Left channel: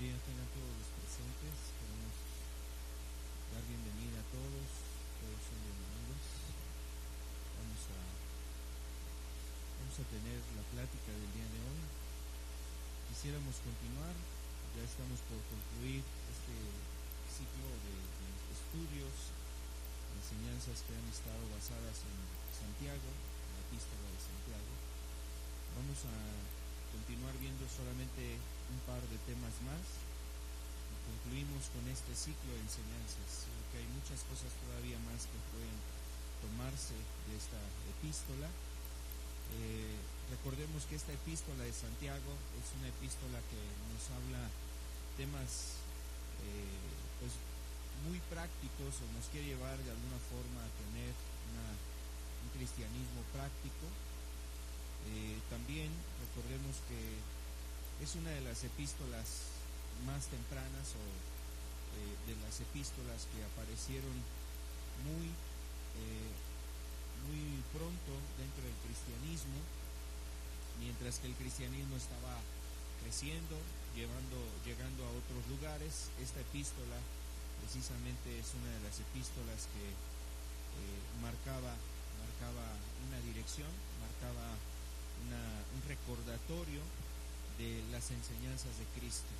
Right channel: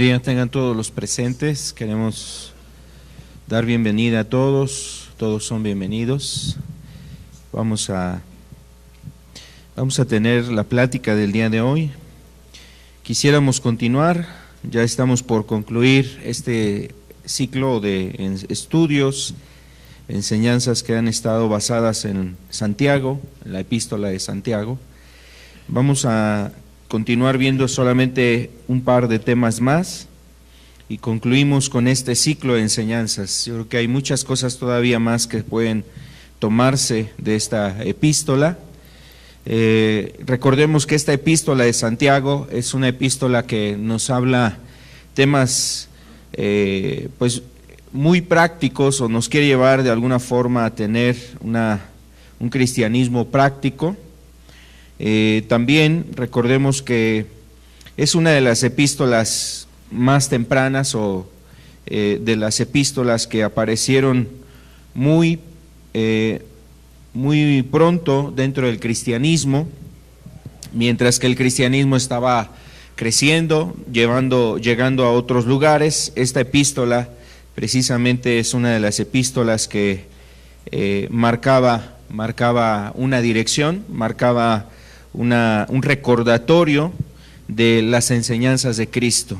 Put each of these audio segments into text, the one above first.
día tengan todos los presentes. Queremos dar bienvenida a todos. Todos son bienvenidos. Vamos a tener la plática del día de hoy. Quisiéramos continuar. Ya estamos por concluir este ciclo de estudios, enseñanzas que han estado basadas en Santiago, en la epístola de Santiago. Vamos a continuar viendo solamente un par de temas más y concluimos con este ciclo de enseñanzas. Yo creo que hay muchas cosas todavía más que pueden tomarse de esta epístola. Recordemos que esta epístola de Santiago es una epístola que nos habla temas pues muy prácticos, o nos quiere llevar de alguna forma a tener un cristianismo práctico. También recordemos que es una de las epístolas más tempranas o de las epístolas que aparecieron muy pronto dentro del cristianismo, mientras que el cristianismo estaba creciendo, llegando a otros lugares. Esta epístola precisamente es una de las epístolas que marcaba una dirección, marcaba un recordatorio de las enseñanzas de Cristo.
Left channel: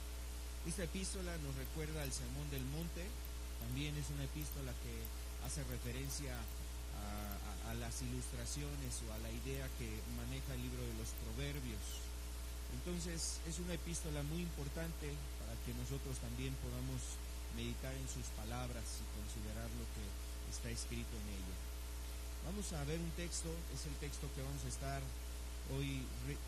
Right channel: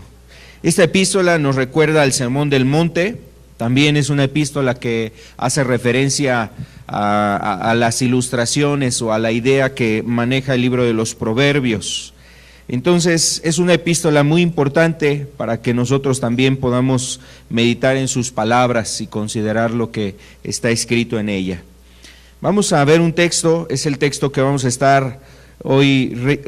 Esta epístola nos recuerda al Sermón del Monte. También es una epístola que hace referencia a las ilustraciones o a la idea que maneja el libro de los Proverbios. Entonces es una epístola muy importante para que nosotros también podamos meditar en sus palabras y considerar lo que está escrito en ella. Vamos a ver un texto, es el texto que vamos a estar hoy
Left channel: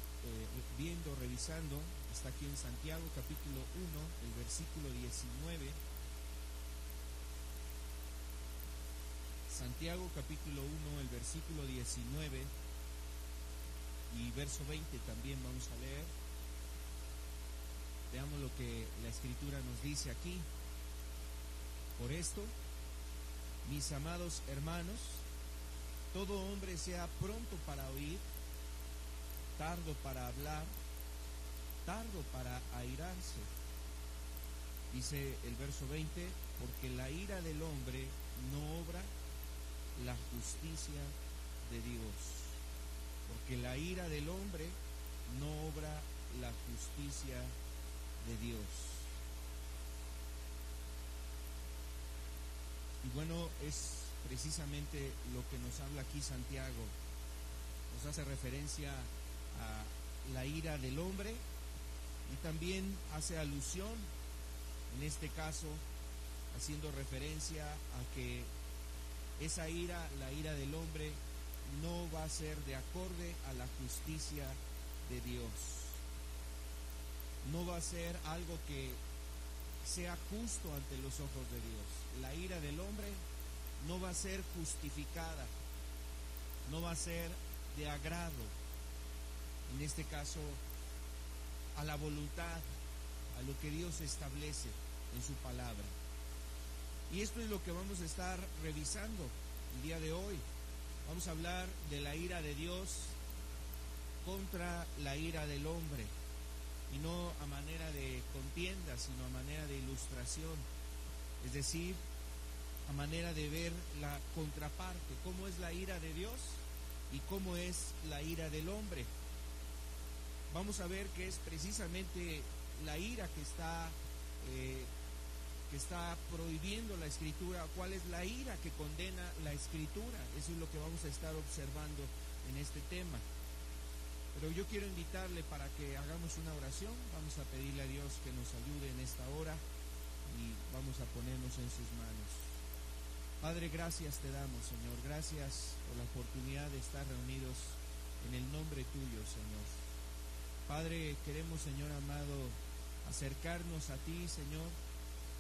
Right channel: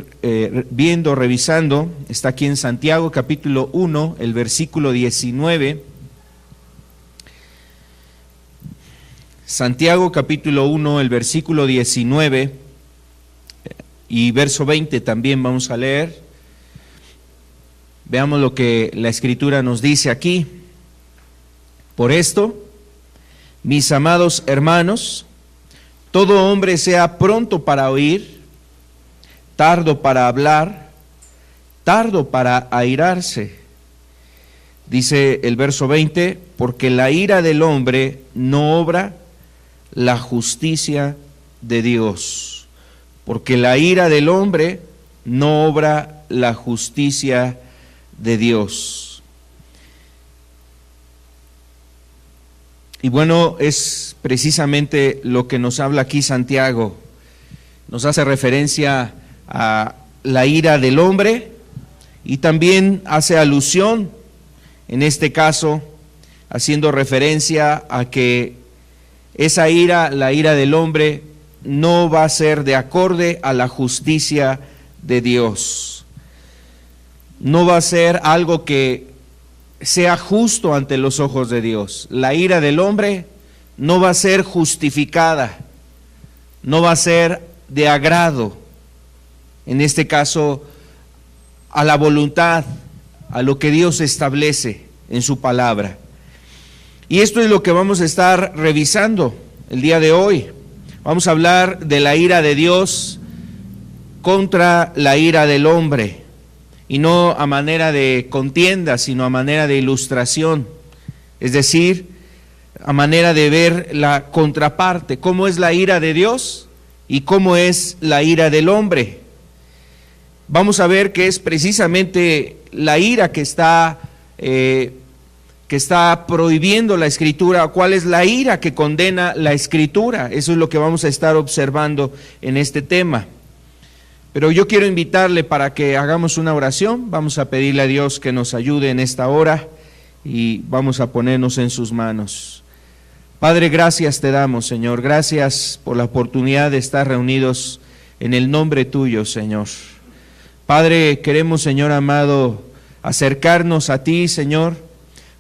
viendo, revisando. Está aquí en Santiago capítulo 1, el versículo 19. Santiago capítulo 1, el versículo 19 y verso 20 también vamos a leer. Veamos lo que la Escritura nos dice aquí. Por esto, mis amados hermanos, todo hombre sea pronto para oír, tardo para hablar, tardo para airarse. Dice el verso 20, porque la ira del hombre no obra la justicia de Dios. Porque la ira del hombre no obra la justicia de Dios. Y bueno, es precisamente lo que nos habla aquí Santiago. Nos hace referencia a la ira del hombre y también hace alusión, en este caso, haciendo referencia a que esa ira, la ira del hombre, no va a ser de acorde a la justicia de Dios. No va a ser algo que sea justo ante los ojos de Dios. La ira del hombre no va a ser justificada, no va a ser de agrado, en este caso, a la voluntad, a lo que Dios establece en su palabra. Y esto es lo que vamos a estar revisando el día de hoy. Vamos a hablar de la ira de Dios contra la ira del hombre, y no a manera de contienda, sino a manera de ilustración, es decir, a manera de ver la contraparte, cómo es la ira de Dios y cómo es la ira del hombre. Vamos a ver que es precisamente la ira que está prohibiendo la Escritura. ¿Cuál es la ira que condena la Escritura? Eso es lo que vamos a estar observando en este tema. Pero yo quiero invitarle para que hagamos una oración. Vamos a pedirle a Dios que nos ayude en esta hora y vamos a ponernos en sus manos. Padre, gracias te damos, Señor. Gracias por la oportunidad de estar reunidos en el nombre tuyo, Señor. Padre, queremos, Señor amado, acercarnos a ti, Señor,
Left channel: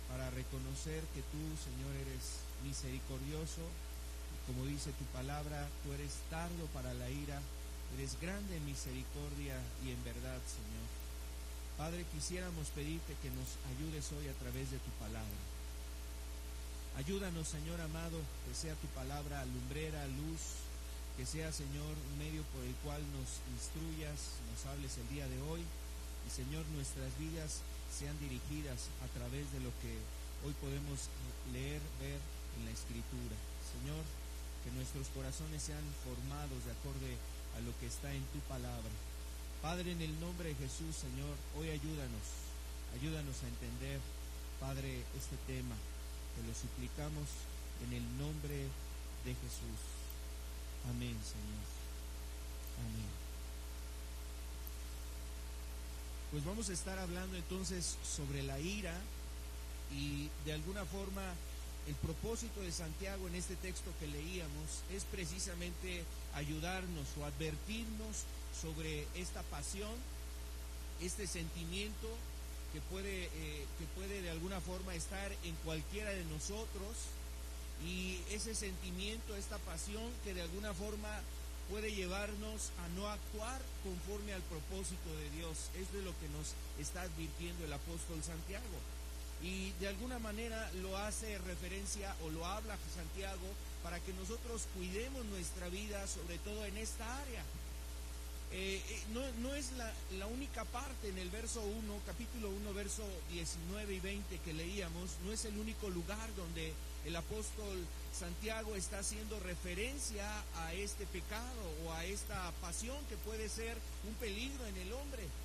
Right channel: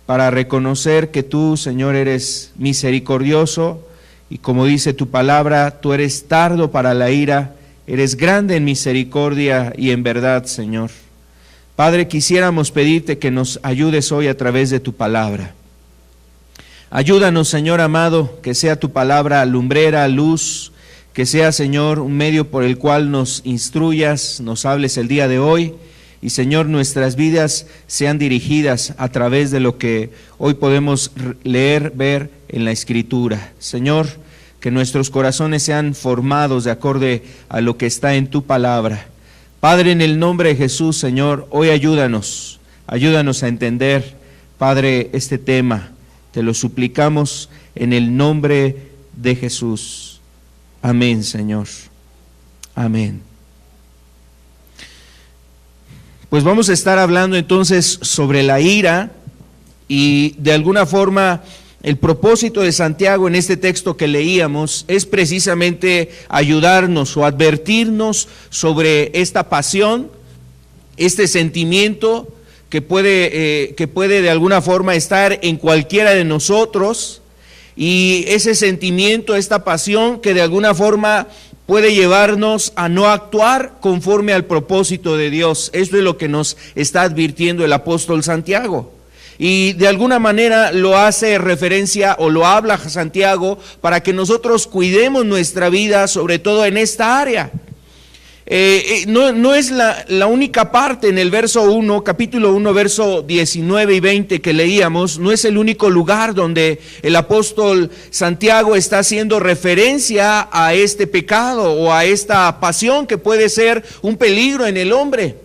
para reconocer que tú, Señor, eres misericordioso y, como dice tu palabra, tú eres tardo para la ira, eres grande en misericordia y en verdad, Señor. Padre, quisiéramos pedirte que nos ayudes hoy a través de tu palabra. Ayúdanos, Señor amado, que sea tu palabra lumbrera, luz, que sea, Señor, un medio por el cual nos instruyas, nos hables el día de hoy Y Señor, nuestras vidas sean dirigidas a través de lo que hoy podemos leer, ver en la Escritura. Señor, que nuestros corazones sean formados de acorde a lo que está en tu palabra. Padre, en el nombre de Jesús, Señor, hoy ayúdanos a entender, Padre, este tema. Te lo suplicamos en el nombre de Jesús. Amén, Señor. Amén. Pues vamos a estar hablando entonces sobre la ira, y de alguna forma el propósito de Santiago en este texto que leíamos es precisamente ayudarnos o advertirnos sobre esta pasión, este sentimiento que puede de alguna forma estar en cualquiera de nosotros, y ese sentimiento, esta pasión que de alguna forma puede llevarnos a no actuar conforme al propósito de Dios. Esto es lo que nos está advirtiendo el apóstol Santiago. Y de alguna manera lo hace referencia o lo habla Santiago para que nosotros cuidemos nuestra vida, sobre todo en esta área. No es la única parte en el verso 1, capítulo 1, verso 19 y 20 que leíamos, no es el único lugar donde el apóstol Santiago está haciendo referencia a este pecado o a esta pasión que puede ser un peligro en el hombre,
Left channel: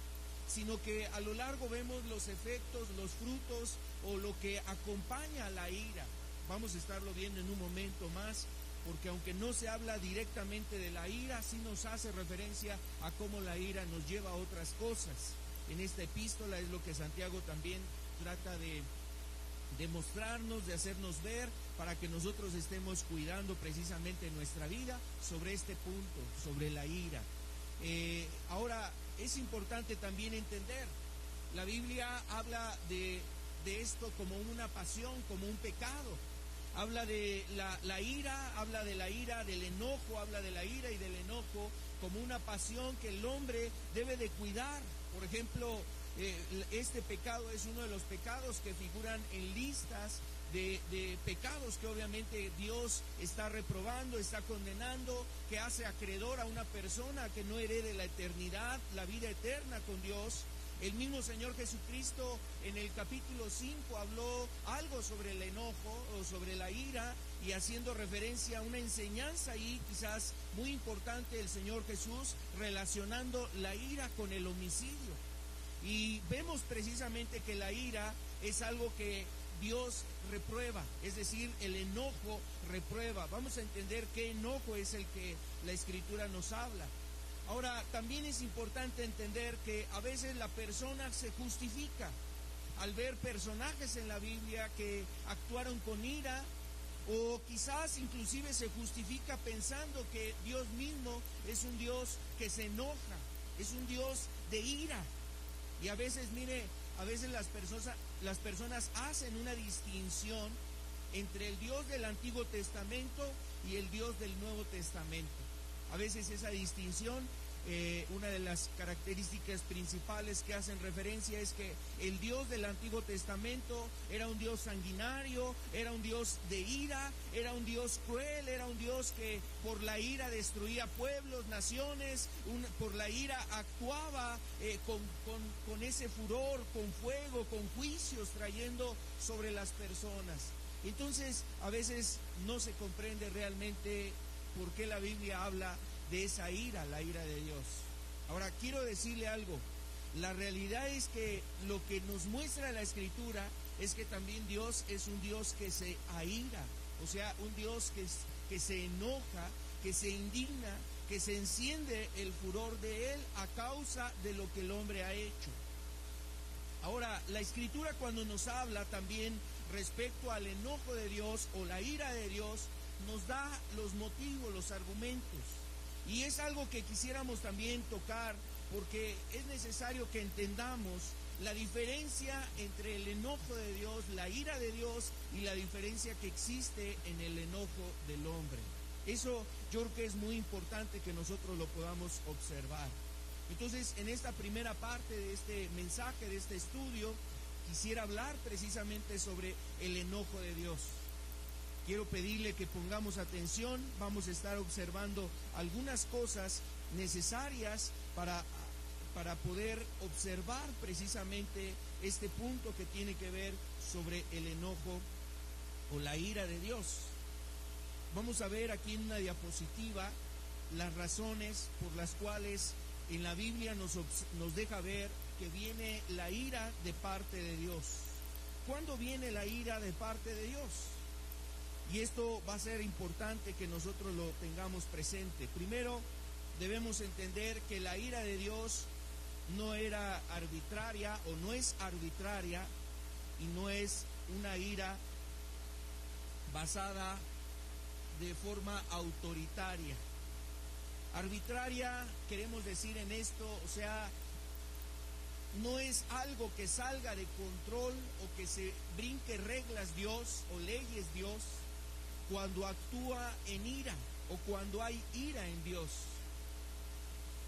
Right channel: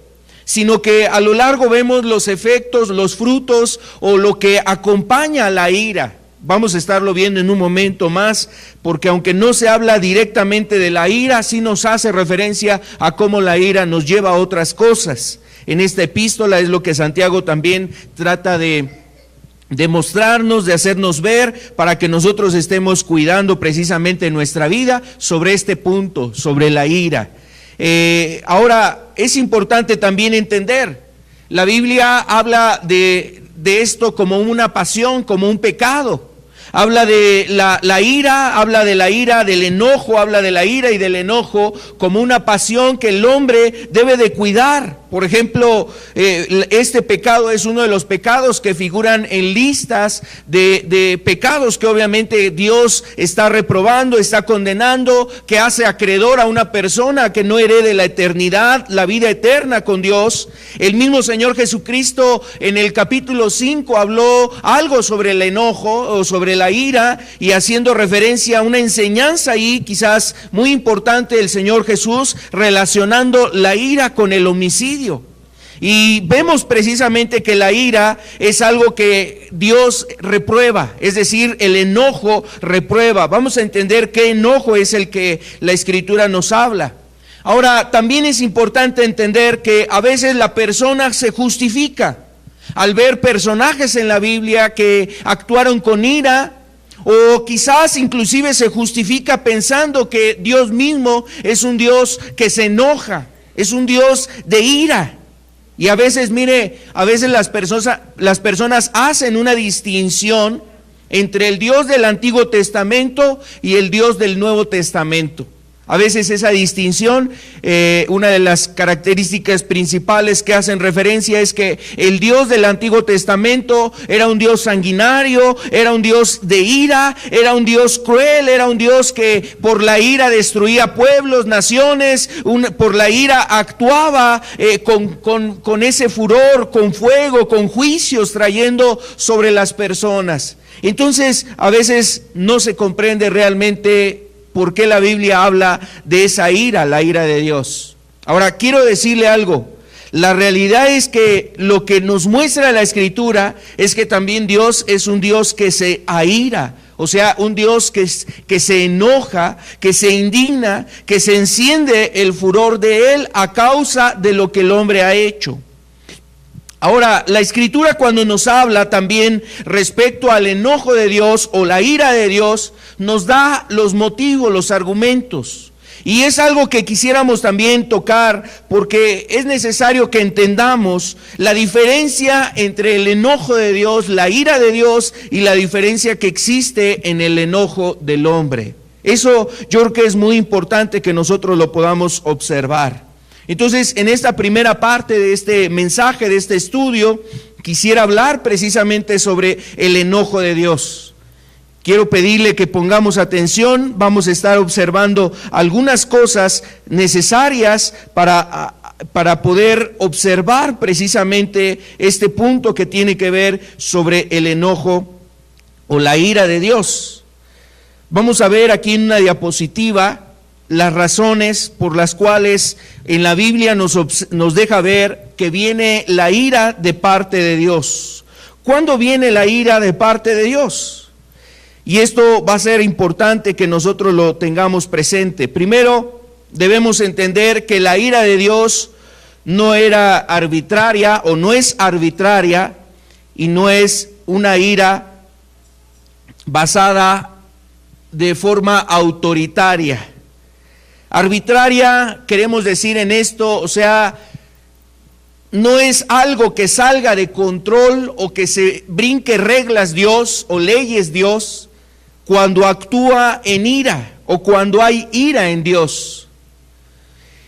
sino que a lo largo vemos los efectos, los frutos o lo que acompaña a la ira. Vamos a estarlo viendo en un momento más, porque aunque no se habla directamente de la ira, sí nos hace referencia a cómo la ira nos lleva a otras cosas. En esta epístola es lo que Santiago también trata de mostrarnos, de hacernos ver, para que nosotros estemos cuidando precisamente nuestra vida sobre este punto, sobre la ira. Ahora, es importante también entender, la Biblia habla de esto como una pasión, como un pecado. Habla de la ira, habla de la ira, del enojo, habla de la ira y del enojo como una pasión que el hombre debe de cuidar. Por ejemplo, este pecado es uno de los pecados que figuran en listas de pecados que obviamente Dios está reprobando, está condenando, que hace acreedor a una persona que no herede la eternidad, la vida eterna con Dios. El mismo Señor Jesucristo en el capítulo 5 habló algo sobre el enojo o sobre la ira, y haciendo referencia a una enseñanza ahí quizás muy importante del Señor Jesús, relacionando la ira con el homicidio. Y vemos precisamente que la ira es algo que Dios reprueba, es decir, el enojo reprueba. Vamos a entender qué enojo es el que la Escritura nos habla. Ahora, también es importante entender que a veces la persona se justifica al ver personajes en la Biblia que actuaron con ira, o quizás inclusive se justifica pensando que Dios mismo es un Dios que se enoja, es un Dios de ira. Y a veces, a veces las personas hacen una distinción entre el Dios del Antiguo Testamento y el Dios del Nuevo Testamento. A veces esa distinción, una de las características principales que hacen referencia es que el Dios del Antiguo Testamento era un Dios sanguinario, era un Dios de ira, era un Dios cruel, era un Dios que por la ira destruía pueblos, naciones, por la ira actuaba con ese furor, con fuego, con juicios trayendo sobre las personas. Entonces, a veces no se comprende realmente ¿por qué la Biblia habla de esa ira, la ira de Dios? Ahora, quiero decirle algo. La realidad es que lo que nos muestra la Escritura es que también Dios es un Dios que se aira, o sea, un Dios que se enoja, que se indigna, que se enciende el furor de Él a causa de lo que el hombre ha hecho. Ahora, la Escritura cuando nos habla también respecto al enojo de Dios o la ira de Dios, nos da los motivos, los argumentos. Y es algo que quisiéramos también tocar, porque es necesario que entendamos la diferencia entre el enojo de Dios, la ira de Dios, y la diferencia que existe en el enojo del hombre. Eso yo creo que es muy importante que nosotros lo podamos observar. Entonces, en esta primera parte de este mensaje, de este estudio, quisiera hablar precisamente sobre el enojo de Dios. Quiero pedirle que pongamos atención, vamos a estar observando algunas cosas necesarias para para poder observar precisamente este punto que tiene que ver sobre el enojo o la ira de Dios. Vamos a ver aquí en una diapositiva las razones por las cuales en la Biblia nos deja ver que viene la ira de parte de Dios. ¿Cuándo viene la ira de parte de Dios? Y esto va a ser importante que nosotros lo tengamos presente. Primero, debemos entender que la ira de Dios no era arbitraria o no es arbitraria y no es una ira basada de forma autoritaria. Arbitraria, queremos decir en esto, o sea, no es algo que salga de control o que se brinque reglas Dios o leyes Dios cuando actúa en ira o cuando hay ira en Dios.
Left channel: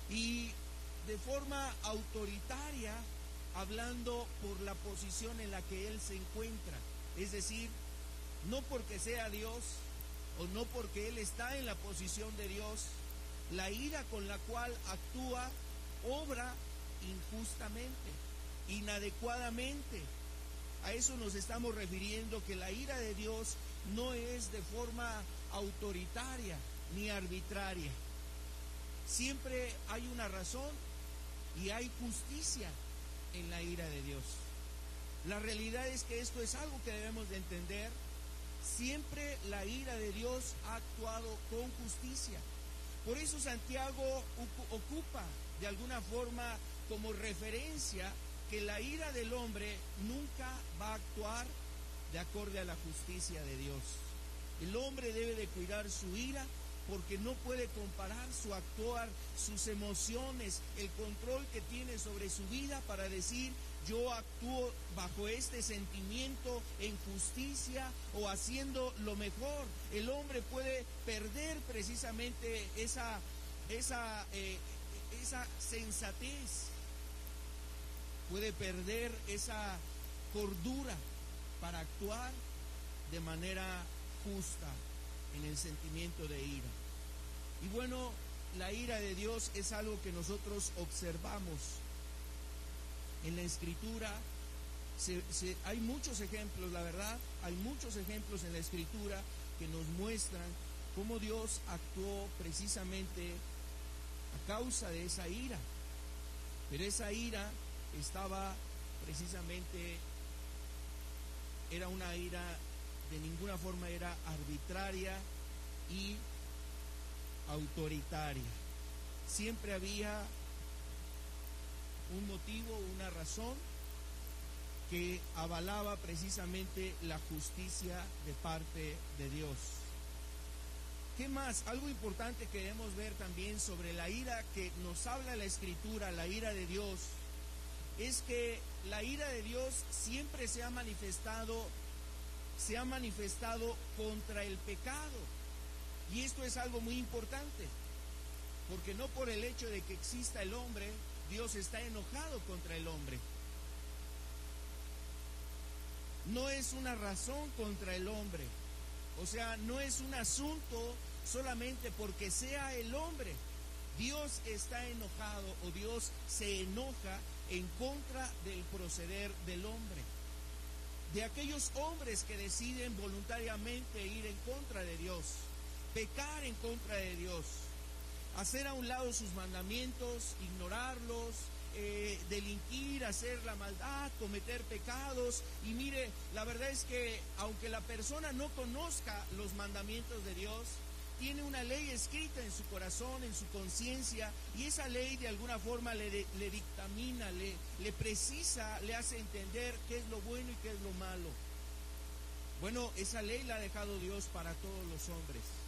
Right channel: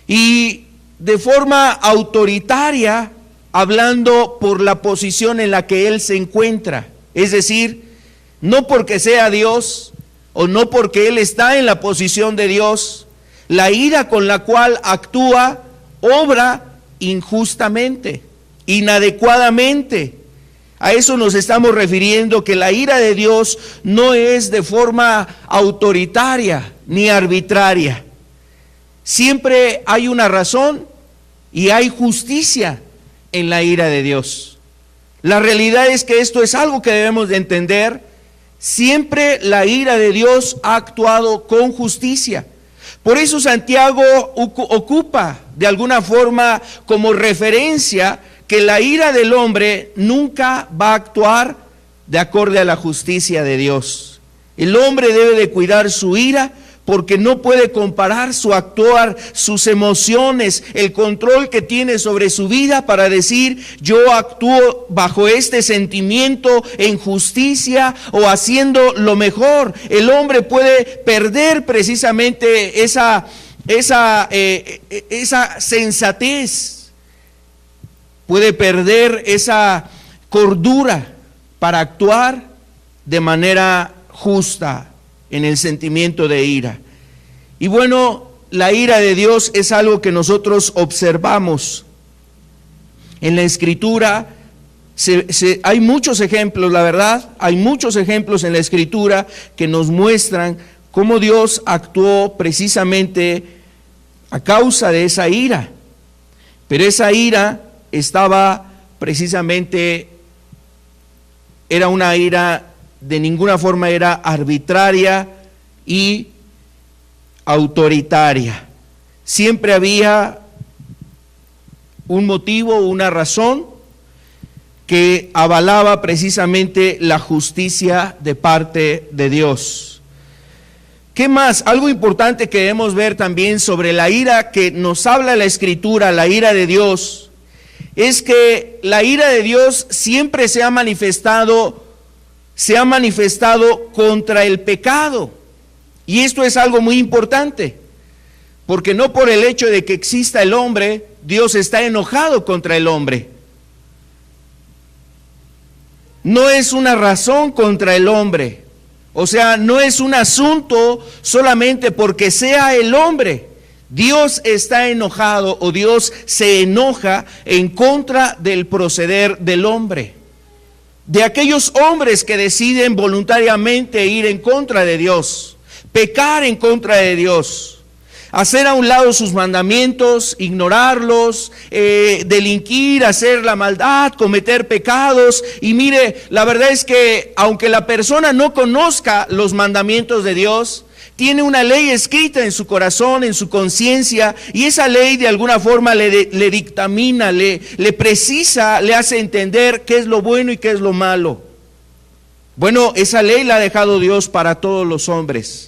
Y de forma autoritaria, hablando por la posición en la que Él se encuentra, es decir, no porque sea Dios o no porque Él está en la posición de Dios, la ira con la cual actúa, obra injustamente, inadecuadamente. A eso nos estamos refiriendo, que la ira de Dios no es de forma autoritaria ni arbitraria. Siempre hay una razón y hay justicia en la ira de Dios. La realidad es que esto es algo que debemos de entender. Siempre la ira de Dios ha actuado con justicia. Por eso Santiago ocupa de alguna forma como referencia que la ira del hombre nunca va a actuar de acorde a la justicia de Dios. El hombre debe de cuidar su ira porque no puede comparar su actuar, sus emociones, el control que tiene sobre su vida para decir, yo actúo bajo este sentimiento en justicia o haciendo lo mejor. El hombre puede perder precisamente esa sensatez, puede perder esa cordura para actuar de manera justa en el sentimiento de ira. Y bueno, la ira de Dios es algo que nosotros observamos en la Escritura. Hay muchos ejemplos, la verdad, hay muchos ejemplos en la Escritura que nos muestran cómo Dios actuó precisamente a causa de esa ira. Pero esa ira estaba precisamente, era una ira, de ninguna forma era arbitraria y autoritaria. Siempre había un motivo, una razón que avalaba precisamente la justicia de parte de Dios. ¿Qué más? Algo importante que debemos ver también sobre la ira que nos habla la Escritura, la ira de Dios, es que la ira de Dios siempre se ha manifestado contra el pecado. Y esto es algo muy importante, porque no por el hecho de que exista el hombre, Dios está enojado contra el hombre. No es una razón contra el hombre, o sea, no es un asunto solamente porque sea el hombre. Dios está enojado o Dios se enoja en contra del proceder del hombre, de aquellos hombres que deciden voluntariamente ir en contra de Dios, pecar en contra de Dios, hacer a un lado sus mandamientos, ignorarlos, delinquir, hacer la maldad, cometer pecados. Y mire, la verdad es que aunque la persona no conozca los mandamientos de Dios, tiene una ley escrita en su corazón, en su conciencia, y esa ley de alguna forma le dictamina, le precisa, le hace entender qué es lo bueno y qué es lo malo. Bueno, esa ley la ha dejado Dios para todos los hombres.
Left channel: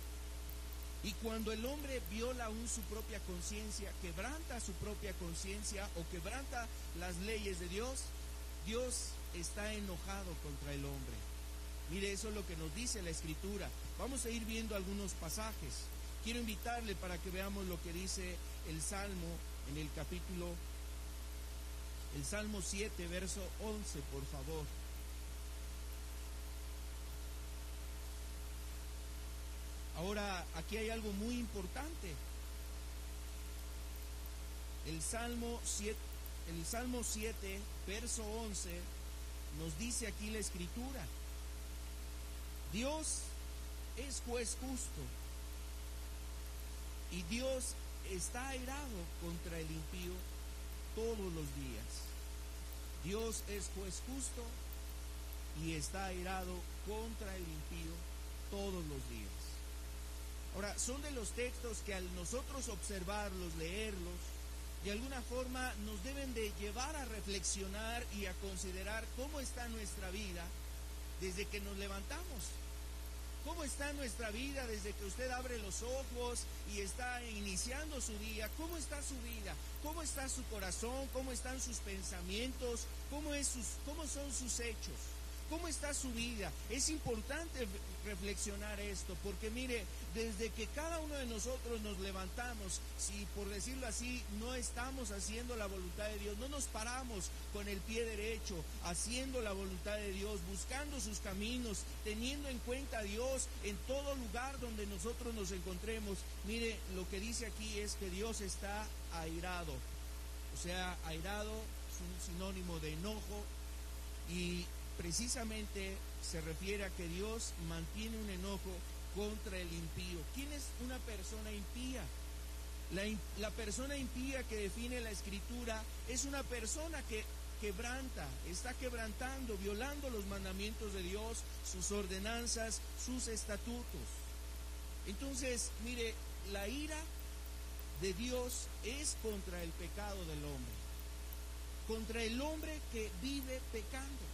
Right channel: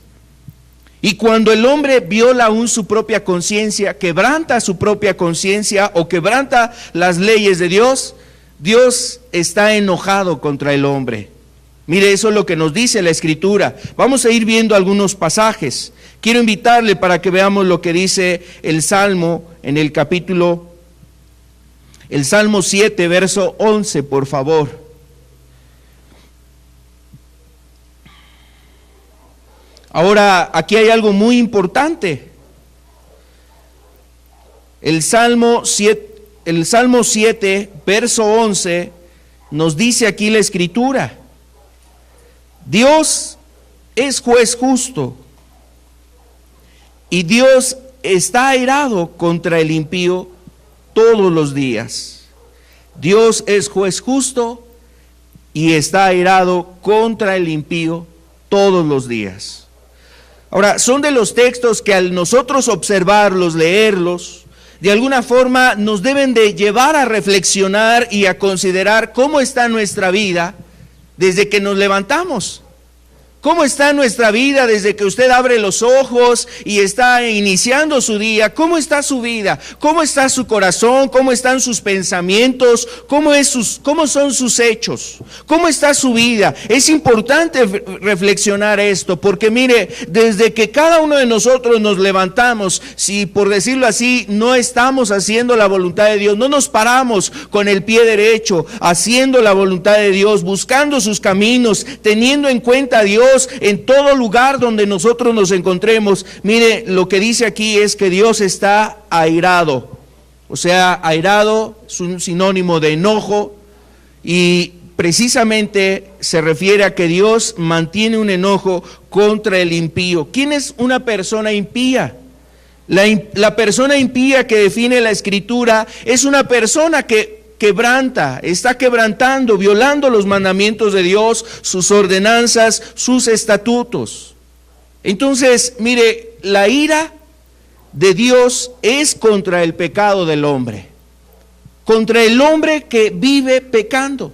Y cuando el hombre viola aún su propia conciencia, quebranta su propia conciencia o quebranta las leyes de Dios, Dios está enojado contra el hombre. Mire, eso es lo que nos dice la Escritura. Vamos a ir viendo algunos pasajes. Quiero invitarle para que veamos lo que dice el Salmo en el Salmo 7, verso 11, por favor. Ahora, aquí hay algo muy importante. El Salmo 7, verso 11, nos dice aquí la Escritura: Dios es juez justo y Dios está airado contra el impío todos los días. Dios es juez justo y está airado contra el impío todos los días. Ahora, son de los textos que al nosotros observarlos, leerlos, de alguna forma nos deben de llevar a reflexionar y a considerar cómo está nuestra vida desde que nos levantamos. ¿Cómo está nuestra vida desde que usted abre los ojos y está iniciando su día? ¿Cómo está su vida? ¿Cómo está su corazón? ¿Cómo están sus pensamientos? ¿Cómo son sus hechos? ¿Cómo está su vida? Es importante reflexionar esto, porque mire, desde que cada uno de nosotros nos levantamos, si por decirlo así, no estamos haciendo la voluntad de Dios, no nos paramos con el pie derecho, haciendo la voluntad de Dios, buscando sus caminos, teniendo en cuenta a Dios en todo lugar donde nosotros nos encontremos. Mire, lo que dice aquí es que Dios está airado. O sea, airado es un sinónimo de enojo, y precisamente se refiere a que Dios mantiene un enojo contra el impío. ¿Quién es una persona impía? La persona impía que define la Escritura es una persona que está quebrantando, violando los mandamientos de Dios, sus ordenanzas, sus estatutos. Entonces, mire, la ira de Dios es contra el pecado del hombre, contra el hombre que vive pecando.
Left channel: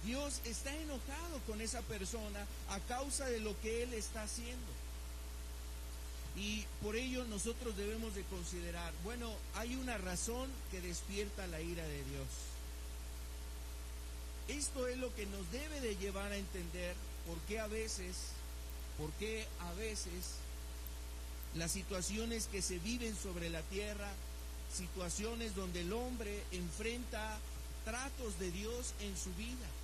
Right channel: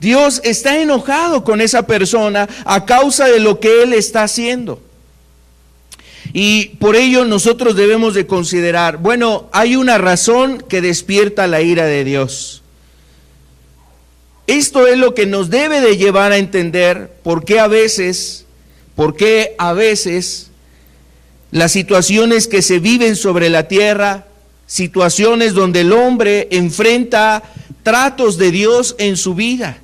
Dios está enojado con esa persona a causa de lo que él está haciendo. Y por ello nosotros debemos de considerar, bueno, hay una razón que despierta la ira de Dios. Esto es lo que nos debe de llevar a entender por qué a veces las situaciones que se viven sobre la tierra, situaciones donde el hombre enfrenta tratos de Dios en su vida.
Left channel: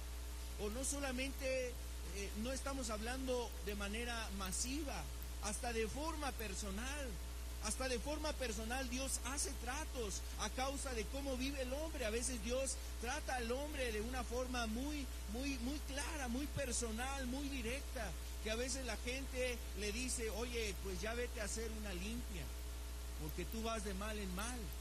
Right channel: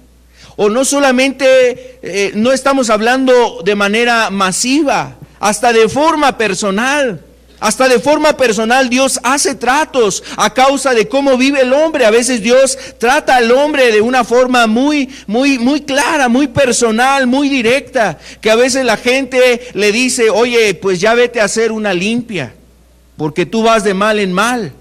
O no solamente, no estamos hablando de manera masiva, hasta de forma personal. Hasta de forma personal Dios hace tratos a causa de cómo vive el hombre. A veces Dios trata al hombre de una forma muy clara, muy personal, muy directa, que a veces la gente le dice: oye, pues ya vete a hacer una limpia, porque tú vas de mal en mal.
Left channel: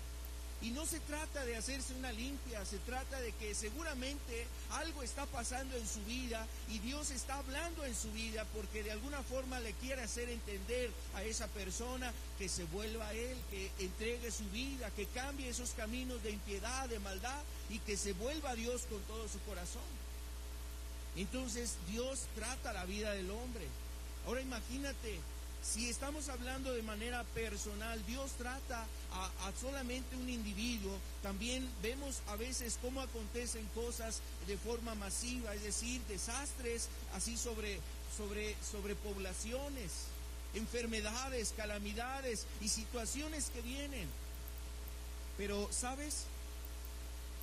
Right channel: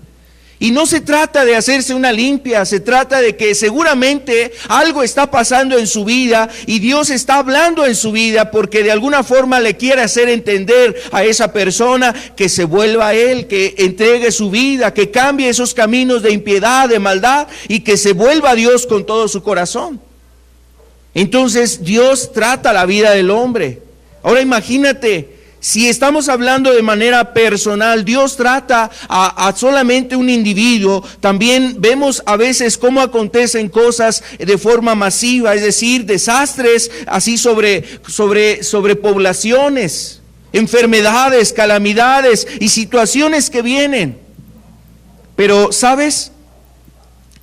Y no se trata de hacerse una limpia, se trata de que seguramente algo está pasando en su vida y Dios está hablando en su vida, porque de alguna forma le quiere hacer entender a esa persona que se vuelva a Él, que entregue su vida, que cambie esos caminos de impiedad, de maldad, y que se vuelva a Dios con todo su corazón. Entonces Dios trata la vida del hombre. Ahora imagínate, si estamos hablando de manera personal, Dios trata a solamente un individuo. También vemos a veces cómo acontecen cosas de forma masiva, es decir, desastres así sobre poblaciones, enfermedades, calamidades y situaciones que vienen. Pero, ¿sabes?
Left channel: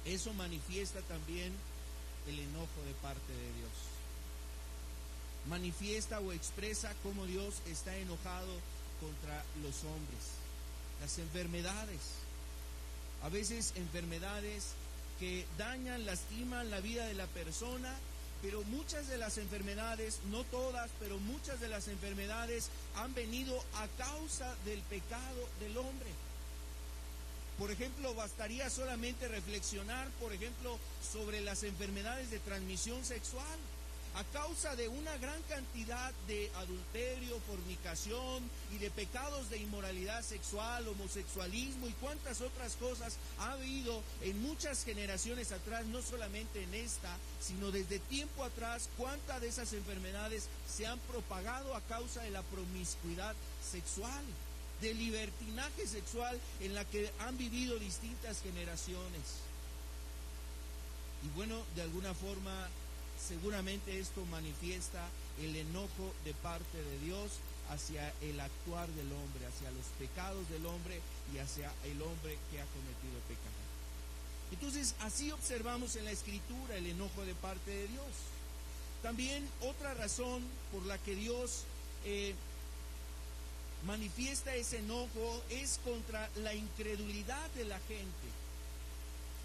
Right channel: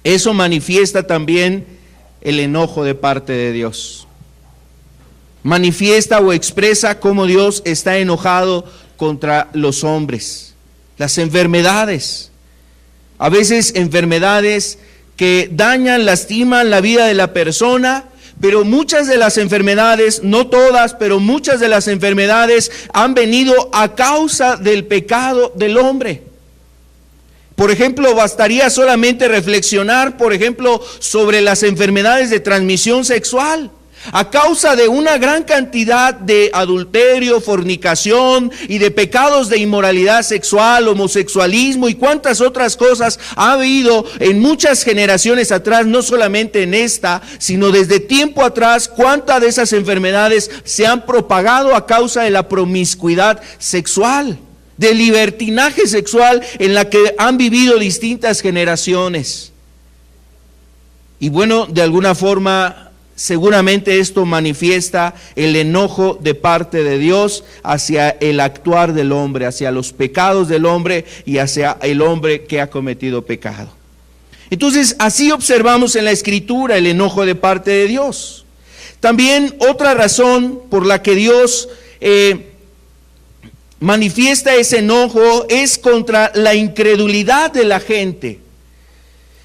Eso manifiesta también el enojo de parte de Dios. Manifiesta o expresa cómo Dios está enojado contra los hombres. Las enfermedades, a veces enfermedades que dañan, lastiman la vida de la persona, pero muchas de las enfermedades, no todas, pero muchas de las enfermedades han venido a causa del pecado del hombre. Por ejemplo, bastaría solamente reflexionar, por ejemplo, sobre las enfermedades de transmisión sexual. A causa de una gran cantidad de adulterio, fornicación y de pecados de inmoralidad sexual, homosexualismo y cuantas otras cosas ha habido en muchas generaciones atrás, no solamente en esta, sino desde tiempo atrás, cuántas de esas enfermedades se han propagado a causa de la promiscuidad sexual, del libertinaje sexual en la que han vivido distintas generaciones. Y bueno, de alguna forma, seguramente esto manifiesta el enojo de parte de Dios hacia el actuar del hombre, hacia los pecados del hombre y hacia el hombre que ha cometido pecado. Entonces, así observamos en la Escritura el enojo de parte de Dios. También otra razón por la que Dios manifiesta ese enojo es contra la incredulidad de la gente.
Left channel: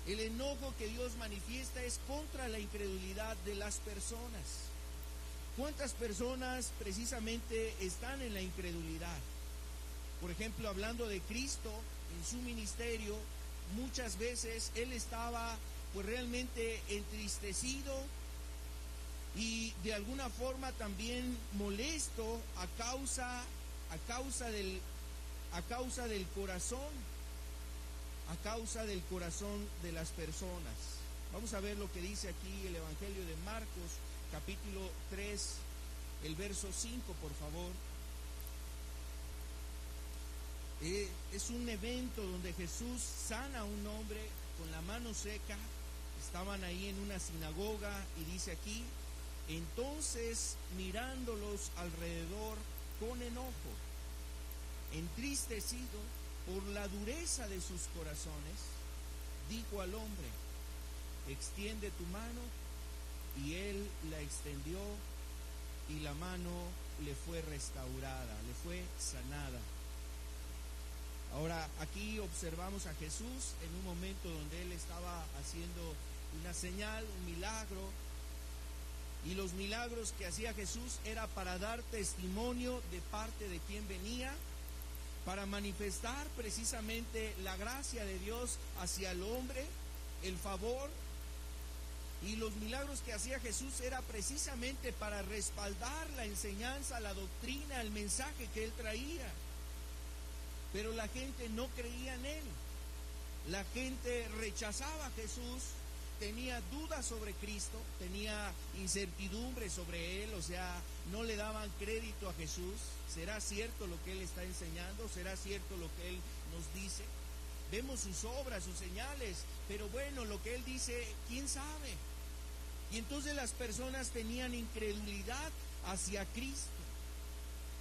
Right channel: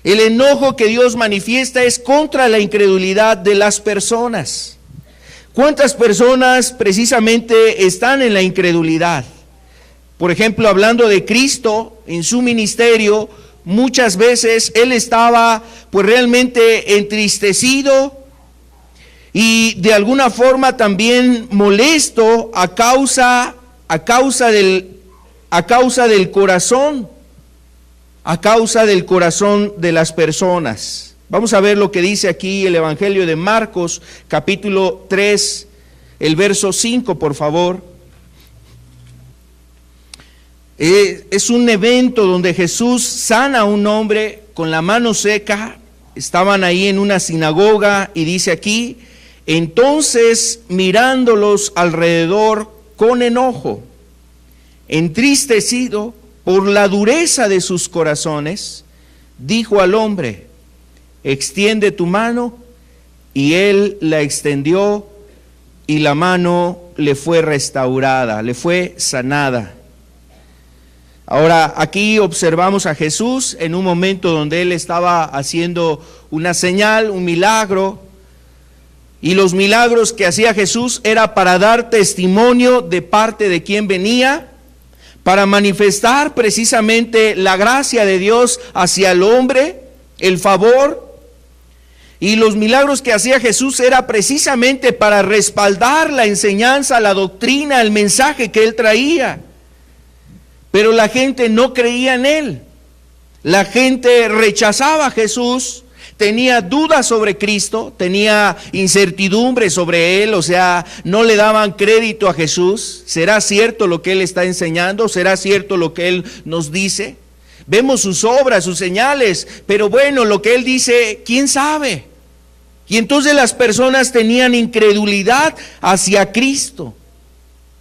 El enojo que Dios manifiesta es contra la incredulidad de las personas. ¿Cuántas personas precisamente están en la incredulidad? Por ejemplo, hablando de Cristo en su ministerio, muchas veces Él estaba pues realmente entristecido y de alguna forma también molesto a causa del corazón de las personas. Vamos a ver lo que dice aquí el Evangelio de Marcos, capítulo 3, el verso 5, por favor. Es un evento donde Jesús sana a un hombre con la mano seca. Estaban ahí en una sinagoga y dice aquí: entonces mirándolos alrededor con enojo, entristecido por la dureza de sus corazones, dijo al hombre: extiende tu mano. Y él la extendió y la mano le fue restaurada, le fue sanada. Ahora, aquí observamos a Jesús en un momento donde Él estaba haciendo una señal, un milagro, y los milagros que hacía Jesús era para dar testimonio de parte de quien venía, para manifestar precisamente la gracia de Dios hacia el hombre, el favor. Y los milagros que hacía Jesús era precisamente para respaldar la enseñanza, la doctrina, el mensaje que Él traía. Pero la gente no creía en Él. La gente rechazaba a Jesús, tenía dudas sobre Cristo, tenía incertidumbre sobre Él, o sea, no le daban crédito a Jesús. ¿Será cierto lo que Él está enseñando? ¿Será cierto lo que Él nos dice? Vemos sus obras, sus señales, pero bueno, lo que Él dice, ¿quién sabe? Y entonces las personas tenían incredulidad hacia Cristo.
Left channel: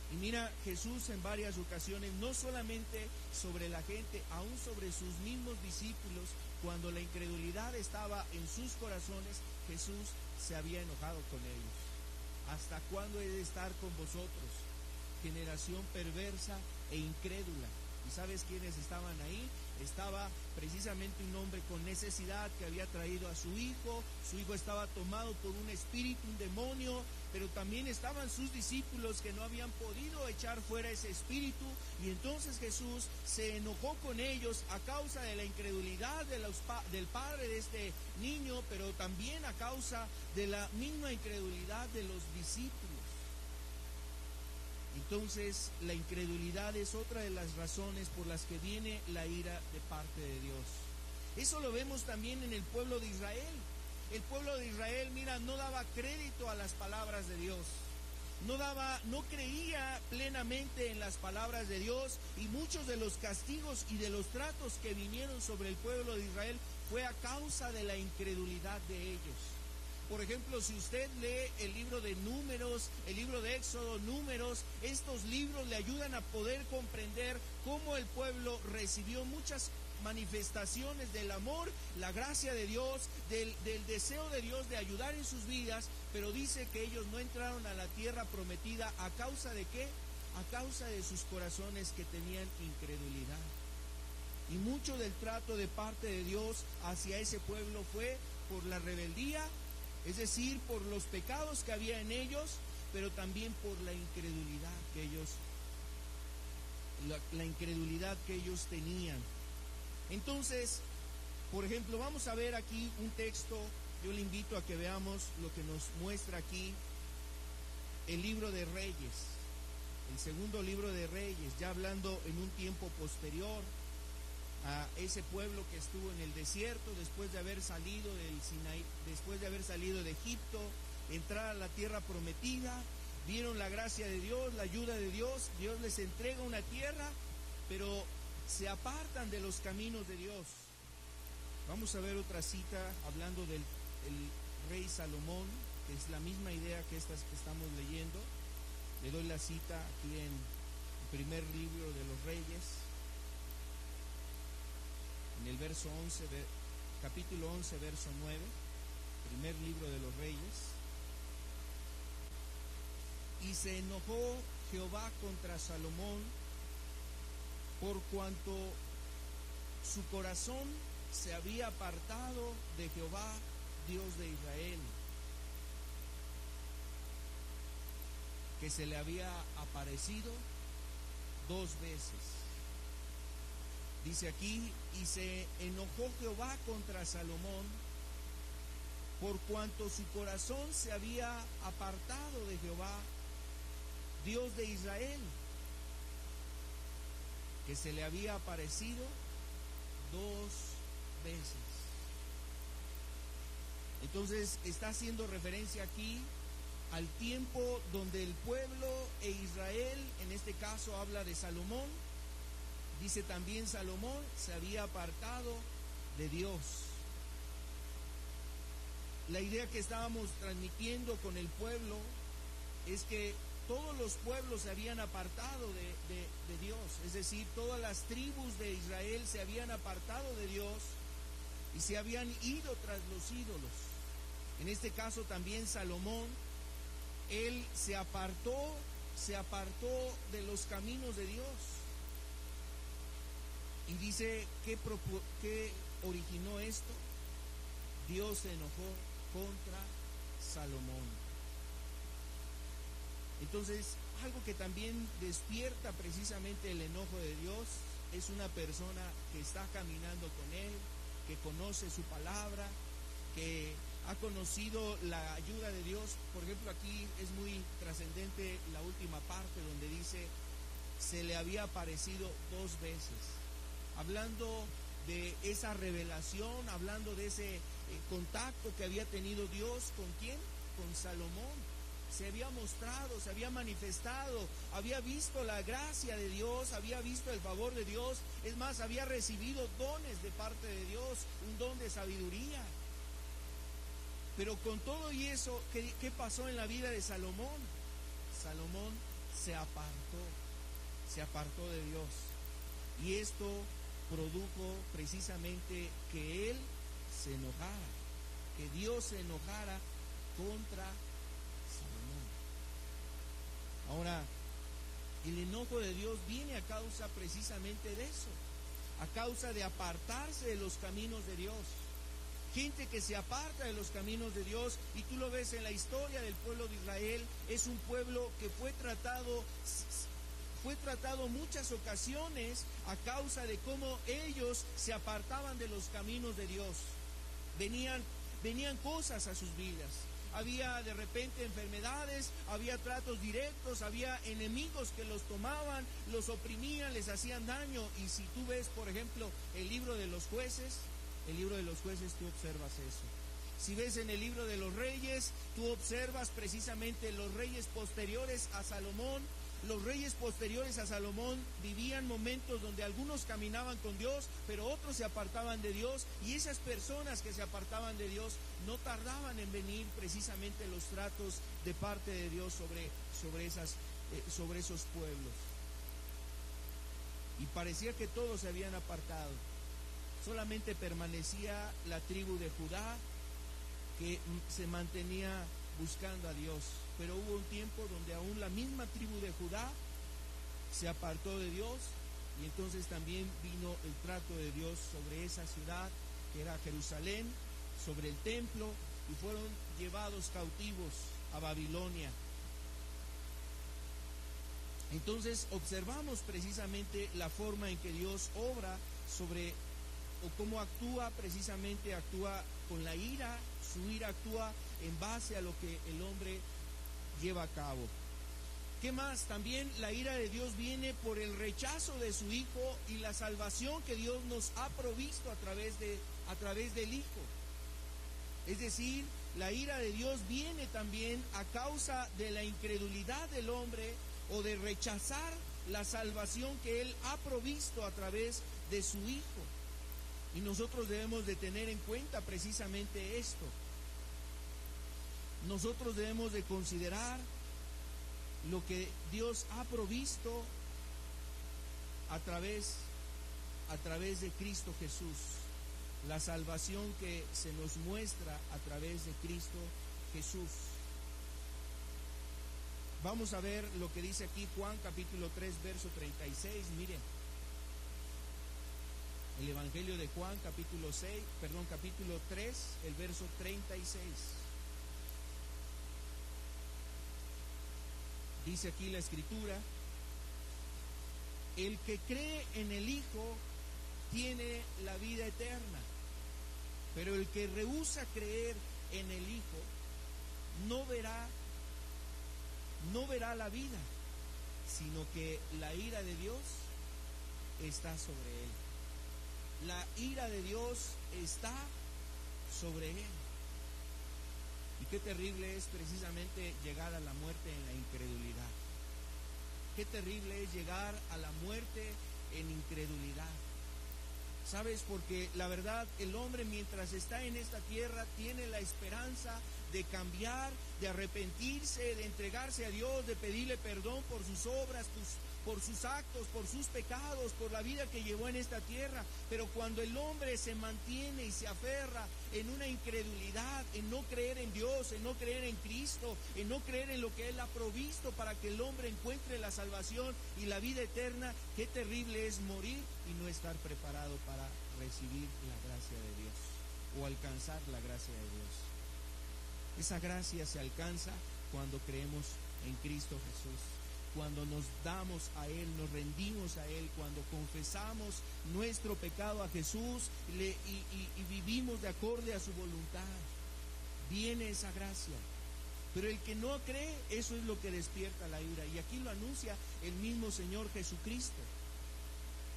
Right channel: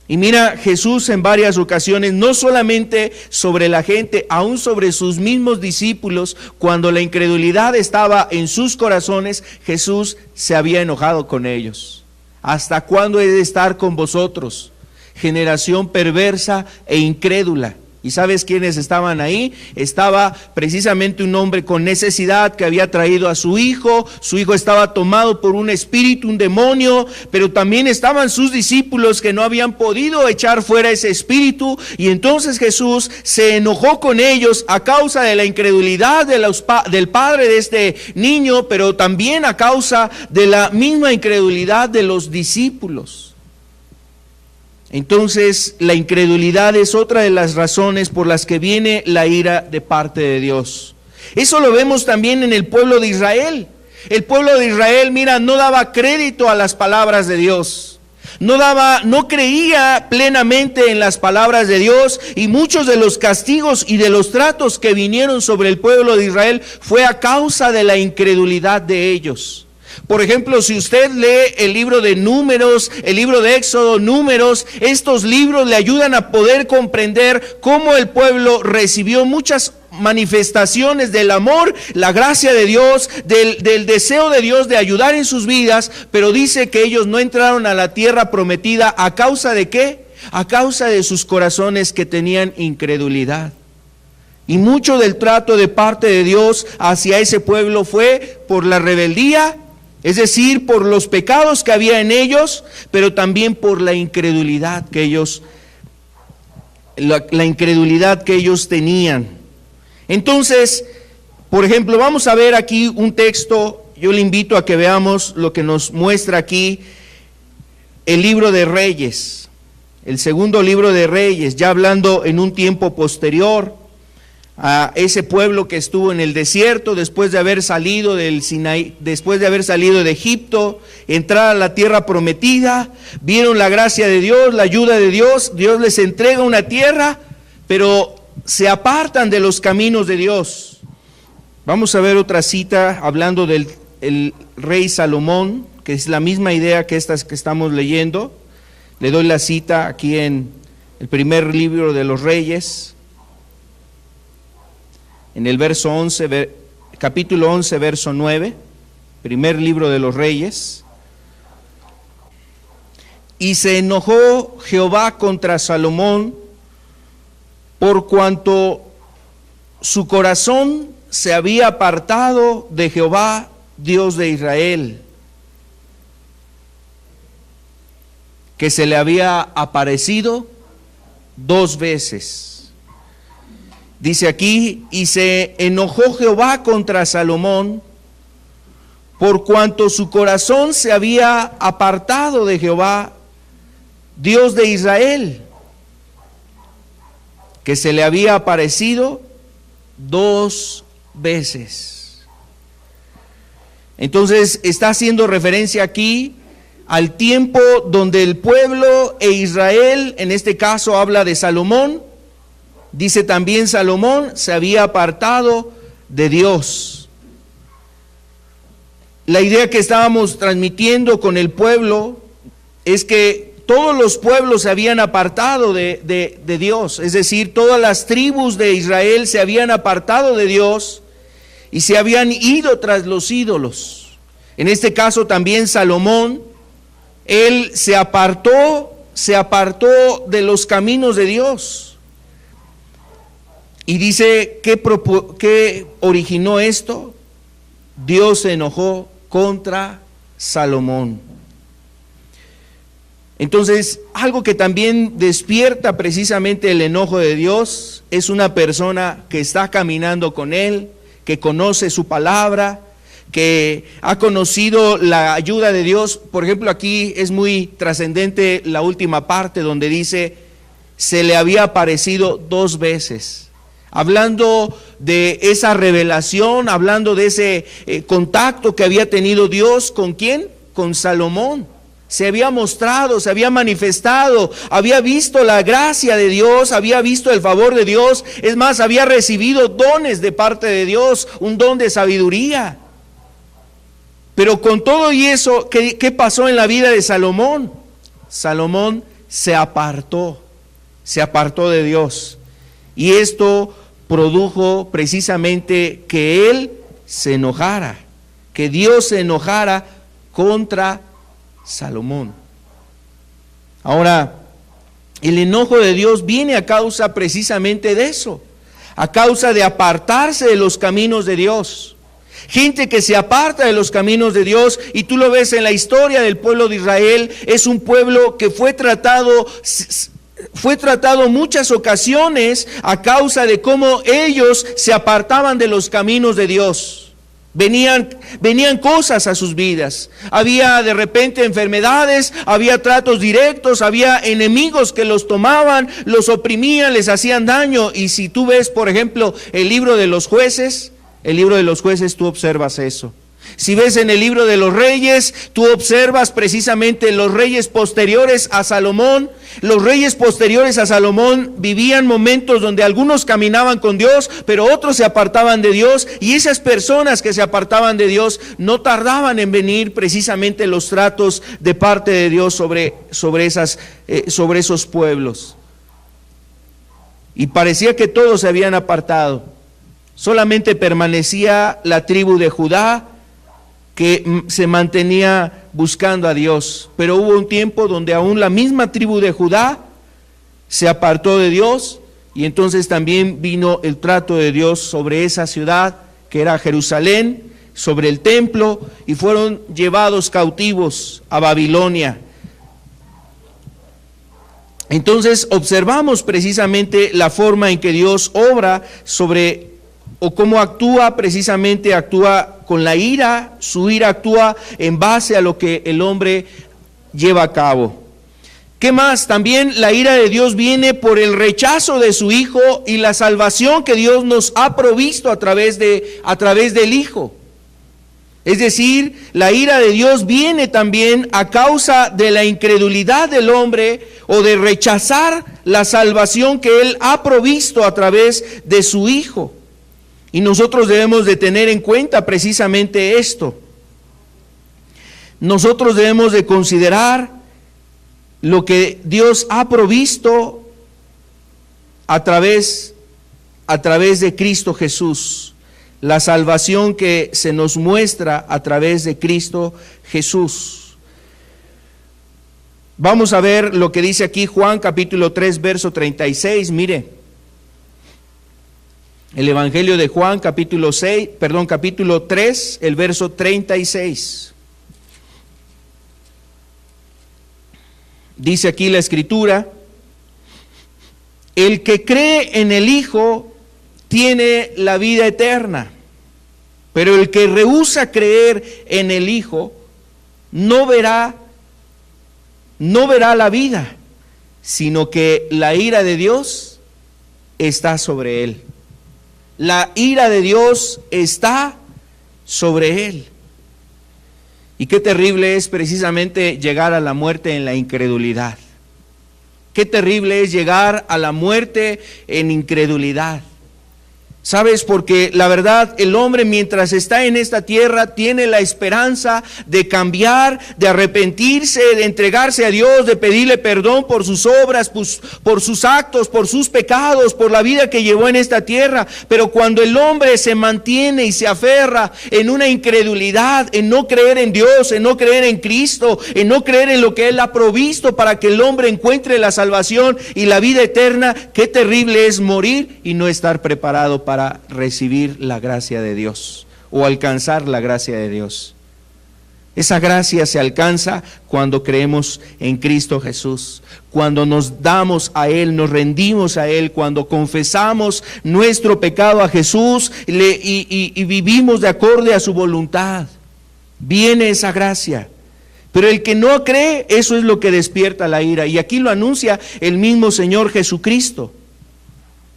Y mira, Jesús en varias ocasiones, no solamente sobre la gente, aún sobre sus mismos discípulos, cuando la incredulidad estaba en sus corazones, Jesús se había enojado con ellos. ¿Hasta cuándo he de estar con vosotros, generación perversa e incrédula? ¿Y sabes quiénes estaban ahí? Estaba precisamente un hombre con necesidad que había traído a su hijo estaba tomado por un espíritu, un demonio, pero también estaban sus discípulos que no habían podido echar fuera ese espíritu, y entonces Jesús se enojó con ellos a causa de la incredulidad del padre de este niño, pero también a causa de la misma incredulidad de los discípulos. Entonces, la incredulidad es otra de las razones por las que viene la ira de parte de Dios. Eso lo vemos también en el pueblo de Israel. El pueblo de Israel, mira, no daba crédito a las palabras de Dios. No creía plenamente en las palabras de Dios, y muchos de los castigos y de los tratos que vinieron sobre el pueblo de Israel fue a causa de la incredulidad de ellos. Por ejemplo, si usted lee el libro de Números, el libro de Éxodo, Números, estos libros le ayudan a poder comprender cómo el pueblo recibió muchas manifestaciones del amor, la gracia de Dios, del deseo de Dios de ayudar en sus vidas, pero dice que ellos no entraron a la tierra prometida. ¿A causa de qué? A causa de sus corazones que tenían incredulidad. Y mucho del trato de parte de Dios hacia ese pueblo fue por la rebeldía, es decir, por los pecados que había en ellos, pero también por la incredulidad que ellos tenían. Entonces, por ejemplo, vamos a ver aquí un texto. Yo le invito a que veamos lo que nos muestra aquí el libro de Reyes, el segundo libro de Reyes, ya hablando en un tiempo posterior a ese pueblo que estuvo en el desierto después de haber salido del Sinaí, después de haber salido de Egipto, entrar a la tierra prometida. Vieron la gracia de Dios, la ayuda de Dios. Dios les entrega una tierra, pero se apartan de los caminos de Dios. Vamos a ver otra cita hablando del rey Salomón, que es la misma idea que estas que estamos leyendo. Le doy la cita aquí en el primer libro de los Reyes, en el verso 11, capítulo 11, verso 9, primer libro de los Reyes. Y se enojó Jehová contra Salomón por cuanto su corazón se había apartado de Jehová, Dios de Israel, que se le había aparecido 2 veces. Dice aquí, y se enojó Jehová contra Salomón, por cuanto su corazón se había apartado de Jehová, Dios de Israel, que se le había aparecido 2 veces. Entonces está haciendo referencia aquí al tiempo donde el pueblo e Israel, en este caso habla de Salomón, dice también Salomón se había apartado de Dios. La idea que estábamos transmitiendo con el pueblo es que todos los pueblos se habían apartado de Dios, es decir, todas las tribus de Israel se habían apartado de Dios y se habían ido tras los ídolos. En este caso también Salomón, él se apartó de los caminos de Dios. Y dice, ¿qué originó esto? Dios se enojó contra Salomón. Entonces, algo que también despierta precisamente el enojo de Dios es una persona que está caminando con Él, que conoce su palabra, que ha conocido la ayuda de Dios. Por ejemplo, aquí es muy trascendente la última parte donde dice, se le había aparecido 2 veces. Hablando de esa revelación, hablando de ese contacto que había tenido Dios, ¿con quién? Con Salomón. Se había mostrado, se había manifestado, había visto la gracia de Dios, había visto el favor de Dios, es más, había recibido dones de parte de Dios, un don de sabiduría. Pero con todo y eso, ¿qué pasó en la vida de Salomón? Salomón se apartó de Dios. Y esto produjo precisamente que él se enojara, que Dios se enojara contra Salomón. Ahora, el enojo de Dios viene a causa precisamente de eso, a causa de apartarse de los caminos de Dios. Gente que se aparta de los caminos de Dios, y tú lo ves en la historia del pueblo de Israel, es un pueblo que fue tratado muchas ocasiones a causa de cómo ellos se apartaban de los caminos de Dios. Venían cosas a sus vidas, había de repente enfermedades, había tratos directos, había enemigos que los tomaban, los oprimían, les hacían daño. Y si tú ves, por ejemplo, el libro de los jueces, tú observas eso. Si ves en el libro de los reyes, tú observas precisamente los reyes posteriores a Salomón. Los reyes posteriores a Salomón vivían momentos donde algunos caminaban con Dios, pero otros se apartaban de Dios, y esas personas que se apartaban de Dios no tardaban en venir precisamente los tratos de parte de Dios sobre esos pueblos. Y parecía que todos se habían apartado. Solamente permanecía la tribu de Judá, que se mantenía buscando a Dios. Pero hubo un tiempo donde aún la misma tribu de Judá se apartó de Dios, y entonces también vino el trato de Dios sobre esa ciudad que era Jerusalén, sobre el templo, y fueron llevados cautivos a Babilonia. Entonces observamos precisamente la forma en que Dios obra o cómo actúa con la ira. Su ira actúa en base a lo que el hombre lleva a cabo. ¿Qué más? También la ira de Dios viene por el rechazo de su Hijo y la salvación que Dios nos ha provisto a través del Hijo. Es decir, la ira de Dios viene también a causa de la incredulidad del hombre, o de rechazar la salvación que Él ha provisto a través de su Hijo. Y nosotros debemos de tener en cuenta precisamente esto. Nosotros debemos de considerar lo que Dios ha provisto a través de Cristo Jesús. La salvación que se nos muestra a través de Cristo Jesús. Vamos a ver lo que dice aquí Juan capítulo 3, verso 36, mire. El Evangelio de Juan, capítulo 3, el verso 36. Dice aquí la Escritura: el que cree en el Hijo tiene la vida eterna, pero el que rehúsa creer en el Hijo no verá la vida, sino que la ira de Dios está sobre él. La ira de Dios está sobre él. Y qué terrible es precisamente llegar a la muerte en la incredulidad. Qué terrible es llegar a la muerte en incredulidad. ¿Sabes? Porque la verdad, el hombre mientras está en esta tierra tiene la esperanza de cambiar, de arrepentirse, de entregarse a Dios, de pedirle perdón por sus obras, por sus actos, por sus pecados, por la vida que llevó en esta tierra. Pero cuando el hombre se mantiene y se aferra en una incredulidad, en no creer en Dios, en no creer en Cristo, en no creer en lo que Él ha provisto para que el hombre encuentre la salvación y la vida eterna, qué terrible es morir y no estar preparado para recibir la gracia de Dios o alcanzar la gracia de Dios. Esa gracia se alcanza cuando creemos en Cristo Jesús, cuando nos damos a Él, nos rendimos a Él, cuando confesamos nuestro pecado a Jesús y vivimos de acorde a su voluntad. Viene esa gracia. Pero el que no cree, eso es lo que despierta la ira. Y aquí lo anuncia el mismo Señor Jesucristo.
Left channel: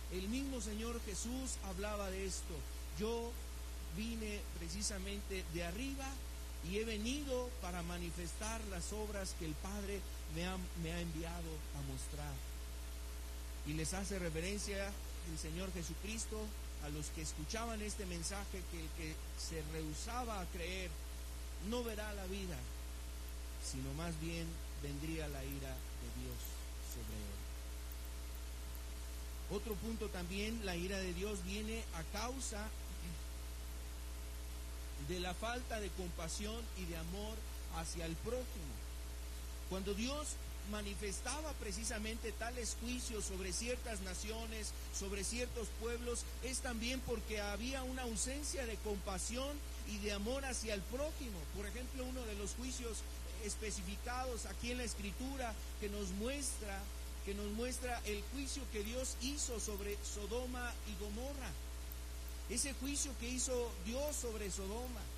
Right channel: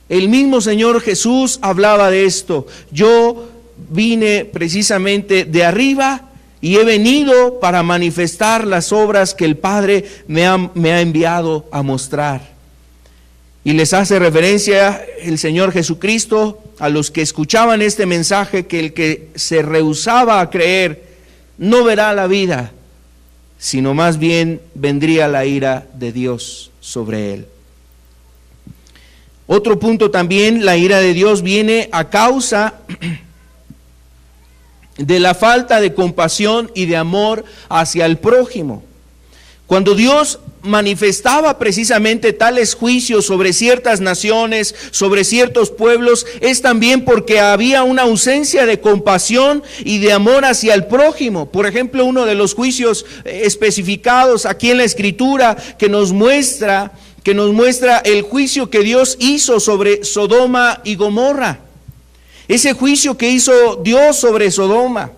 El mismo Señor Jesús hablaba de esto. Yo vine precisamente de arriba y he venido para manifestar las obras que el Padre me ha enviado a mostrar. Y les hace referencia el Señor Jesucristo a los que escuchaban este mensaje, que el que se rehusaba a creer no verá la vida, sino más bien vendría la ira de Dios sobre él. Otro punto también, la ira de Dios viene a causa de la falta de compasión y de amor hacia el prójimo. Cuando Dios manifestaba precisamente tales juicios sobre ciertas naciones, sobre ciertos pueblos, es también porque había una ausencia de compasión y de amor hacia el prójimo. Por ejemplo, uno de los juicios especificados aquí en la Escritura que nos muestra el juicio que Dios hizo sobre Sodoma y Gomorra. Ese juicio que hizo Dios sobre Sodoma,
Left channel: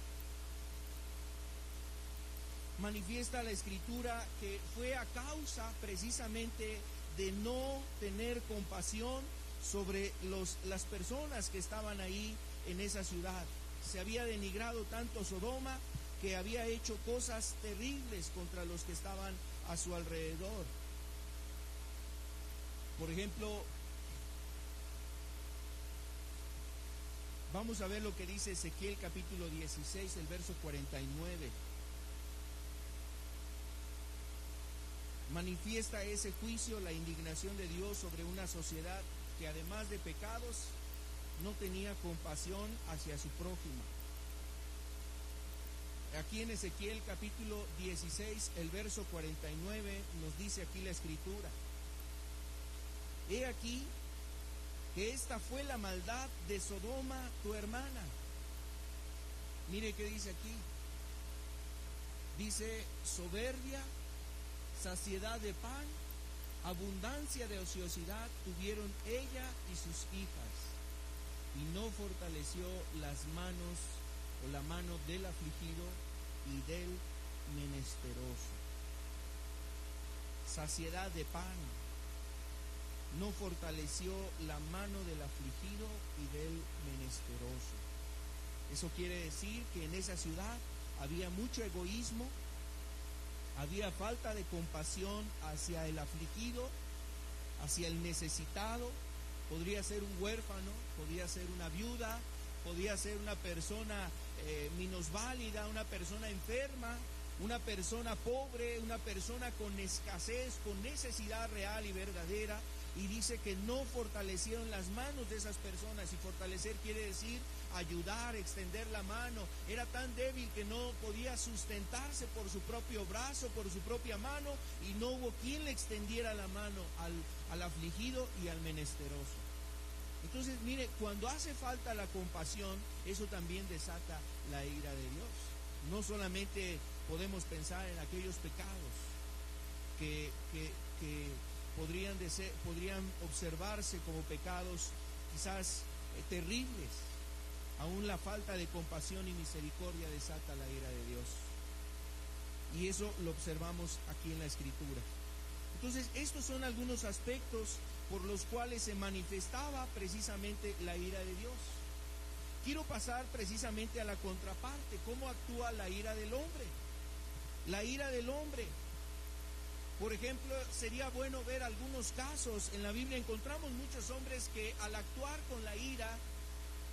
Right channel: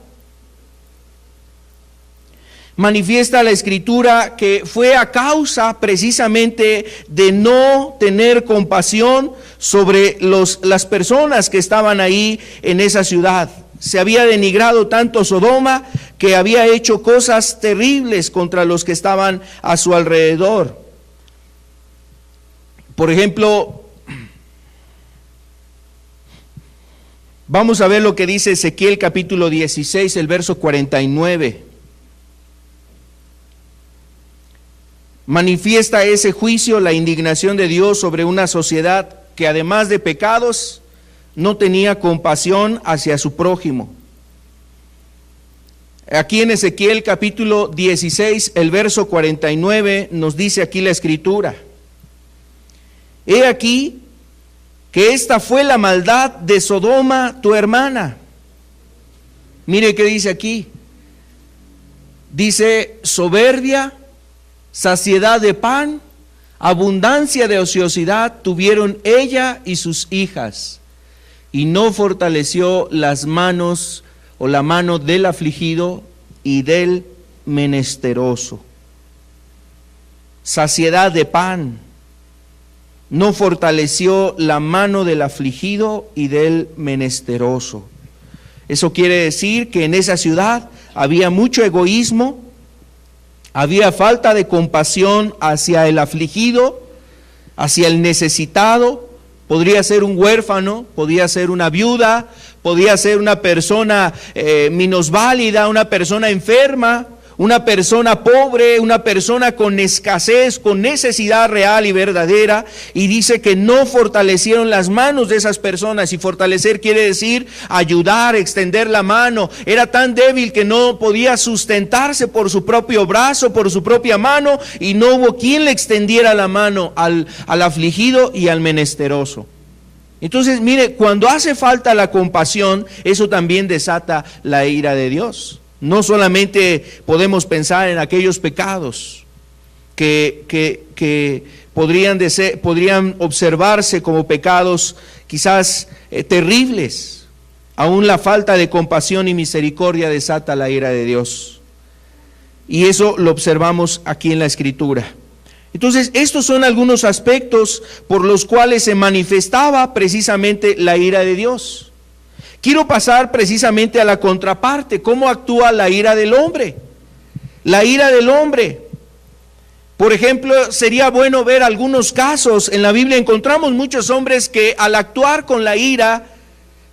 manifiesta la Escritura que fue a causa precisamente de no tener compasión sobre las personas que estaban ahí en esa ciudad. Se había denigrado tanto Sodoma que había hecho cosas terribles contra los que estaban a su alrededor. Por ejemplo, vamos a ver lo que dice Ezequiel capítulo 16, el verso 49. Manifiesta ese juicio, la indignación de Dios sobre una sociedad que además de pecados no tenía compasión hacia su prójimo. Aquí en Ezequiel capítulo 16, el verso 49, nos dice aquí la Escritura: he aquí que esta fue la maldad de Sodoma, tu hermana. Mire qué dice aquí. Dice: soberbia, saciedad de pan, abundancia de ociosidad tuvieron ella y sus hijas, y no fortaleció las manos o la mano del afligido y del menesteroso. Saciedad de pan, no fortaleció la mano del afligido y del menesteroso. Eso quiere decir que en esa ciudad había mucho egoísmo, había falta de compasión hacia el afligido, hacia el necesitado. Podría ser un huérfano, podía ser una viuda, podía ser una persona minusválida, una persona enferma, una persona pobre, una persona con escasez, con necesidad real y verdadera. Y dice que no fortalecieron las manos de esas personas. Y fortalecer quiere decir ayudar, extender la mano. Era tan débil que no podía sustentarse por su propio brazo, por su propia mano, y no hubo quien le extendiera la mano al afligido y al menesteroso. Entonces, mire, cuando hace falta la compasión, eso también desata la ira de Dios. No solamente podemos pensar en aquellos pecados que podrían observarse como pecados quizás terribles. Aún la falta de compasión y misericordia desata la ira de Dios. Y eso lo observamos aquí en la Escritura. Entonces, estos son algunos aspectos por los cuales se manifestaba precisamente la ira de Dios. Quiero pasar precisamente a la contraparte, cómo actúa la ira del hombre. La ira del hombre. Por ejemplo, sería bueno ver algunos casos. En la Biblia encontramos muchos hombres que al actuar con la ira,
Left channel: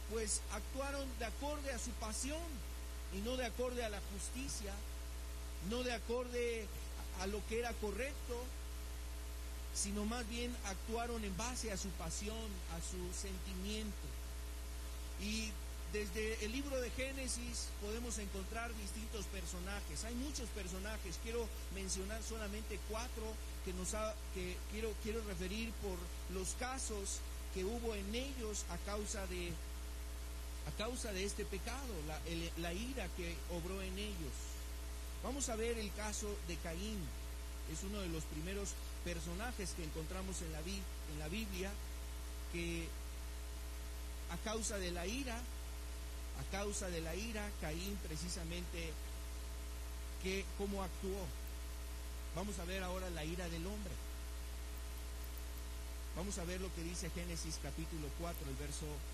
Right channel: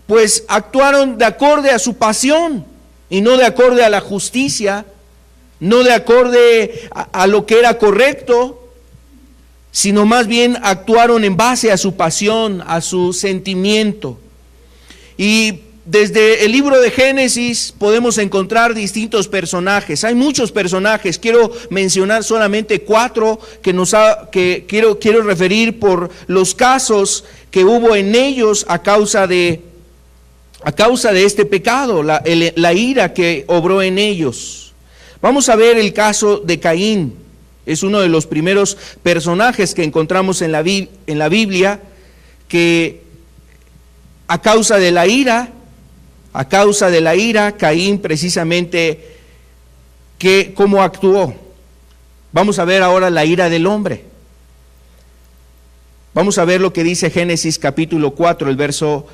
pues actuaron de acorde a su pasión y no de acorde a la justicia, no de acorde a lo que era correcto, sino más bien actuaron en base a su pasión, a su sentimiento. Y desde el libro de Génesis podemos encontrar distintos personajes. Hay muchos personajes. Quiero mencionar solamente 4 que quiero referir por los casos que hubo en ellos a causa de este pecado, la ira que obró en ellos. Vamos a ver el caso de Caín. Es uno de los primeros personajes que encontramos en la Biblia, que a causa de la ira, Caín precisamente, cómo actuó. Vamos a ver ahora la ira del hombre. Vamos a ver lo que dice Génesis capítulo 4, el verso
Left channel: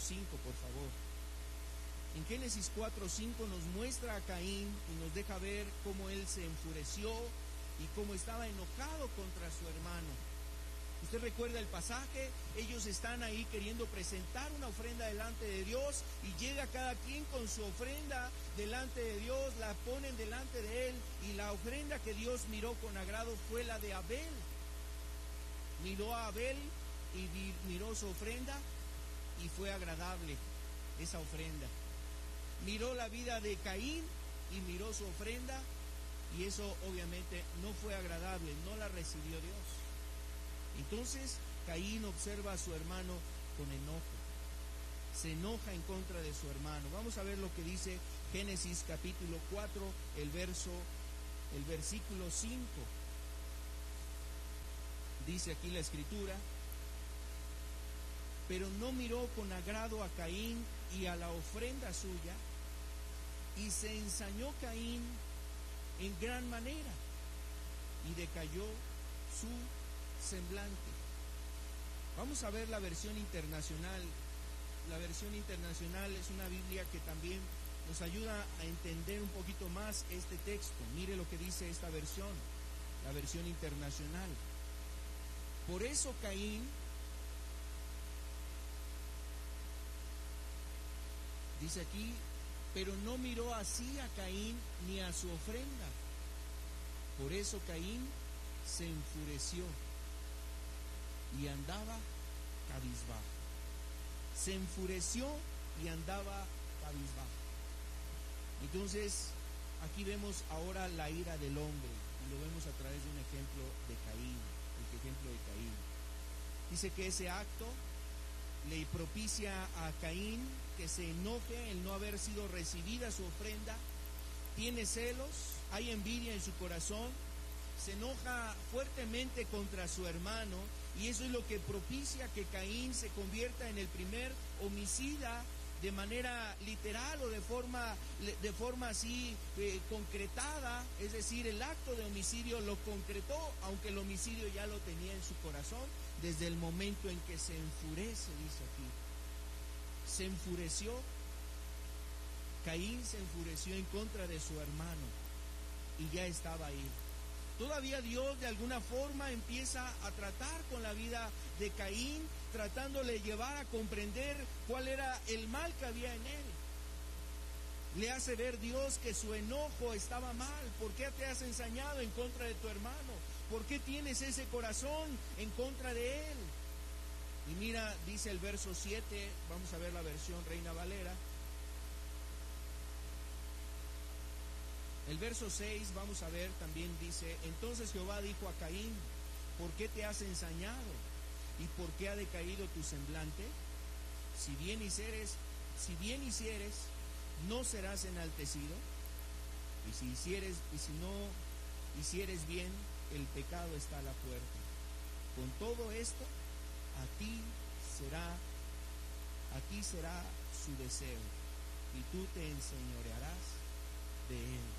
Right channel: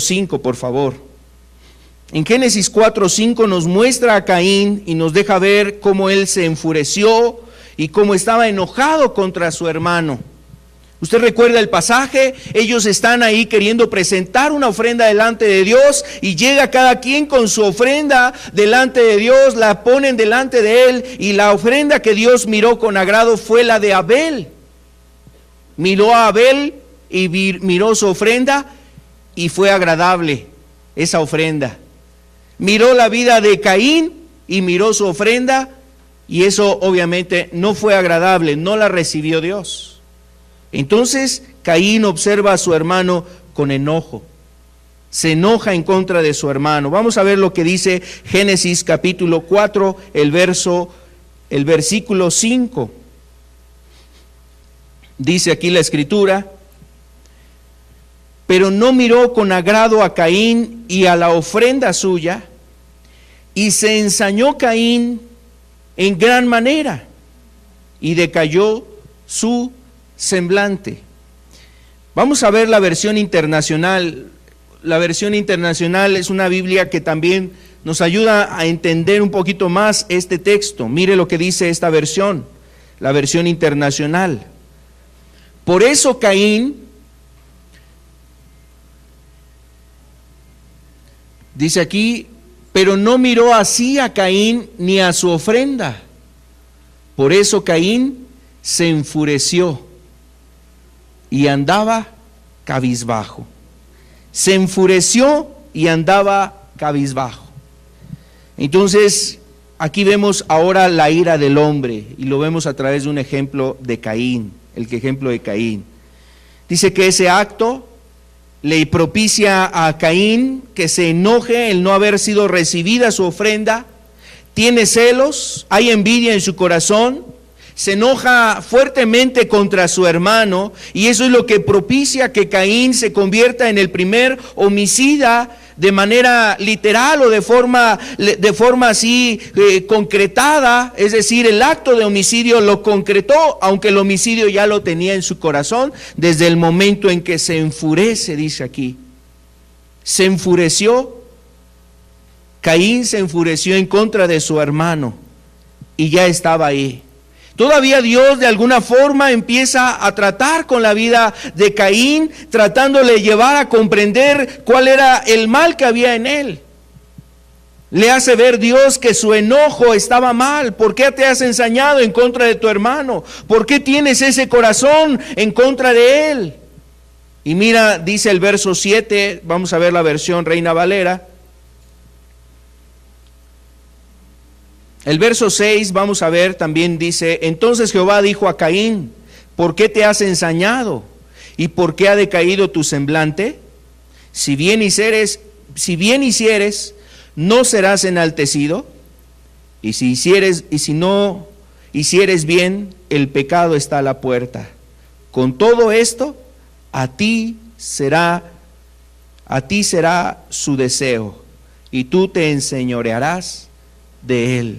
5, por favor. En Génesis 4:5 nos muestra a Caín y nos deja ver cómo él se enfureció y cómo estaba enojado contra su hermano. Usted recuerda el pasaje, ellos están ahí queriendo presentar una ofrenda delante de Dios y llega cada quien con su ofrenda delante de Dios, la ponen delante de él y la ofrenda que Dios miró con agrado fue la de Abel. Miró a Abel y miró su ofrenda y fue agradable esa ofrenda. Miró la vida de Caín y miró su ofrenda y eso obviamente no fue agradable, no la recibió Dios. Entonces Caín observa a su hermano con enojo, se enoja en contra de su hermano. Vamos a ver lo que dice Génesis capítulo 4, el versículo 5. Dice aquí la Escritura: pero no miró con agrado a Caín y a la ofrenda suya, y se ensañó Caín en gran manera, y decayó su semblante. Vamos a ver la versión internacional. La versión internacional es una Biblia que también nos ayuda a entender un poquito más este texto. Mire lo que dice esta versión, la versión internacional. Por eso Caín, dice aquí, pero no miró así a Caín ni a su ofrenda. Por eso Caín se enfureció y andaba cabizbajo. Se enfureció y andaba cabizbajo. Entonces, aquí vemos ahora la ira del hombre y lo vemos a través de un ejemplo de Caín, el ejemplo de Caín. Dice que ese acto le propicia a Caín que se enoje el no haber sido recibida su ofrenda, tiene celos, hay envidia en su corazón, se enoja fuertemente contra su hermano y eso es lo que propicia que Caín se convierta en el primer homicida de manera literal o de forma así concretada, es decir, el acto de homicidio lo concretó, aunque el homicidio ya lo tenía en su corazón desde el momento en que se enfurece, dice aquí. Se enfureció, Caín se enfureció en contra de su hermano y ya estaba ahí. Todavía Dios de alguna forma empieza a tratar con la vida de Caín, tratándole llevar a comprender cuál era el mal que había en él. Le hace ver Dios que su enojo estaba mal. ¿Por qué te has ensañado en contra de tu hermano? ¿Por qué tienes ese corazón en contra de él? Y mira, dice el verso 7, vamos a ver la versión Reina Valera. El verso 6, vamos a ver, también dice: entonces Jehová dijo a Caín, ¿por qué te has ensañado? ¿Y por qué ha decaído tu semblante? Si bien hicieres, ¿no serás enaltecido? Y si no hicieres bien, el pecado está a la puerta. Con todo esto, a ti será su deseo, y tú te enseñorearás de él.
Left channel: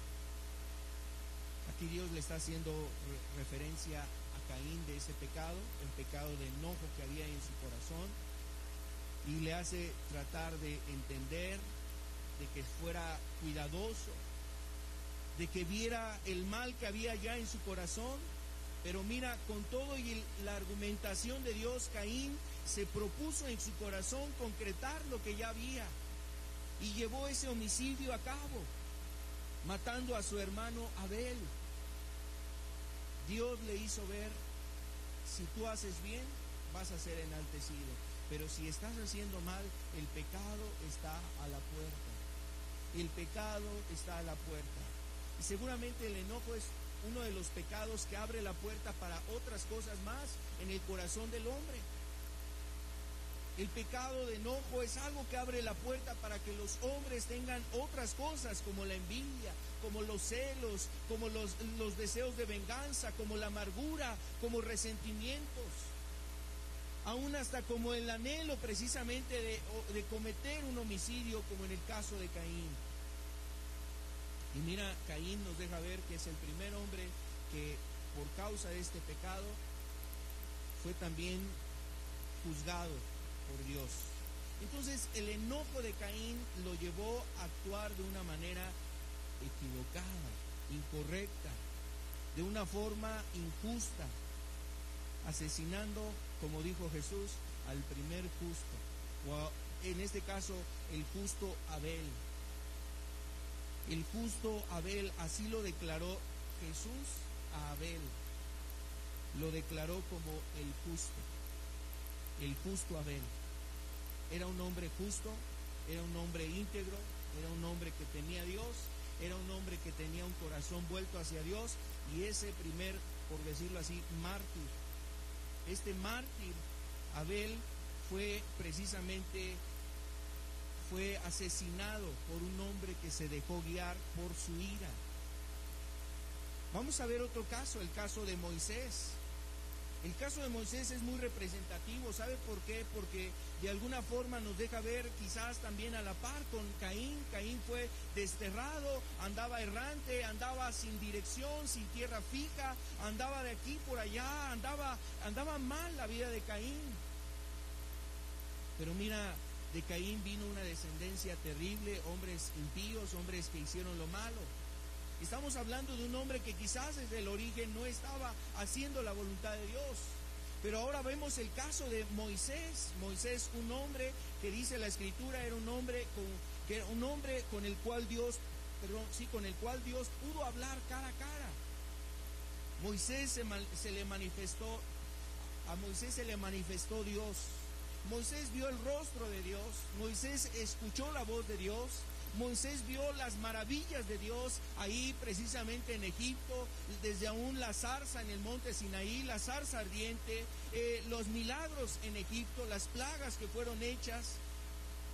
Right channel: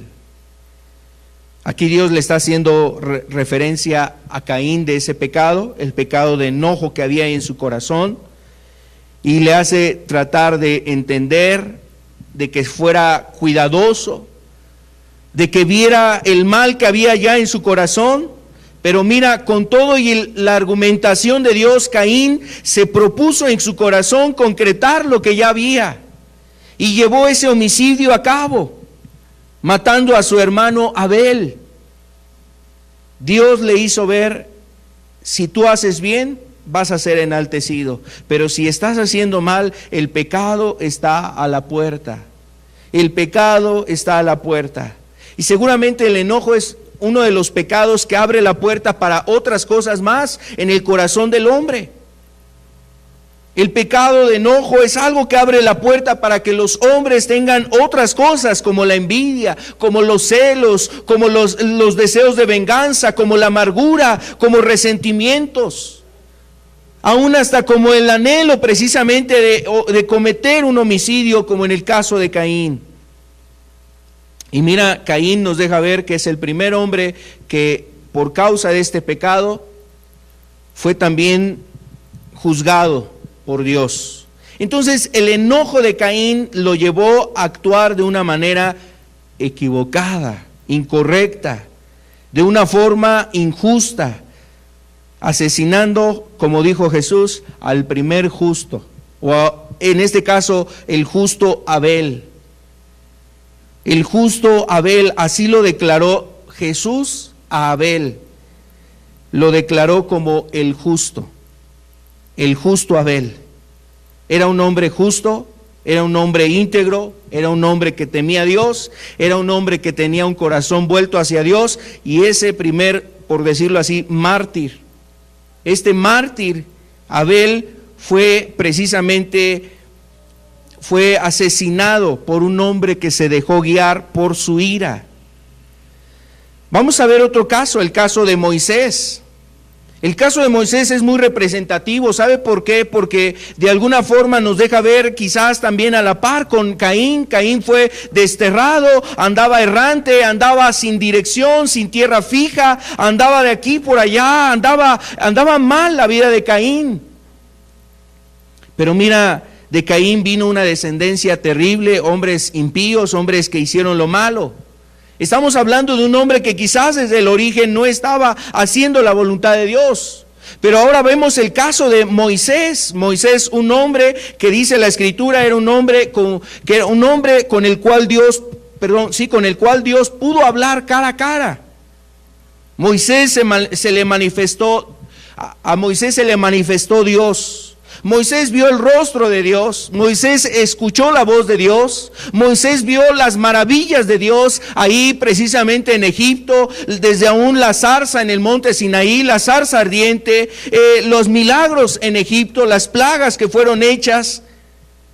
Aquí Dios le está haciendo referencia a Caín de ese pecado, el pecado de enojo que había en su corazón, y le hace tratar de entender, de que fuera cuidadoso, de que viera el mal que había ya en su corazón. Pero mira, con todo y la argumentación de Dios, Caín se propuso en su corazón concretar lo que ya había, y llevó ese homicidio a cabo, matando a su hermano Abel. Dios le hizo ver: si tú haces bien, vas a ser enaltecido, pero si estás haciendo mal, el pecado está a la puerta. El pecado está a la puerta. Y seguramente el enojo es uno de los pecados que abre la puerta para otras cosas más en el corazón del hombre. El pecado de enojo es algo que abre la puerta para que los hombres tengan otras cosas, como la envidia, como los celos, como los deseos de venganza, como la amargura, como resentimientos, aún hasta como el anhelo precisamente de cometer un homicidio, como en el caso de Caín. Y mira, Caín nos deja ver que es el primer hombre que por causa de este pecado fue también juzgado por Dios. Entonces el enojo de Caín lo llevó a actuar de una manera equivocada, incorrecta, de una forma injusta, asesinando, como dijo Jesús, al primer justo, en este caso el justo Abel. El justo Abel, así lo declaró Jesús a Abel, lo declaró como el justo Abel. Era un hombre justo, era un hombre íntegro, era un hombre que temía a Dios, era un hombre que tenía un corazón vuelto hacia Dios, y ese primer, por decirlo así, mártir, este mártir Abel fue asesinado por un hombre que se dejó guiar por su ira. Vamos a ver otro caso, el caso de Moisés. El caso de Moisés es muy representativo. ¿Sabe por qué? Porque de alguna forma nos deja ver quizás también a la par con Caín. Caín fue desterrado, andaba errante, andaba sin dirección, sin tierra fija, andaba de aquí por allá, andaba mal la vida de Caín. Pero mira, de Caín vino una descendencia terrible, hombres impíos, hombres que hicieron lo malo. Estamos hablando de un hombre que quizás desde el origen no estaba haciendo la voluntad de Dios. Pero ahora vemos el caso de Moisés. Moisés, un hombre que dice la Escritura, era un hombre con el cual Dios pudo hablar cara a cara. A Moisés se le manifestó Dios. Moisés vio el rostro de Dios, Moisés escuchó la voz de Dios, Moisés vio las maravillas de Dios ahí precisamente en Egipto, desde aún la zarza en el monte Sinaí, la zarza ardiente, los milagros en Egipto, las plagas que fueron hechas,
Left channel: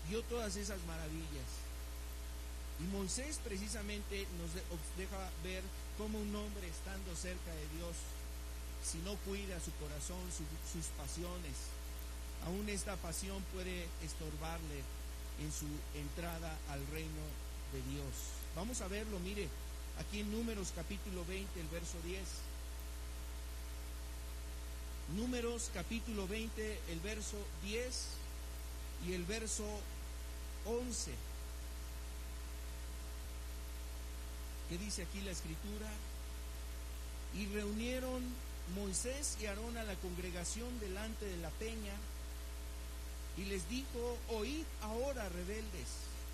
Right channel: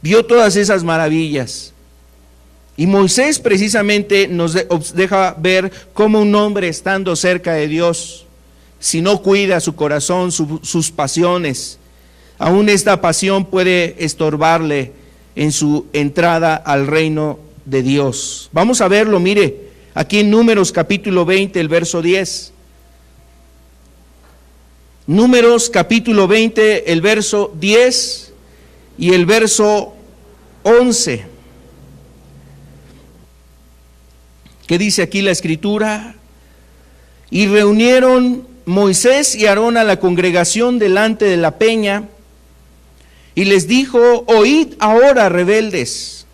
vio todas esas maravillas. Y Moisés precisamente nos deja ver cómo un hombre estando cerca de Dios, si no cuida su corazón, sus pasiones, aún esta pasión puede estorbarle en su entrada al reino de Dios. Vamos a verlo, mire, aquí en Números capítulo 20, el verso 10. Números capítulo 20, el verso 10 y el verso 11. ¿Qué dice aquí la Escritura? Y reunieron Moisés y Aarón a la congregación delante de la peña, y les dijo: oíd ahora, rebeldes,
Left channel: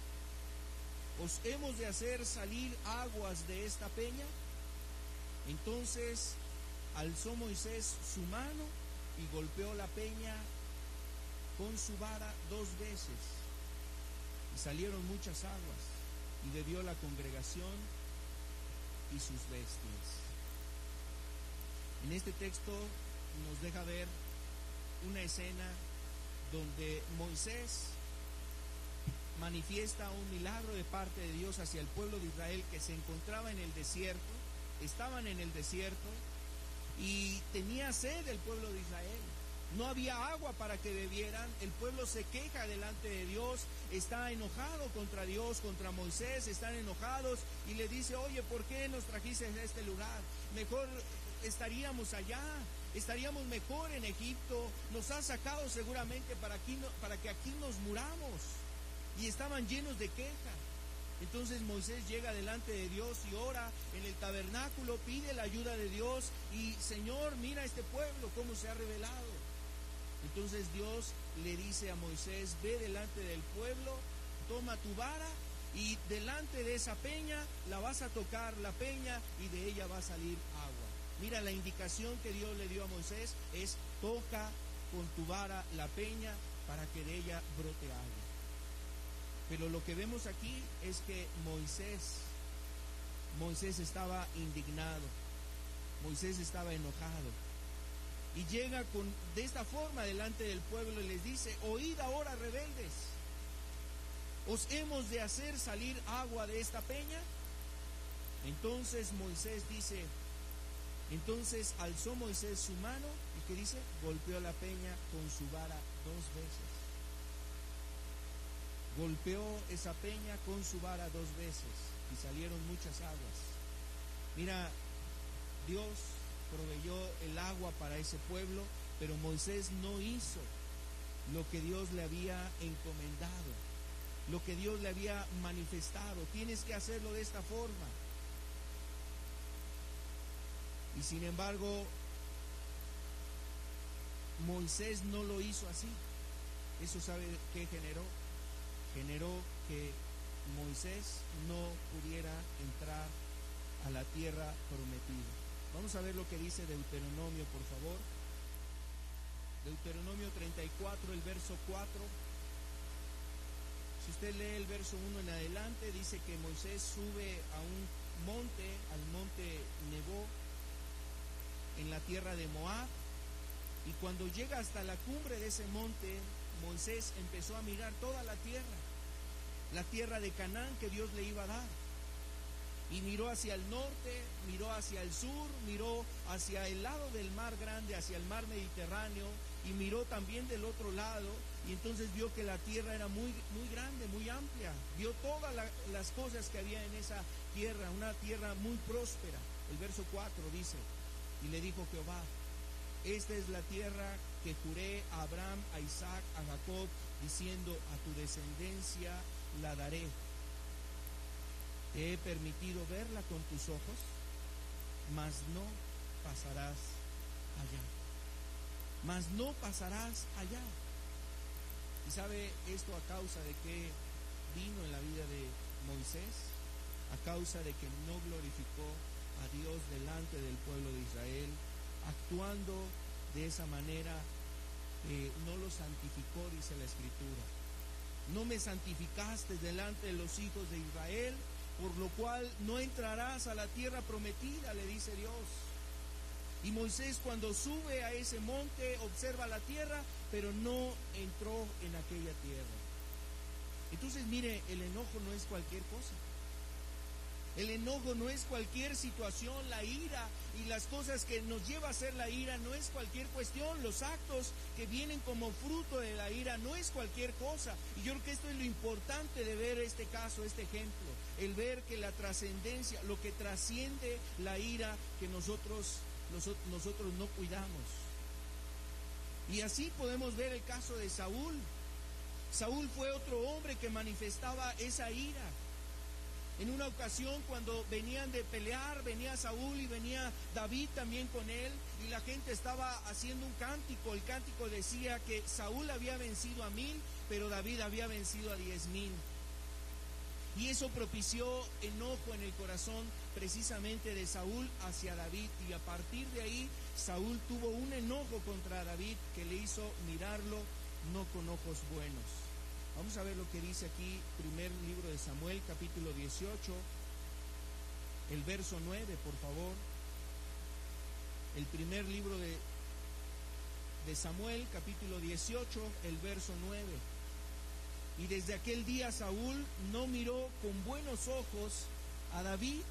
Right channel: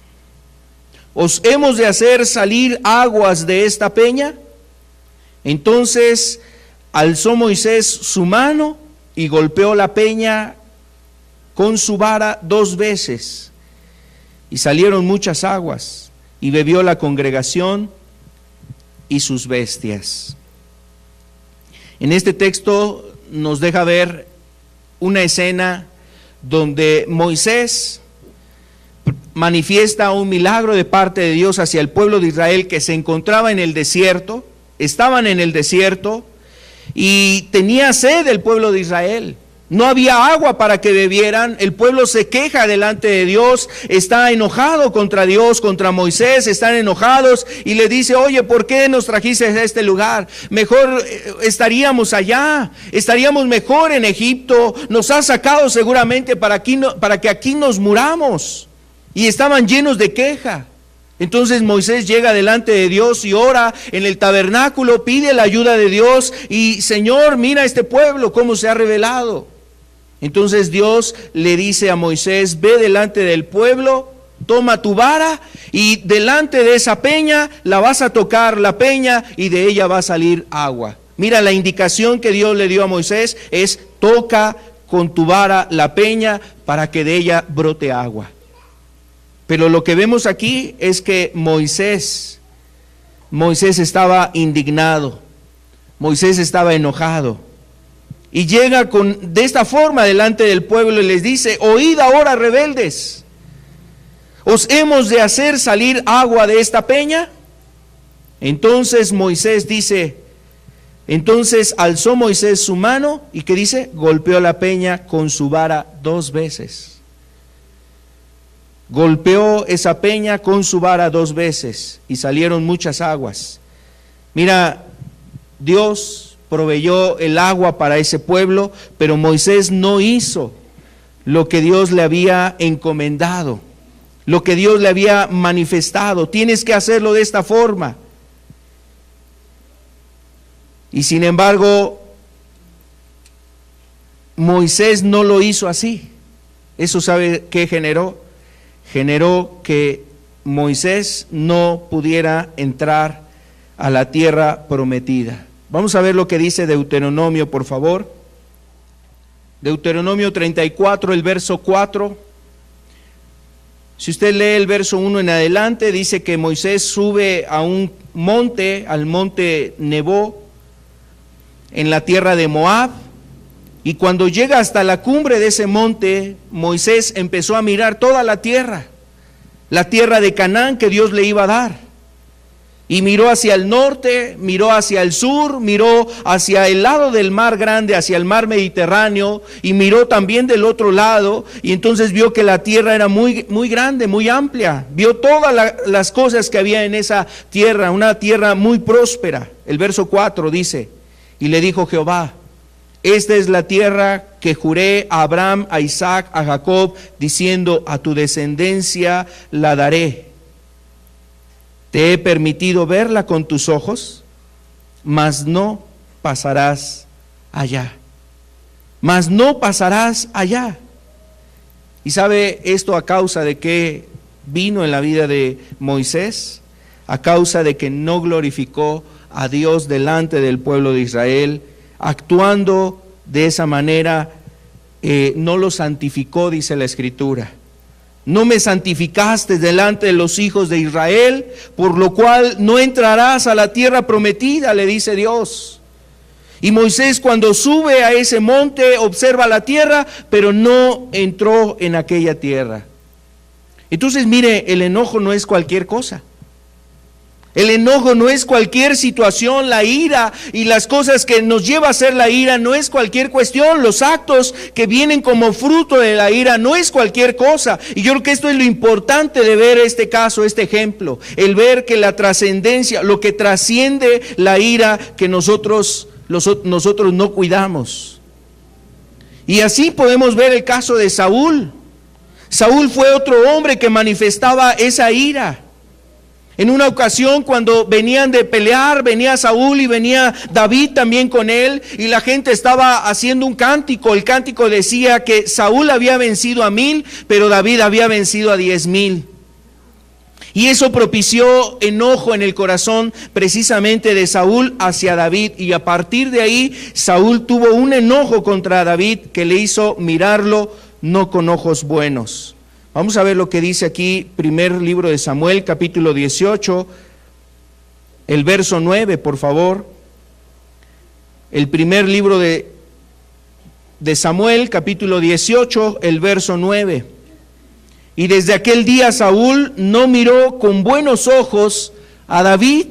¿os hemos de hacer salir aguas de esta peña? Entonces alzó Moisés su mano y golpeó la peña con su vara 2 veces, y salieron muchas aguas, y bebió la congregación y sus bestias. En este texto nos deja ver una escena donde Moisés manifiesta un milagro de parte de Dios hacia el pueblo de Israel que se encontraba en el desierto, estaban en el desierto y tenía sed el pueblo de Israel. No había agua para que bebieran, el pueblo se queja delante de Dios, está enojado contra Dios, contra Moisés, están enojados y le dice, oye, ¿por qué nos trajiste a este lugar? Mejor estaríamos allá, estaríamos mejor en Egipto, nos has sacado seguramente para que aquí nos muramos. Y estaban llenos de queja. Entonces Moisés llega delante de Dios y ora en el tabernáculo, pide la ayuda de Dios y Señor, mira este pueblo cómo se ha rebelado. Entonces Dios le dice a Moisés, ve delante del pueblo, toma tu vara y delante de esa peña la vas a tocar la peña y de ella va a salir agua. Mira, la indicación que Dios le dio a Moisés es toca con tu vara la peña para que de ella brote agua. Pero lo que vemos aquí es que Moisés estaba indignado, Moisés estaba enojado. Y llega de esta forma delante del pueblo y les dice, oíd ahora rebeldes, ¿os hemos de hacer salir agua de esta peña? Entonces Moisés dice, entonces alzó Moisés su mano y ¿qué dice? Golpeó la peña con su vara 2 veces. Golpeó esa peña con su vara 2 veces y salieron muchas aguas. Mira, Dios proveyó el agua para ese pueblo, pero Moisés no hizo lo que Dios le había encomendado, lo que Dios le había manifestado. Tienes que hacerlo de esta forma. Y sin embargo, Moisés no lo hizo así. ¿Eso sabe qué generó? Generó que Moisés no pudiera entrar a la tierra prometida. Vamos a ver lo que dice Deuteronomio, por favor. Deuteronomio 34, el verso 4. Si usted lee el verso 1 en adelante, dice que Moisés sube a un monte, al monte Nebo, en la tierra de Moab. Y cuando llega hasta la cumbre de ese monte, Moisés empezó a mirar toda la tierra de Canaán que Dios le iba a dar. Y miró hacia el norte, miró hacia el sur, miró hacia el lado del mar grande, hacia el mar Mediterráneo, y miró también del otro lado, y entonces vio que la tierra era muy, muy grande, muy amplia. Vio todas las cosas que había en esa tierra, una tierra muy próspera. El verso 4 dice, y le dijo Jehová, esta es la tierra que juré a Abraham, a Isaac, a Jacob, diciendo, a tu descendencia la daré. Te he permitido verla con tus ojos, mas no pasarás allá. Mas no pasarás allá. ¿Y sabe esto a causa de qué vino en la vida de Moisés? A causa de que no glorificó a Dios delante del pueblo de Israel, actuando de esa manera, no lo santificó, dice la Escritura. No me santificaste delante de los hijos de Israel, por lo cual no entrarás a la tierra prometida, le dice Dios. Y Moisés cuando sube a ese monte observa la tierra, pero no entró en aquella tierra. Entonces mire, el enojo no es cualquier cosa. El enojo no es cualquier situación, la ira y las cosas que nos lleva a hacer la ira no es cualquier cuestión, los actos que vienen como fruto de la ira no es cualquier cosa. Y yo creo que esto es lo importante de ver este caso, este ejemplo, el ver que la trascendencia, lo que trasciende la ira que nosotros no cuidamos. Y así podemos ver el caso de Saúl. Saúl fue otro hombre que manifestaba esa ira. En una ocasión cuando venían de pelear, venía Saúl y venía David también con él, y la gente estaba haciendo un cántico. El cántico decía que Saúl había vencido a 1000, pero David había vencido a 10,000. Y eso propició enojo en el corazón precisamente de Saúl hacia David, y a partir de ahí Saúl tuvo un enojo contra David que le hizo mirarlo no con ojos buenos. Vamos a ver lo que dice aquí, primer libro de Samuel, capítulo 18, el verso 9, por favor. El primer libro de de Samuel, capítulo 18, el verso 9. Y desde aquel día Saúl no miró con buenos ojos a David.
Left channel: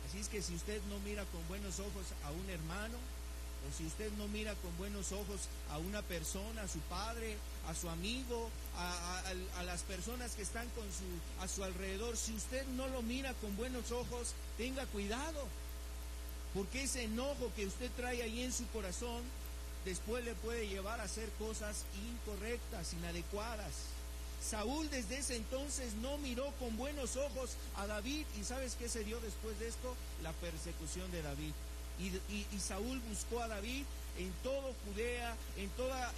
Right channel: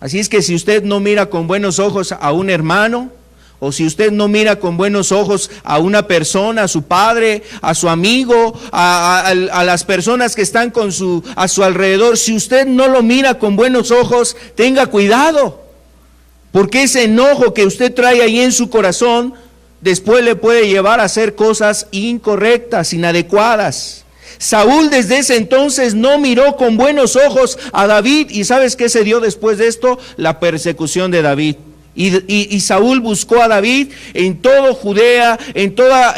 Así es que si usted no mira con buenos ojos a un hermano, o si usted no mira con buenos ojos a una persona, a su padre, a su amigo, a las personas que están a su alrededor, si usted no lo mira con buenos ojos, tenga cuidado, porque ese enojo que usted trae ahí en su corazón, después le puede llevar a hacer cosas incorrectas, inadecuadas. Saúl desde ese entonces no miró con buenos ojos a David, y ¿sabes qué se dio después de esto? La persecución de David. Y Saúl buscó a David en toda Judea, en toda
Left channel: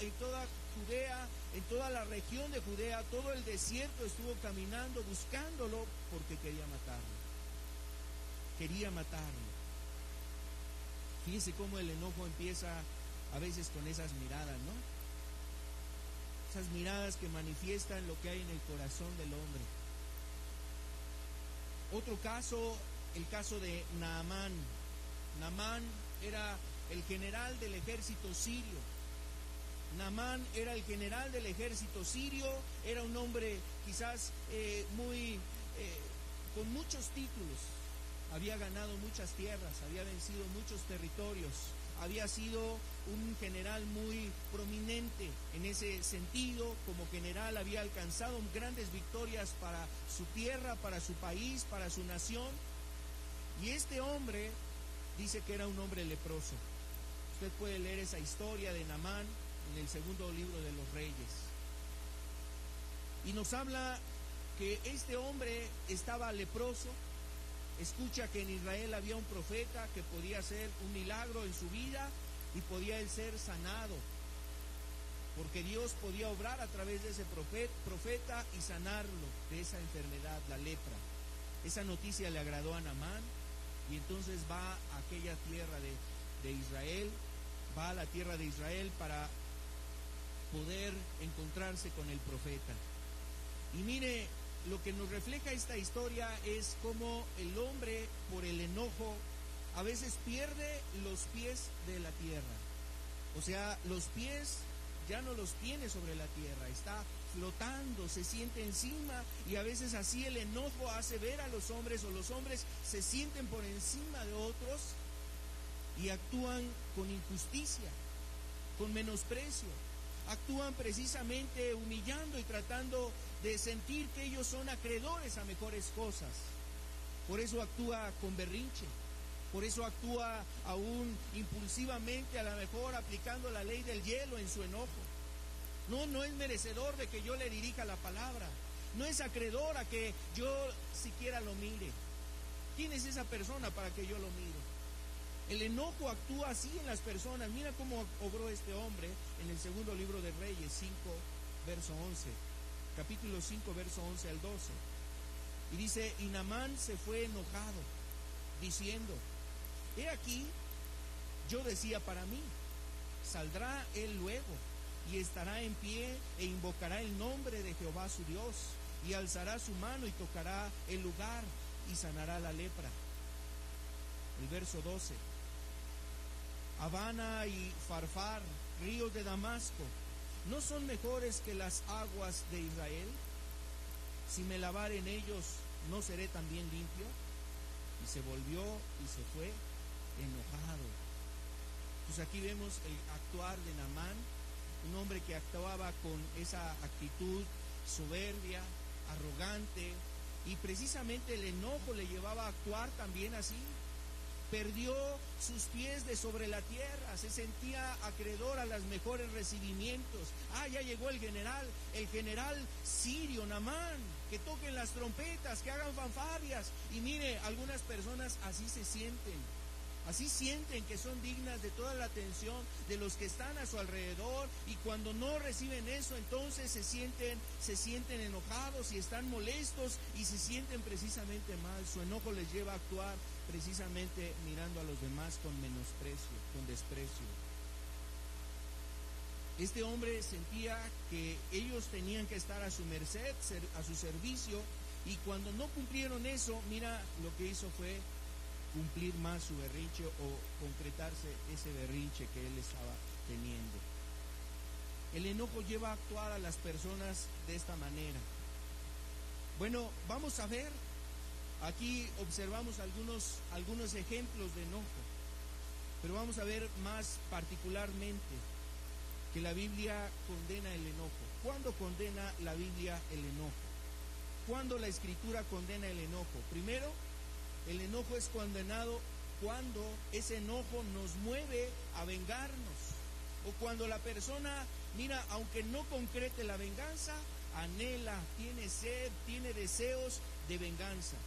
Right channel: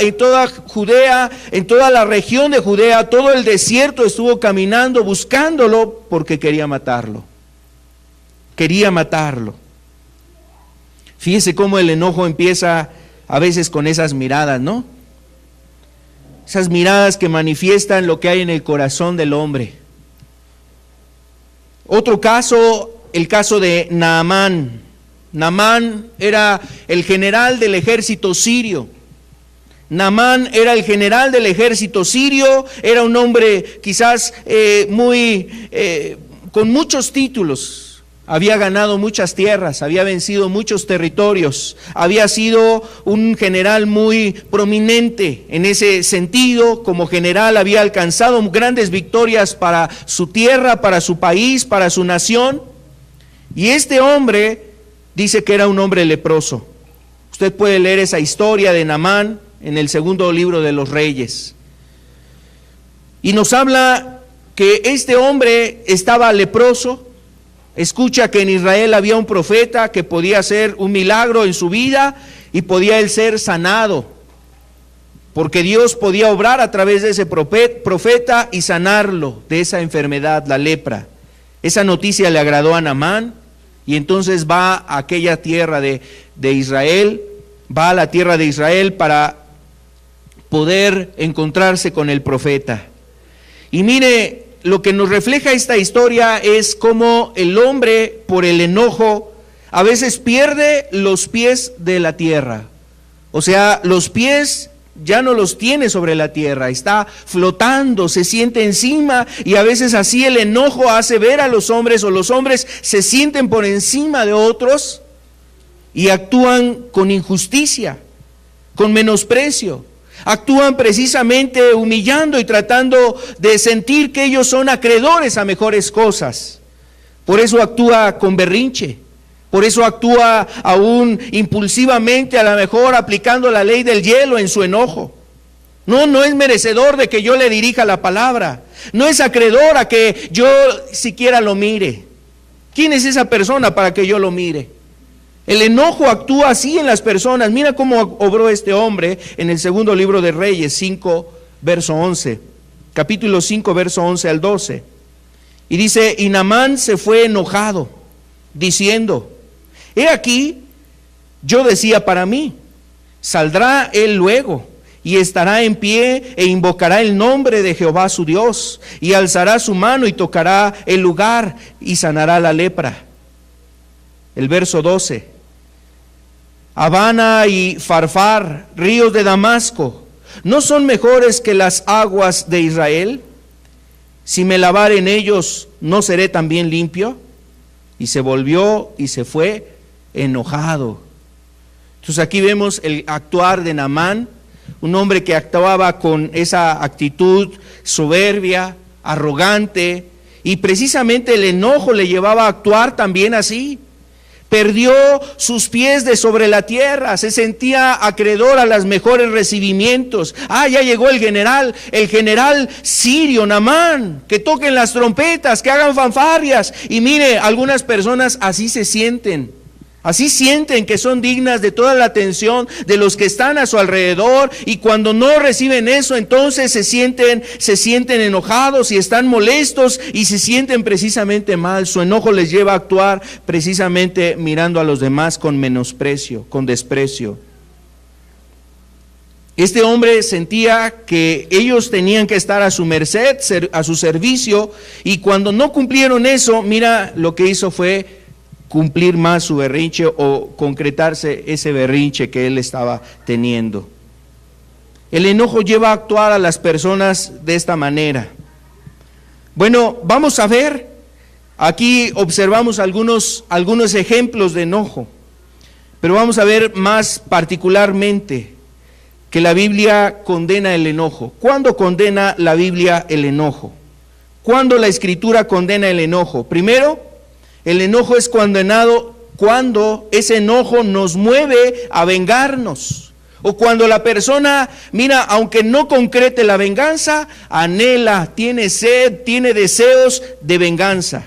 la región de Judea, todo el desierto estuvo caminando, buscándolo, porque quería matarlo. Quería matarlo. Fíjese cómo el enojo empieza a veces con esas miradas, ¿no? Esas miradas que manifiestan lo que hay en el corazón del hombre. Otro caso, el caso de Naamán. Naamán era el general del ejército sirio. Naamán era el general del ejército sirio, era un hombre quizás con muchos títulos. Había ganado muchas tierras, había vencido muchos territorios, había sido un general muy prominente en ese sentido. Como general había alcanzado grandes victorias para su tierra, para su país, para su nación. Y este hombre dice que era un hombre leproso. Usted puede leer esa historia de Naamán en el segundo libro de los Reyes. Y nos habla que este hombre estaba leproso. Escucha que en Israel había un profeta que podía hacer un milagro en su vida y podía él ser sanado, porque Dios podía obrar a través de ese profeta y sanarlo de esa enfermedad, la lepra. Esa noticia le agradó a Naamán, y entonces va a aquella tierra de Israel, va a la tierra de Israel para poder encontrarse con el profeta. Y mire, lo que nos refleja esta historia es cómo el hombre, por el enojo, a veces pierde los pies de la tierra. O sea, los pies ya no los tiene sobre la tierra, está flotando, se siente encima, y a veces así el enojo hace ver a los hombres, o los hombres se sienten por encima de otros y actúan con injusticia, con menosprecio. Actúan precisamente humillando y tratando de sentir que ellos son acreedores a mejores cosas. Por eso actúa con berrinche, por eso actúa aún impulsivamente, a lo mejor aplicando la ley del hielo en su enojo. No es merecedor de que yo le dirija la palabra, no es acreedor a que yo siquiera lo mire. ¿Quién es esa persona para que yo lo mire? El enojo actúa así en las personas. Mira cómo obró este hombre en el segundo libro de Reyes 5, verso 11. Capítulo 5, verso 11 al 12. Y dice, y Naamán se fue enojado, diciendo, he aquí, yo decía para mí, saldrá él luego, y estará en pie, e invocará el nombre de Jehová su Dios, y alzará su mano y tocará el lugar, y sanará la lepra. El verso 12. Habana y Farfar, ríos de Damasco, ¿no son mejores que las aguas de Israel? Si me lavar en ellos, ¿no seré también limpio? Y se volvió y se fue enojado. Entonces aquí vemos el actuar de Naamán, un hombre que actuaba con esa actitud soberbia, arrogante, y precisamente el enojo le llevaba a actuar también así. Perdió sus pies de sobre la tierra, se sentía acreedor a los mejores recibimientos. Ya llegó el general sirio, Naamán, que toquen las trompetas, que hagan fanfarrias. Y mire, algunas personas así se sienten. Así sienten que son dignas de toda la atención de los que están a su alrededor, y cuando no reciben eso, entonces se sienten enojados y están molestos y se sienten precisamente mal. Su enojo les lleva a actuar precisamente mirando a los demás con menosprecio, con desprecio. Este hombre sentía que ellos tenían que estar a su merced, a su servicio, y cuando no cumplieron eso, mira, lo que hizo fue cumplir más su berrinche o concretarse ese berrinche que él estaba teniendo. El enojo lleva a actuar a las personas de esta manera. Bueno, vamos a ver, aquí observamos algunos ejemplos de enojo, pero vamos a ver más particularmente que la Biblia condena el enojo. ¿Cuándo condena la Biblia el enojo? ¿Cuándo la Escritura condena el enojo? Primero, el enojo es condenado cuando ese enojo nos mueve a vengarnos. O cuando la persona, mira, aunque no concrete la venganza, anhela, tiene sed, tiene deseos de venganza.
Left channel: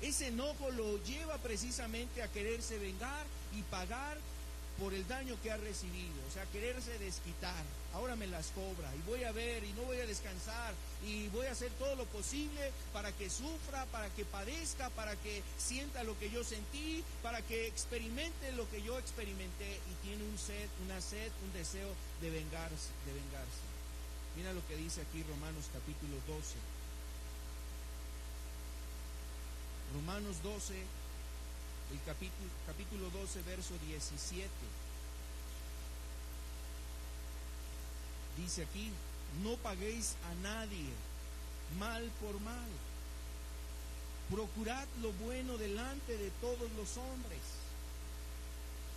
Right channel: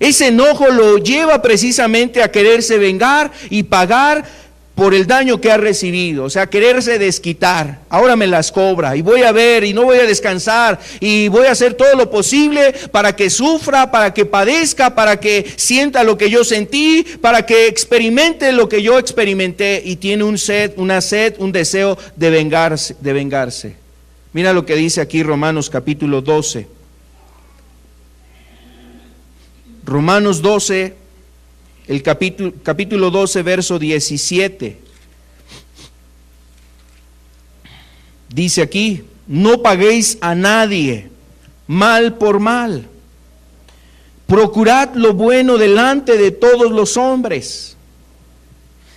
Ese enojo lo lleva precisamente a quererse vengar y pagar por el daño que ha recibido, o sea, quererse desquitar. Ahora me las cobra y voy a ver y no voy a descansar y voy a hacer todo lo posible para que sufra, para que padezca, para que sienta lo que yo sentí, para que experimente lo que yo experimenté, y tiene un deseo de vengarse. Mira lo que dice aquí Romanos capítulo 12. Romanos 12, el capítulo 12, verso 17. Dice aquí: no paguéis a nadie mal por mal. Procurad lo bueno delante de todos los hombres.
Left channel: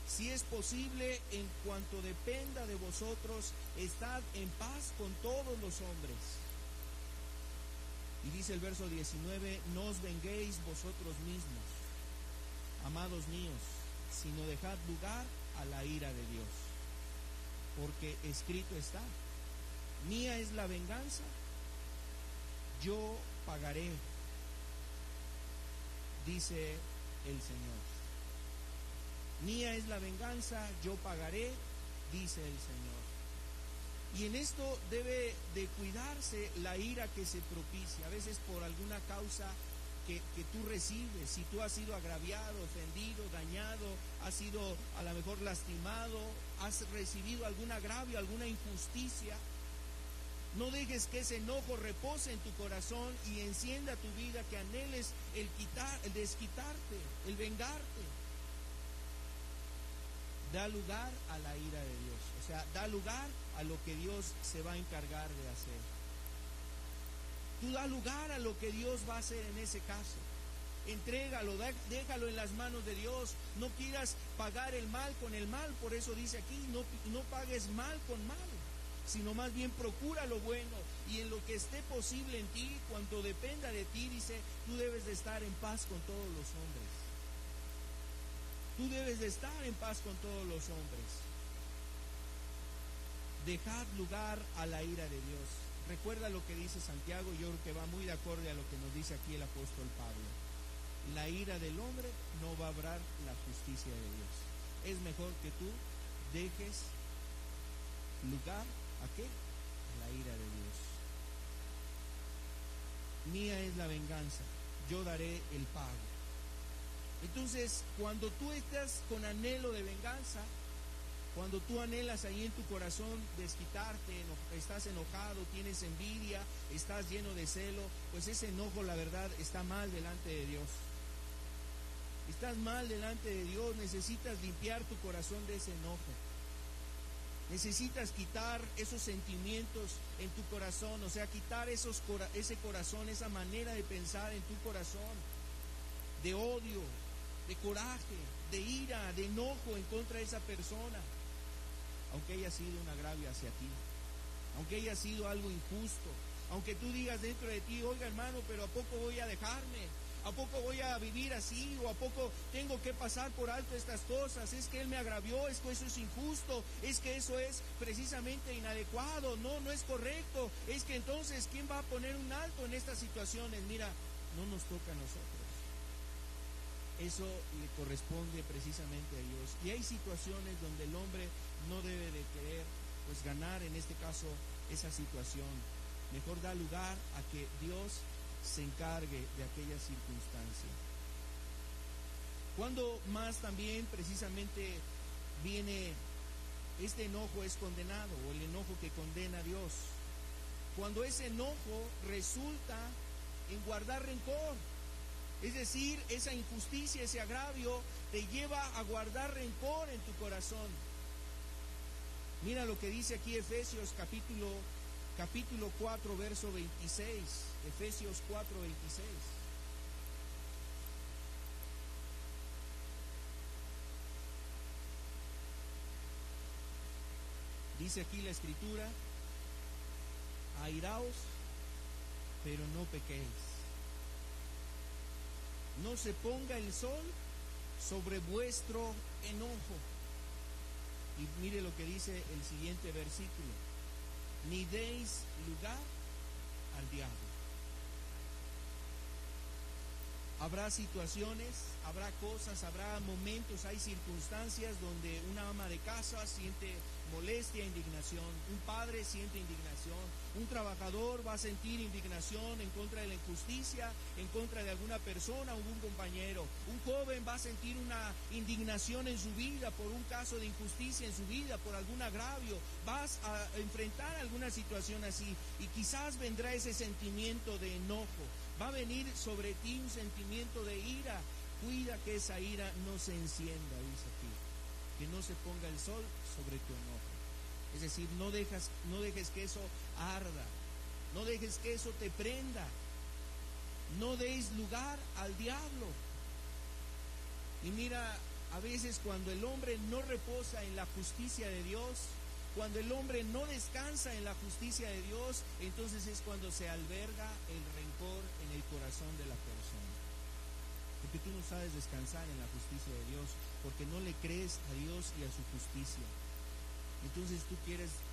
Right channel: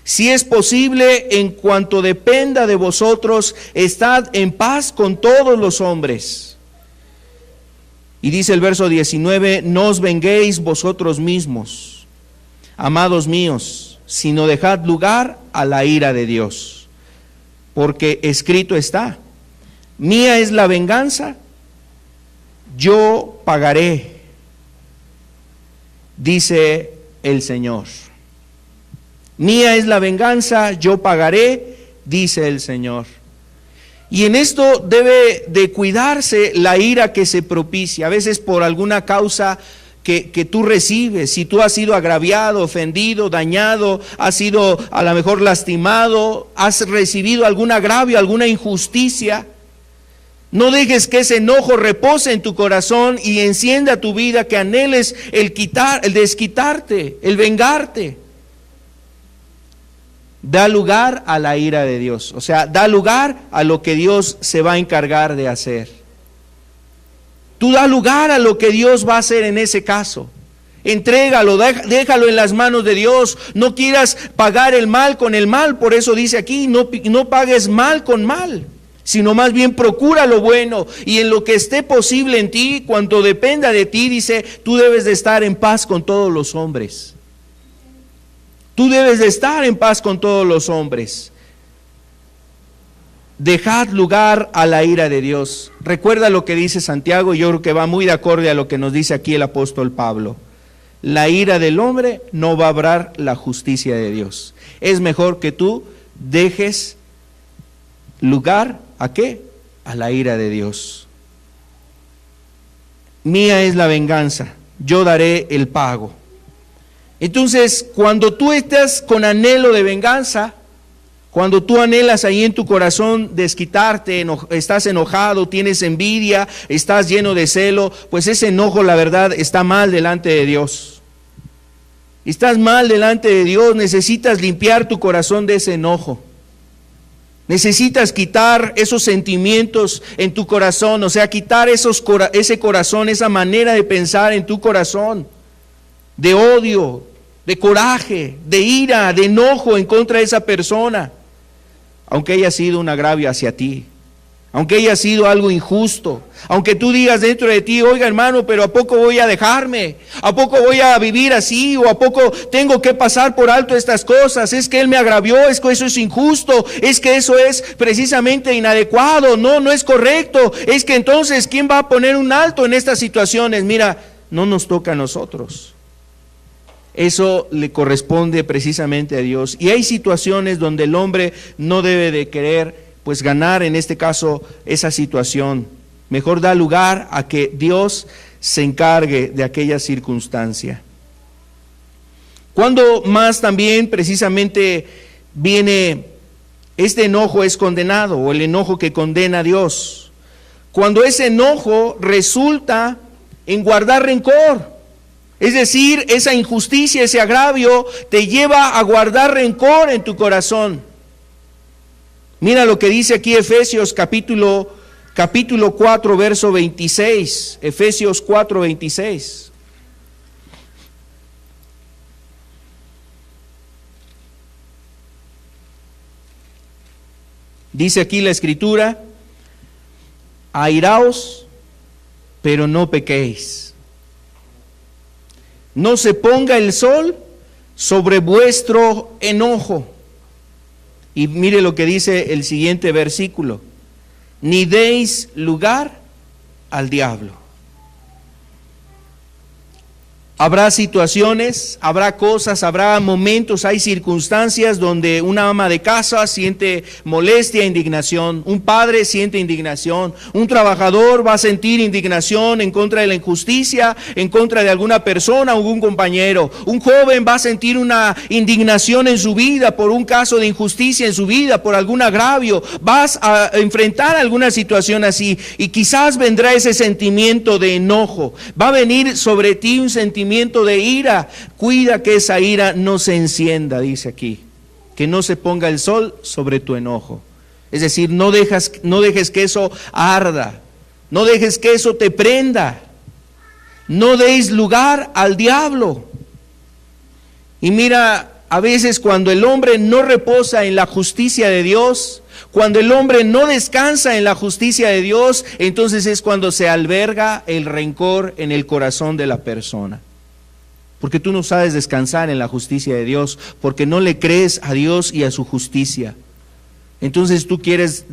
Si es posible, en cuanto dependa de vosotros, estad en paz con todos los hombres. Y dice el verso 19: no os venguéis vosotros mismos, amados míos, sino dejad lugar a la ira de Dios. Porque escrito está: mía es la venganza, yo pagaré, dice el Señor. Mía es la venganza, yo pagaré, dice el Señor. Y en esto debe de cuidarse la ira que se propicia, a veces por alguna causa que tú recibes. Si tú has sido agraviado, ofendido, dañado, has sido a lo mejor lastimado, has recibido algún agravio, alguna injusticia, no dejes que ese enojo repose en tu corazón y encienda tu vida, que anheles el desquitarte, el vengarte. Da lugar a la ira de Dios, o sea, da lugar a lo que Dios se va a encargar de hacer. Tú da lugar a lo que Dios va a hacer en ese caso. Entrégalo, déjalo en las manos de Dios. No quieras pagar el mal con el mal. Por eso dice aquí: no pagues mal con mal, sino más bien procura lo bueno. Y en lo que esté posible en ti, cuanto dependa de ti, dice, tú debes de estar en paz con todos los hombres. Tú debes de estar en paz con todos los hombres. Dejad lugar a la ira de Dios. Recuerda lo que dice Santiago, y yo creo que va muy de acorde a lo que nos dice aquí el apóstol Pablo. La ira del hombre no va a obrar la justicia de Dios. Es mejor que tú dejes lugar ¿a qué? A la ira de Dios. Mía es la venganza, yo daré el pago. Entonces, cuando tú estás con anhelo de venganza, cuando tú anhelas ahí en tu corazón desquitarte, estás enojado, tienes envidia, estás lleno de celo, pues ese enojo, la verdad, está mal delante de Dios. Estás mal delante de Dios, necesitas limpiar tu corazón de ese enojo. Necesitas quitar esos sentimientos en tu corazón, o sea, quitar ese corazón, esa manera de pensar en tu corazón, de odio, de coraje, de ira, de enojo en contra de esa persona, aunque haya sido un agravio hacia ti, aunque haya sido algo injusto, aunque tú digas dentro de ti: oiga, hermano, pero ¿a poco voy a dejarme? ¿A poco voy a vivir así? ¿O a poco tengo que pasar por alto estas cosas? Es que él me agravió, es que eso es injusto, es que eso es precisamente inadecuado, no es correcto, es que entonces ¿quién va a poner un alto en estas situaciones? Mira, no nos toca a nosotros. Eso le corresponde precisamente a Dios. Y hay situaciones donde el hombre no debe de querer pues ganar, en este caso, esa situación. Mejor da lugar a que Dios se encargue de aquella circunstancia. Cuando más también precisamente viene este enojo es condenado, o el enojo que condena a Dios. Cuando ese enojo resulta en guardar rencor. Es decir, esa injusticia, ese agravio te lleva a guardar rencor en tu corazón. Mira lo que dice aquí Efesios capítulo 4, verso 26. Efesios 4, 26. Dice aquí la Escritura: airaos, pero no pequéis. No se ponga el sol sobre vuestro enojo. Y mire lo que dice el siguiente versículo: ni deis lugar al diablo. Habrá situaciones, habrá cosas, habrá momentos, hay circunstancias donde una ama de casa siente molestia, indignación, un padre siente indignación, un trabajador va a sentir indignación en contra de la injusticia, en contra de alguna persona o algún compañero, un joven va a sentir una indignación en su vida por un caso de injusticia en su vida, por algún agravio, vas a enfrentar alguna situación así y quizás vendrá ese sentimiento de enojo, va a venir sobre ti un sentimiento de ira. Cuida que esa ira no se encienda, dice aquí, que no se ponga el sol sobre tu enojo. Es decir, no dejes que eso arda, no dejes que eso te prenda, no deis lugar al diablo. Y mira, a veces cuando el hombre no reposa en la justicia de Dios, cuando el hombre no descansa en la justicia de Dios, entonces es cuando se alberga el rencor en el corazón de la persona. Porque tú no sabes descansar en la justicia de Dios, porque no le crees a Dios y a su justicia. Entonces tú tienes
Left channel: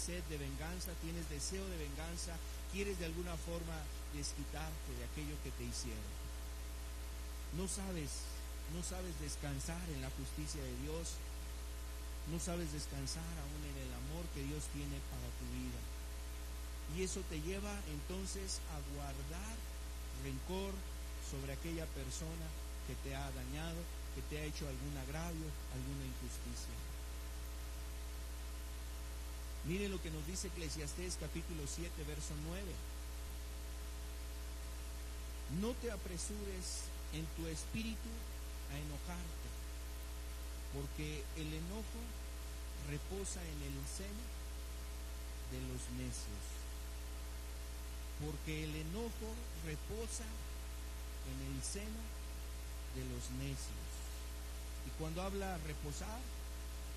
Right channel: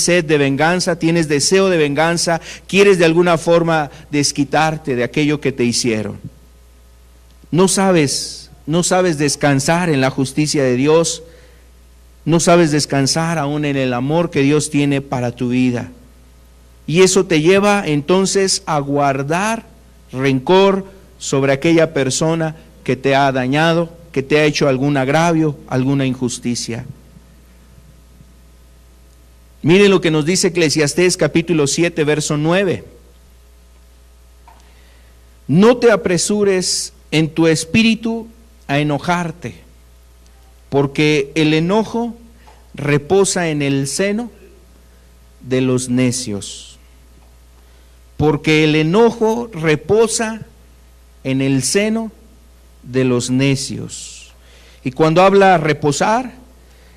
sed de venganza, tienes deseo de venganza, quieres de alguna forma desquitarte de aquello que te hicieron. No sabes descansar en la justicia de Dios, no sabes descansar aún en el amor que Dios tiene para tu vida. Y eso te lleva entonces a guardar rencor sobre aquella persona que te ha dañado, que te ha hecho algún agravio, alguna injusticia. Miren lo que nos dice Eclesiastés capítulo 7, verso 9. No te apresures en tu espíritu a enojarte, porque el enojo reposa en el seno de los necios. Porque el enojo reposa en el seno de los necios. Y cuando habla reposar,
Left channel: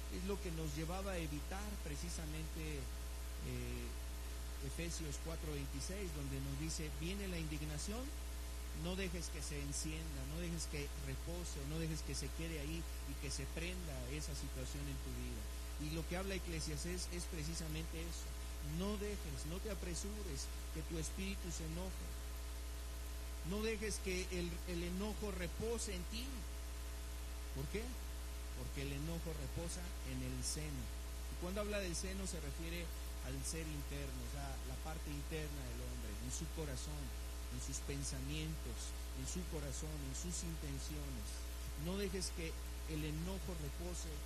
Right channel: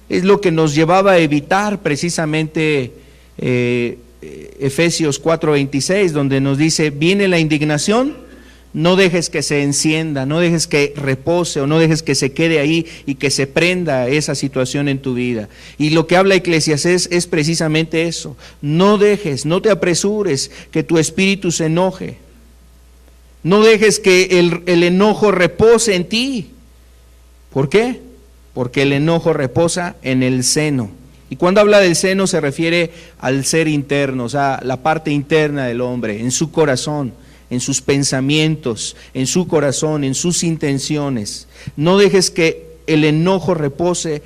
es lo que nos llevaba a evitar precisamente Efesios 4:26, donde nos dice: viene la indignación, no dejes que se encienda, no dejes que repose o no dejes que se quede ahí y que se prenda esa situación en tu vida. Y lo que habla Eclesiastés es precisamente eso: no te apresures que tu espíritu se enoje. No dejes que el enojo repose en ti. ¿Por qué? Porque el enojo reposa en el seno. Y cuando habla del seno se refiere al ser interno, o sea, la parte interna del hombre, en su corazón, en sus pensamientos, en su corazón, en sus intenciones. No dejes que el enojo repose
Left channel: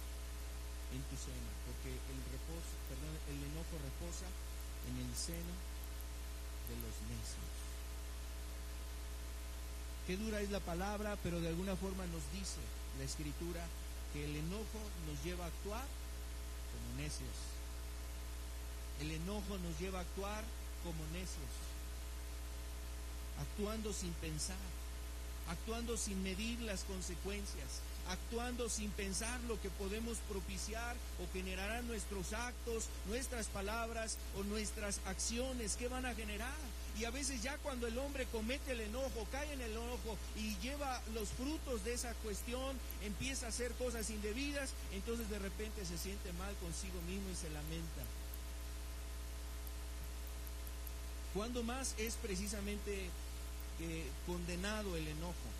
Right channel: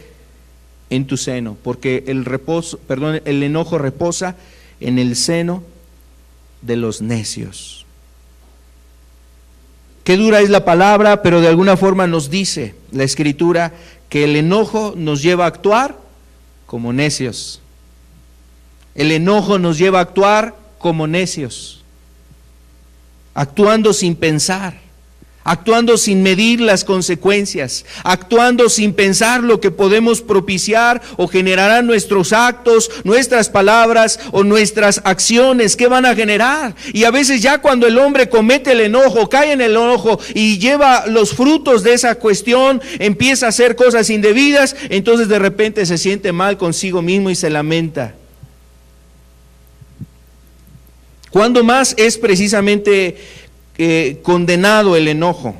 en tu seno, porque el enojo reposa en el seno de los necios. Qué dura es la palabra, pero de alguna forma nos dice la Escritura que el enojo nos lleva a actuar como necios. El enojo nos lleva a actuar como necios, actuando sin pensar, actuando sin medir las consecuencias, actuando sin pensar lo que podemos propiciar o generarán nuestros actos, nuestras palabras o nuestras acciones. ¿Qué van a generar? Y a veces ya cuando el hombre comete el enojo, cae en el enojo y lleva los frutos de esa cuestión, empieza a hacer cosas indebidas, entonces de repente se siente mal consigo mismo y se lamenta. ¿Cuándo más es precisamente condenado el enojo?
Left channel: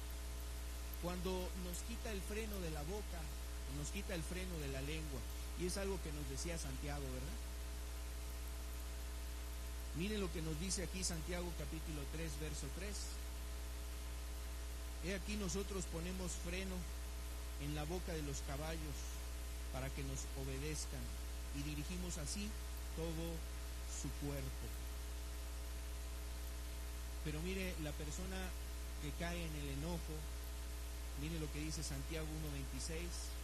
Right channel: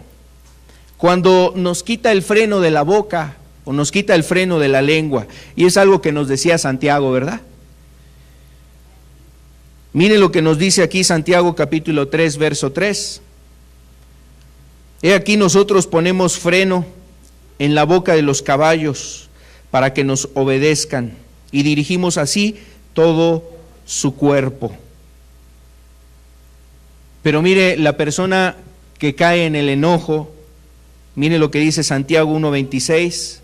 Cuando nos quita el freno de la boca o nos quita el freno de la lengua. Y es algo que nos decía Santiago, ¿verdad? Mire lo que nos dice aquí Santiago capítulo 3, verso 3. He aquí nosotros ponemos freno en la boca de los caballos para que nos obedezcan y dirigimos así todo su cuerpo. Pero mire, la persona que cae en el enojo. Mire lo que dice Santiago 1:26.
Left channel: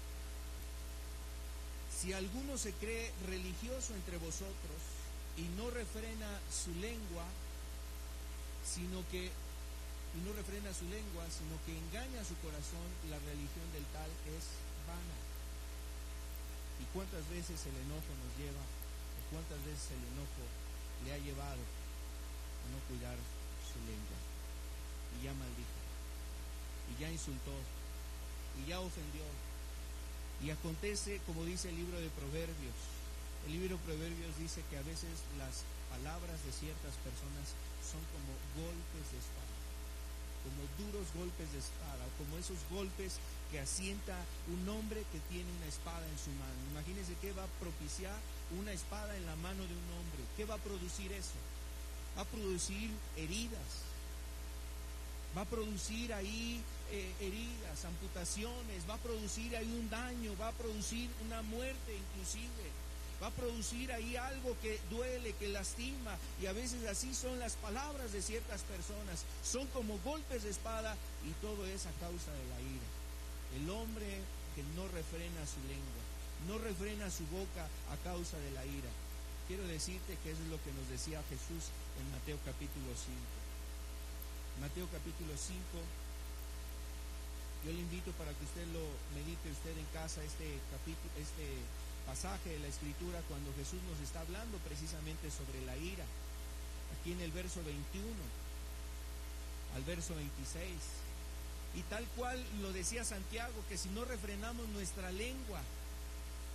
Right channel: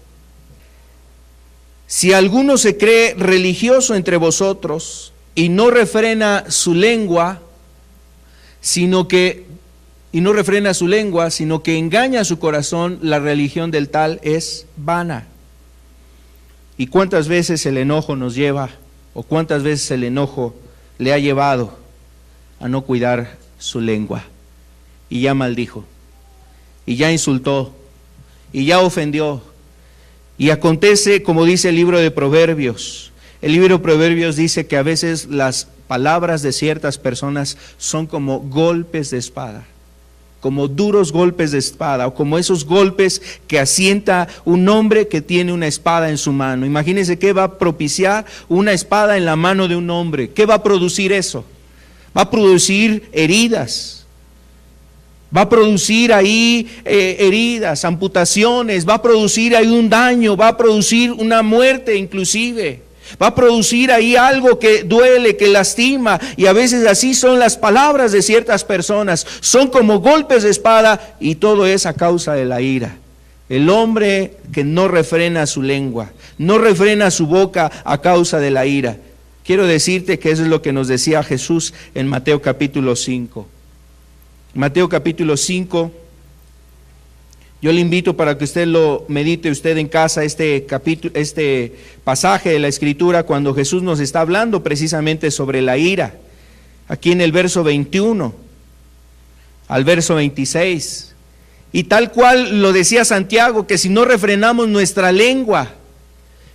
Si alguno se cree religioso entre vosotros y no refrena su lengua, sino que engaña su corazón, la religión del tal es vana. ¿Y cuántas veces el enojo nos lleva, o cuántas veces el enojo le ha llevado a no cuidar su lengua? Y ya maldijo, y ya insultó, y ya ofendió. Y acontece, como dice el libro de Proverbios. El libro de Proverbios dice que a veces las palabras de ciertas personas son como golpes de espada, como duros golpes de espada, o como esos golpes que asienta un hombre que tiene una espada en su mano. Imagínense qué va a propiciar una espada en la mano de un hombre. ¿Qué va a producir eso? Va a producir heridas. Va a producir ahí heridas, amputaciones, va a producir ahí un daño, va a producir una muerte inclusive. Va a producir ahí algo que duele, que lastima, y a veces así son las palabras de ciertas personas. Son como golpes de espada, y todo es a causa de la ira. El hombre que no refrena su lengua, no refrena su boca a causa de la ira. Quiero decirte que eso es lo que nos decía Jesús en Mateo capítulo 5. Mateo capítulo 5, yo le invito para que usted lo medite usted en casa, este pasaje de la Escritura, cuando Jesús nos está hablando precisamente sobre la ira. Aquí en el verso 21 al verso 26. Y tal cual lo decía Santiago, que si no refrenamos nuestra lengua,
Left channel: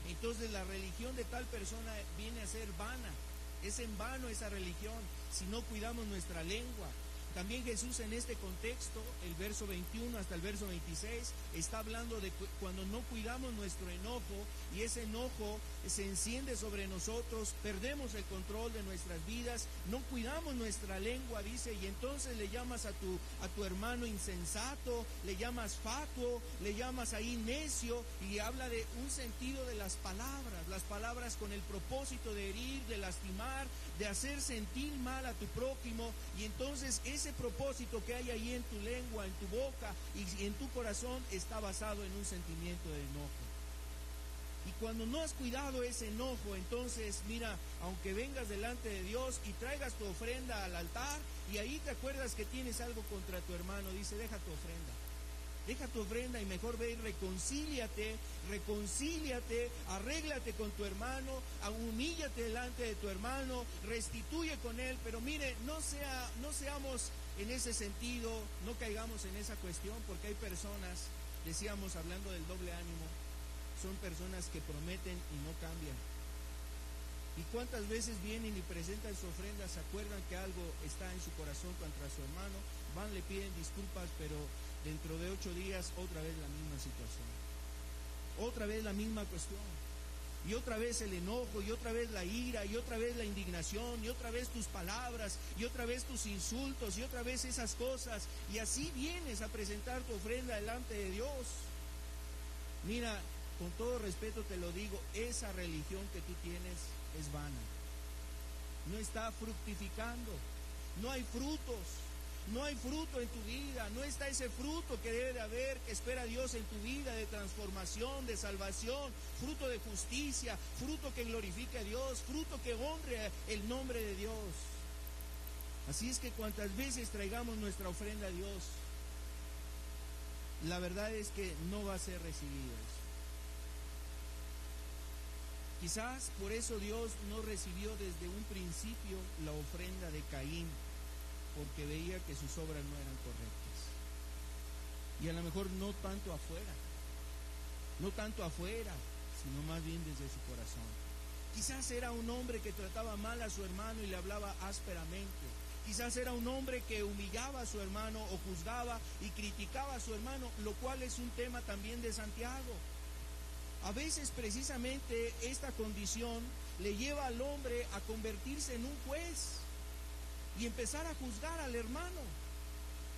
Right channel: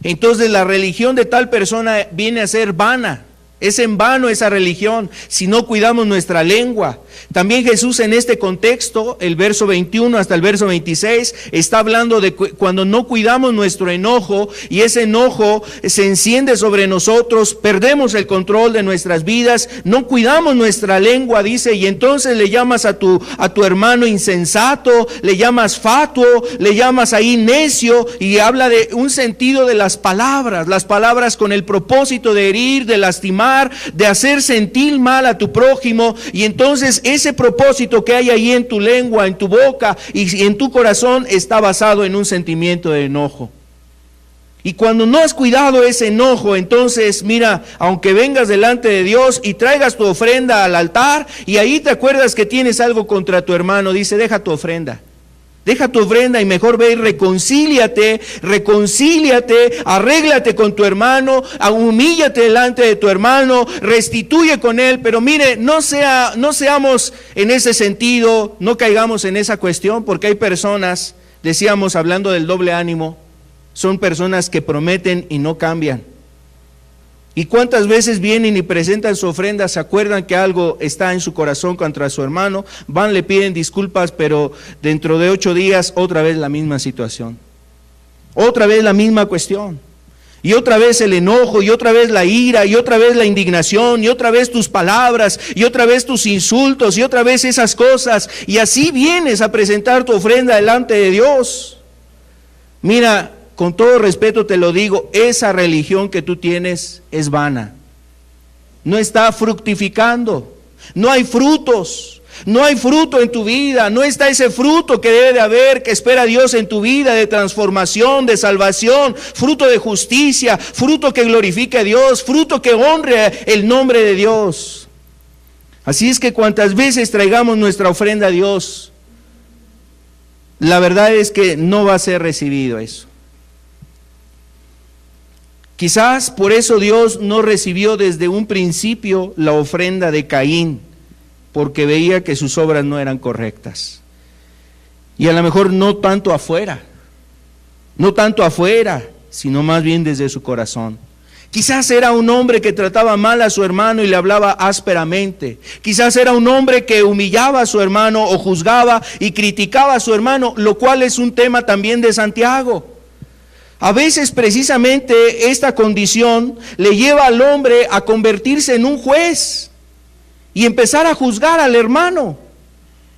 entonces la religión de tal persona viene a ser vana. Es en vano esa religión si no cuidamos nuestra lengua. También Jesús en este contexto, el verso 21 hasta el verso 26, está hablando de cuando no cuidamos nuestro enojo, y ese enojo se enciende sobre nosotros, perdemos el control de nuestras vidas, no cuidamos nuestra lengua, dice, y entonces le llamas a tu hermano insensato, le llamas fatuo, le llamas ahí necio, y habla de un sentido de las palabras con el propósito de herir, de lastimar, de hacer sentir mal a tu prójimo. Y entonces ese propósito que hay ahí en tu lengua, en tu boca y en tu corazón está basado en un sentimiento de enojo. Y cuando no has cuidado ese enojo, entonces mira, aunque vengas delante de Dios y traigas tu ofrenda al altar, y ahí te acuerdas que tienes algo contra tu hermano, dice, deja tu ofrenda. Deja tu ofrenda y mejor ve y reconcíliate, arréglate con tu hermano, humíllate delante de tu hermano, restituye con él. Pero mire, no seamos en ese sentido, no caigamos en esa cuestión, porque hay personas, decíamos hablando del doble ánimo, son personas que prometen y no cambian. ¿Y cuántas veces vienen y presentan su ofrenda, se acuerdan que algo está en su corazón contra su hermano, van, le piden disculpas, pero dentro de 8 días otra vez la misma situación, otra vez la misma cuestión, y otra vez el enojo, y otra vez la ira, y otra vez la indignación, y otra vez tus palabras, y otra vez tus insultos, y otra vez esas cosas, y así vienes a presentar tu ofrenda delante de Dios? Mira, con todo respeto te lo digo, esa religión que tú tienes es vana. No está fructificando, no hay frutos, no hay fruto en tu vida, no está ese fruto que debe de haber, que espera Dios en tu vida, de transformación, de salvación, fruto de justicia, fruto que glorifique a Dios, fruto que honre el nombre de Dios. Así es que cuantas veces traigamos nuestra ofrenda a Dios, la verdad es que no va a ser recibido eso. Quizás por eso Dios no recibió desde un principio la ofrenda de Caín, porque veía que sus obras no eran correctas. Y a lo mejor no tanto afuera, sino más bien desde su corazón. Quizás era un hombre que trataba mal a su hermano y le hablaba ásperamente. Quizás era un hombre que humillaba a su hermano o juzgaba y criticaba a su hermano, lo cual es un tema también de Santiago. A veces precisamente esta condición le lleva al hombre a convertirse en un juez y empezar a juzgar al hermano.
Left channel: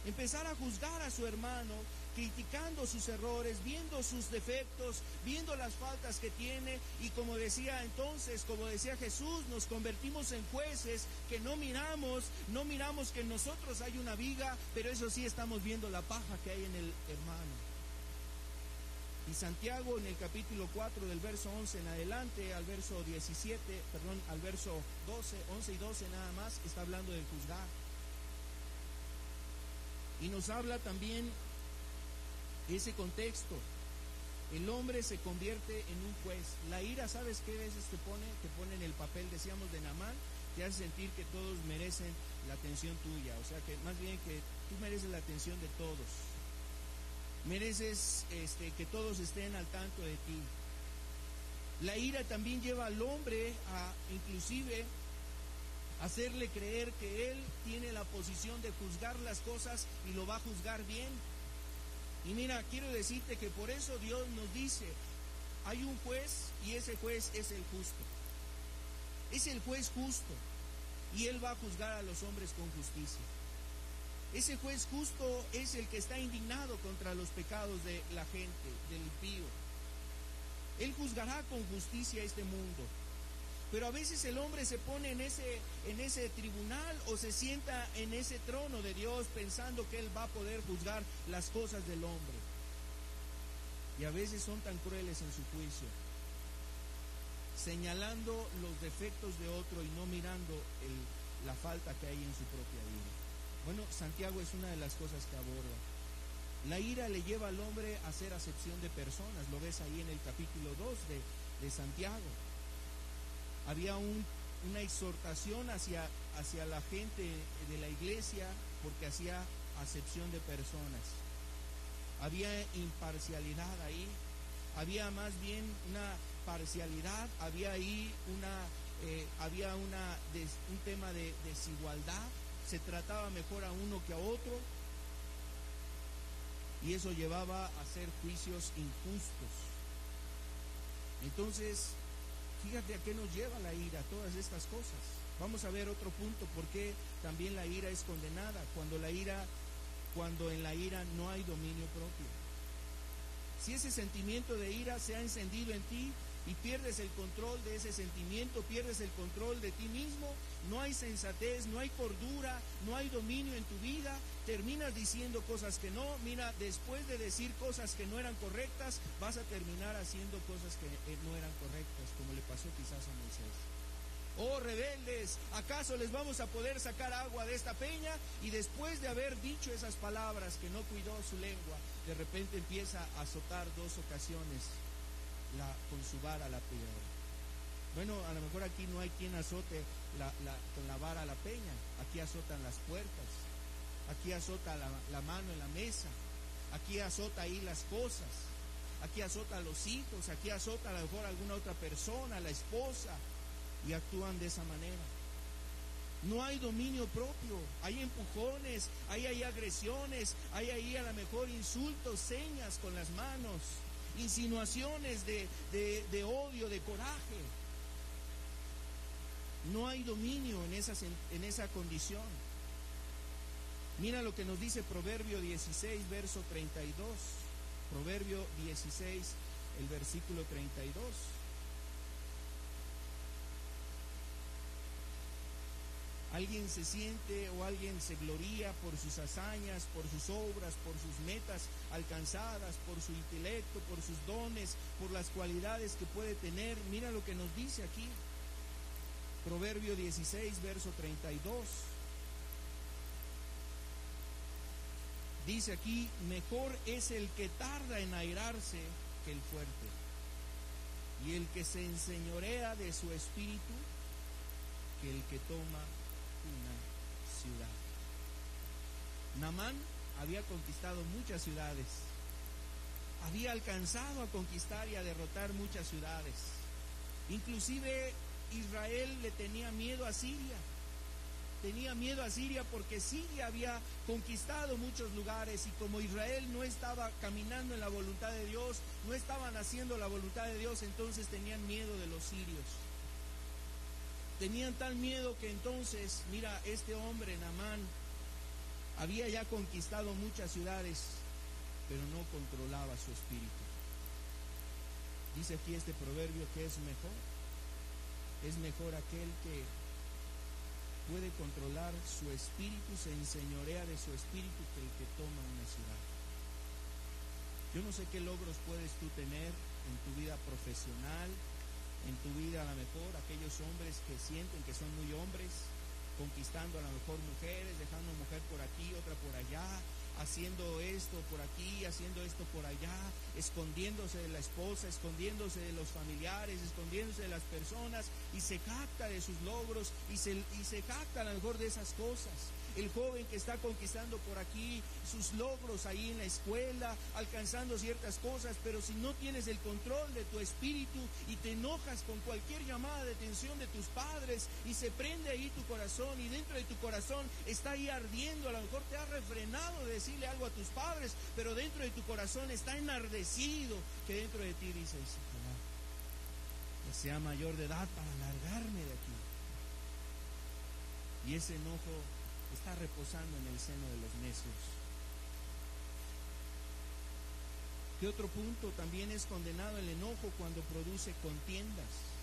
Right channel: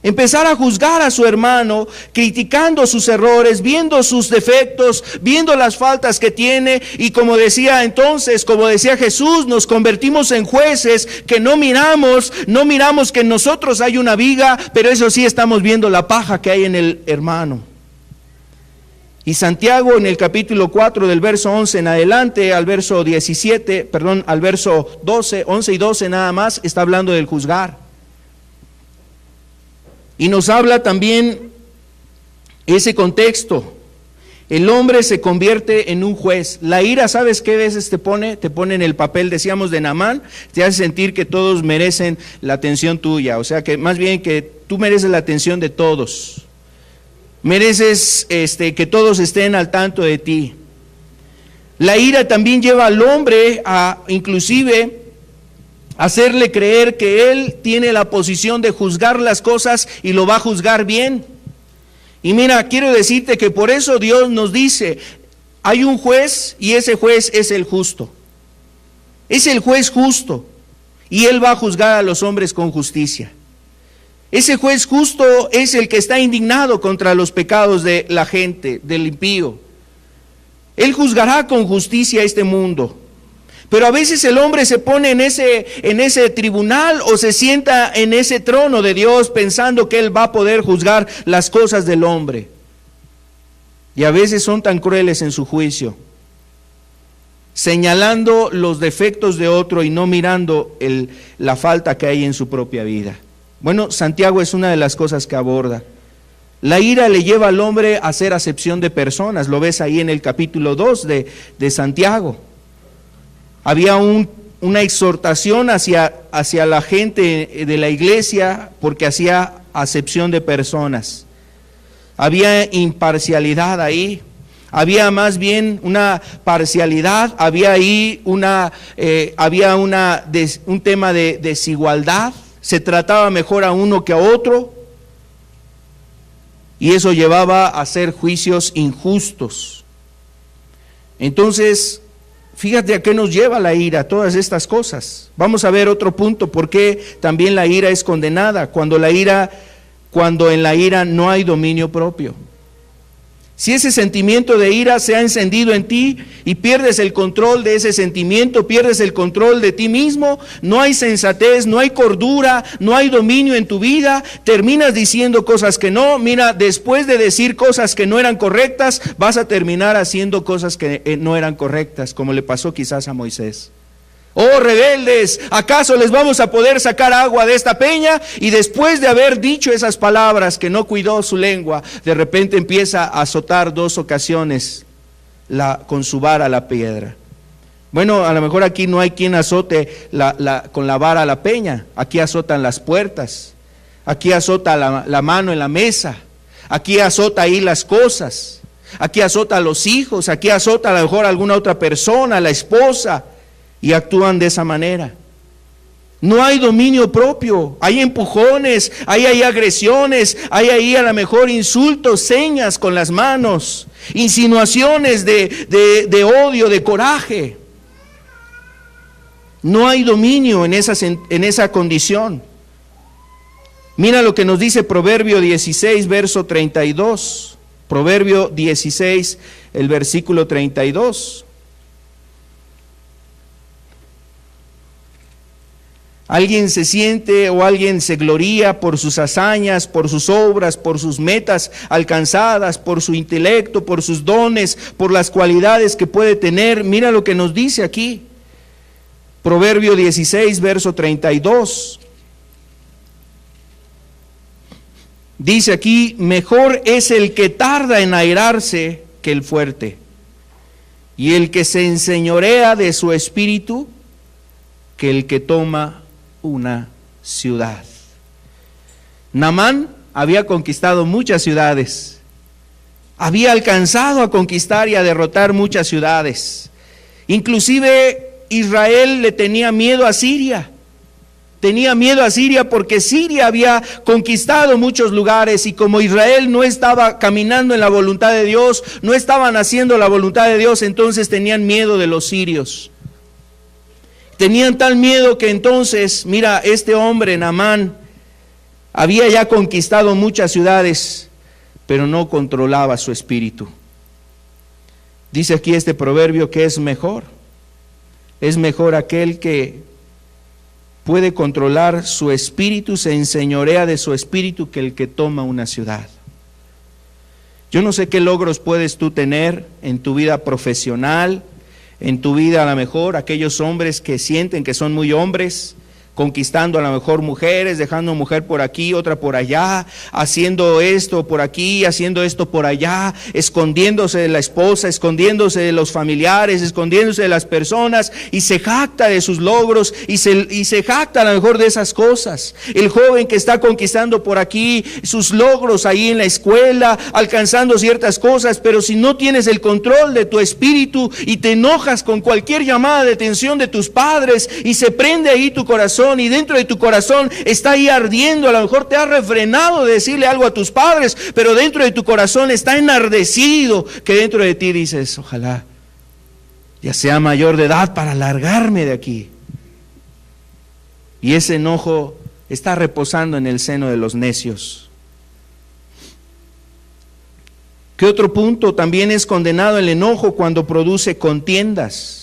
Empezar a juzgar a su hermano, criticando sus errores, viendo sus defectos, viendo las faltas que tiene. Y como decía Jesús, nos convertimos en jueces que no miramos que en nosotros hay una viga, pero eso sí estamos viendo la paja que hay en el hermano. Y Santiago en el capítulo 4 del verso 11 en adelante al verso 12, 11 y 12 nada más, está hablando del juzgar. Y nos habla también ese contexto. El hombre se convierte en un juez. La ira, ¿sabes qué veces te pone? Te pone en el papel, decíamos, de Naamán. Te hace sentir que todos merecen la atención tuya. O sea, que más bien que tú mereces la atención de todos. Mereces que todos estén al tanto de ti. La ira también lleva al hombre a inclusive hacerle creer que él tiene la posición de juzgar las cosas y lo va a juzgar bien. Y mira, quiero decirte que por eso Dios nos dice, hay un juez y ese juez es el justo. Es el juez justo y él va a juzgar a los hombres con justicia. Ese juez justo es el que está indignado contra los pecados de la gente, del impío. Él juzgará con justicia a este mundo. Pero a veces el hombre se pone en ese tribunal o se sienta en ese trono de Dios pensando que él va a poder juzgar las cosas del hombre. Y a veces son tan crueles en su juicio, señalando los defectos de otro y no mirando la falta que hay en su propia vida. Bueno, Santiago es una de las cosas que aborda. La ira le lleva al hombre a hacer acepción de personas. Lo ves ahí en el capítulo 2 de Santiago. Había una exhortación hacia la gente de la iglesia porque hacía acepción de personas. Había imparcialidad ahí. Había más bien una parcialidad. Había ahí un tema de desigualdad. Se trataba mejor a uno que a otro, y eso llevaba a hacer juicios injustos. Entonces, fíjate a qué nos lleva la ira, todas estas cosas. Vamos a ver otro punto, por qué también la ira es condenada, cuando en la ira no hay dominio propio. Si ese sentimiento de ira se ha encendido en ti y pierdes el control de ese sentimiento, pierdes el control de ti mismo, no hay sensatez, no hay cordura, no hay dominio en tu vida, terminas diciendo cosas que no. Mira, después de decir cosas que no eran correctas, vas a terminar haciendo cosas que no eran correctas, como le pasó quizás a Moisés. Oh rebeldes, ¿acaso les vamos a poder sacar agua de esta peña? Y después de haber dicho esas palabras que no cuidó su lengua, de repente empieza a azotar 2 ocasiones con su vara la piedra. Bueno, a lo mejor aquí no hay quien azote con la vara la peña. Aquí azotan las puertas, aquí azota la mano en la mesa, aquí azota ahí las cosas, aquí azota a los hijos, aquí azota a lo mejor a alguna otra persona, la esposa. Y actúan de esa manera. No hay dominio propio, hay empujones, hay agresiones, hay ahí a lo mejor insultos, señas con las manos, insinuaciones de odio, de coraje. No hay dominio en esa condición. Mira lo que nos dice Proverbio 16, verso 32. Proverbio 16, el versículo 32. Alguien se siente o alguien se gloría por sus hazañas, por sus obras, por sus metas alcanzadas, por su intelecto, por sus dones, por las cualidades que puede tener. Mira lo que nos dice aquí. Proverbio 16, verso 32. Dice aquí, mejor es el que tarda en airarse que el fuerte, y el que se enseñorea de su espíritu que el que toma una ciudad. Naamán había conquistado muchas ciudades, había alcanzado a conquistar y a derrotar muchas ciudades. Inclusive Israel le tenía miedo a Siria. Tenía miedo a Siria porque Siria había conquistado muchos lugares, y como Israel no estaba caminando en la voluntad de Dios, no estaban haciendo la voluntad de Dios, entonces tenían miedo de los sirios. Tenían tal miedo que entonces, mira, este hombre, Naamán, Había ya conquistado muchas ciudades, pero no controlaba su espíritu. Dice aquí este proverbio que es mejor aquel que puede controlar su espíritu, se enseñorea de su espíritu, que el que toma una ciudad. Yo no sé qué logros puedes tú tener en tu vida profesional, en tu vida a lo mejor, aquellos hombres que sienten que son muy hombres, conquistando a lo mejor mujeres, dejando mujer por aquí, otra por allá, haciendo esto por aquí, haciendo esto por allá, escondiéndose de la esposa, escondiéndose de los familiares, escondiéndose de las personas, y se jacta de sus logros y se jacta a lo mejor de esas cosas. El joven que está conquistando por aquí sus logros ahí en la escuela, alcanzando ciertas cosas, pero si no tienes el control de tu espíritu y te enojas con cualquier llamada de atención de tus padres y se prende ahí tu corazón, y dentro de tu corazón está ahí ardiendo, a lo mejor te has refrenado de decirle algo a tus padres, pero dentro de tu corazón está enardecido, que dentro de ti dices, ojalá ya sea mayor de edad para largarme de aquí. Y ese enojo está reposando en el seno de los necios. ¿Qué otro punto? También es condenado el enojo cuando produce contiendas.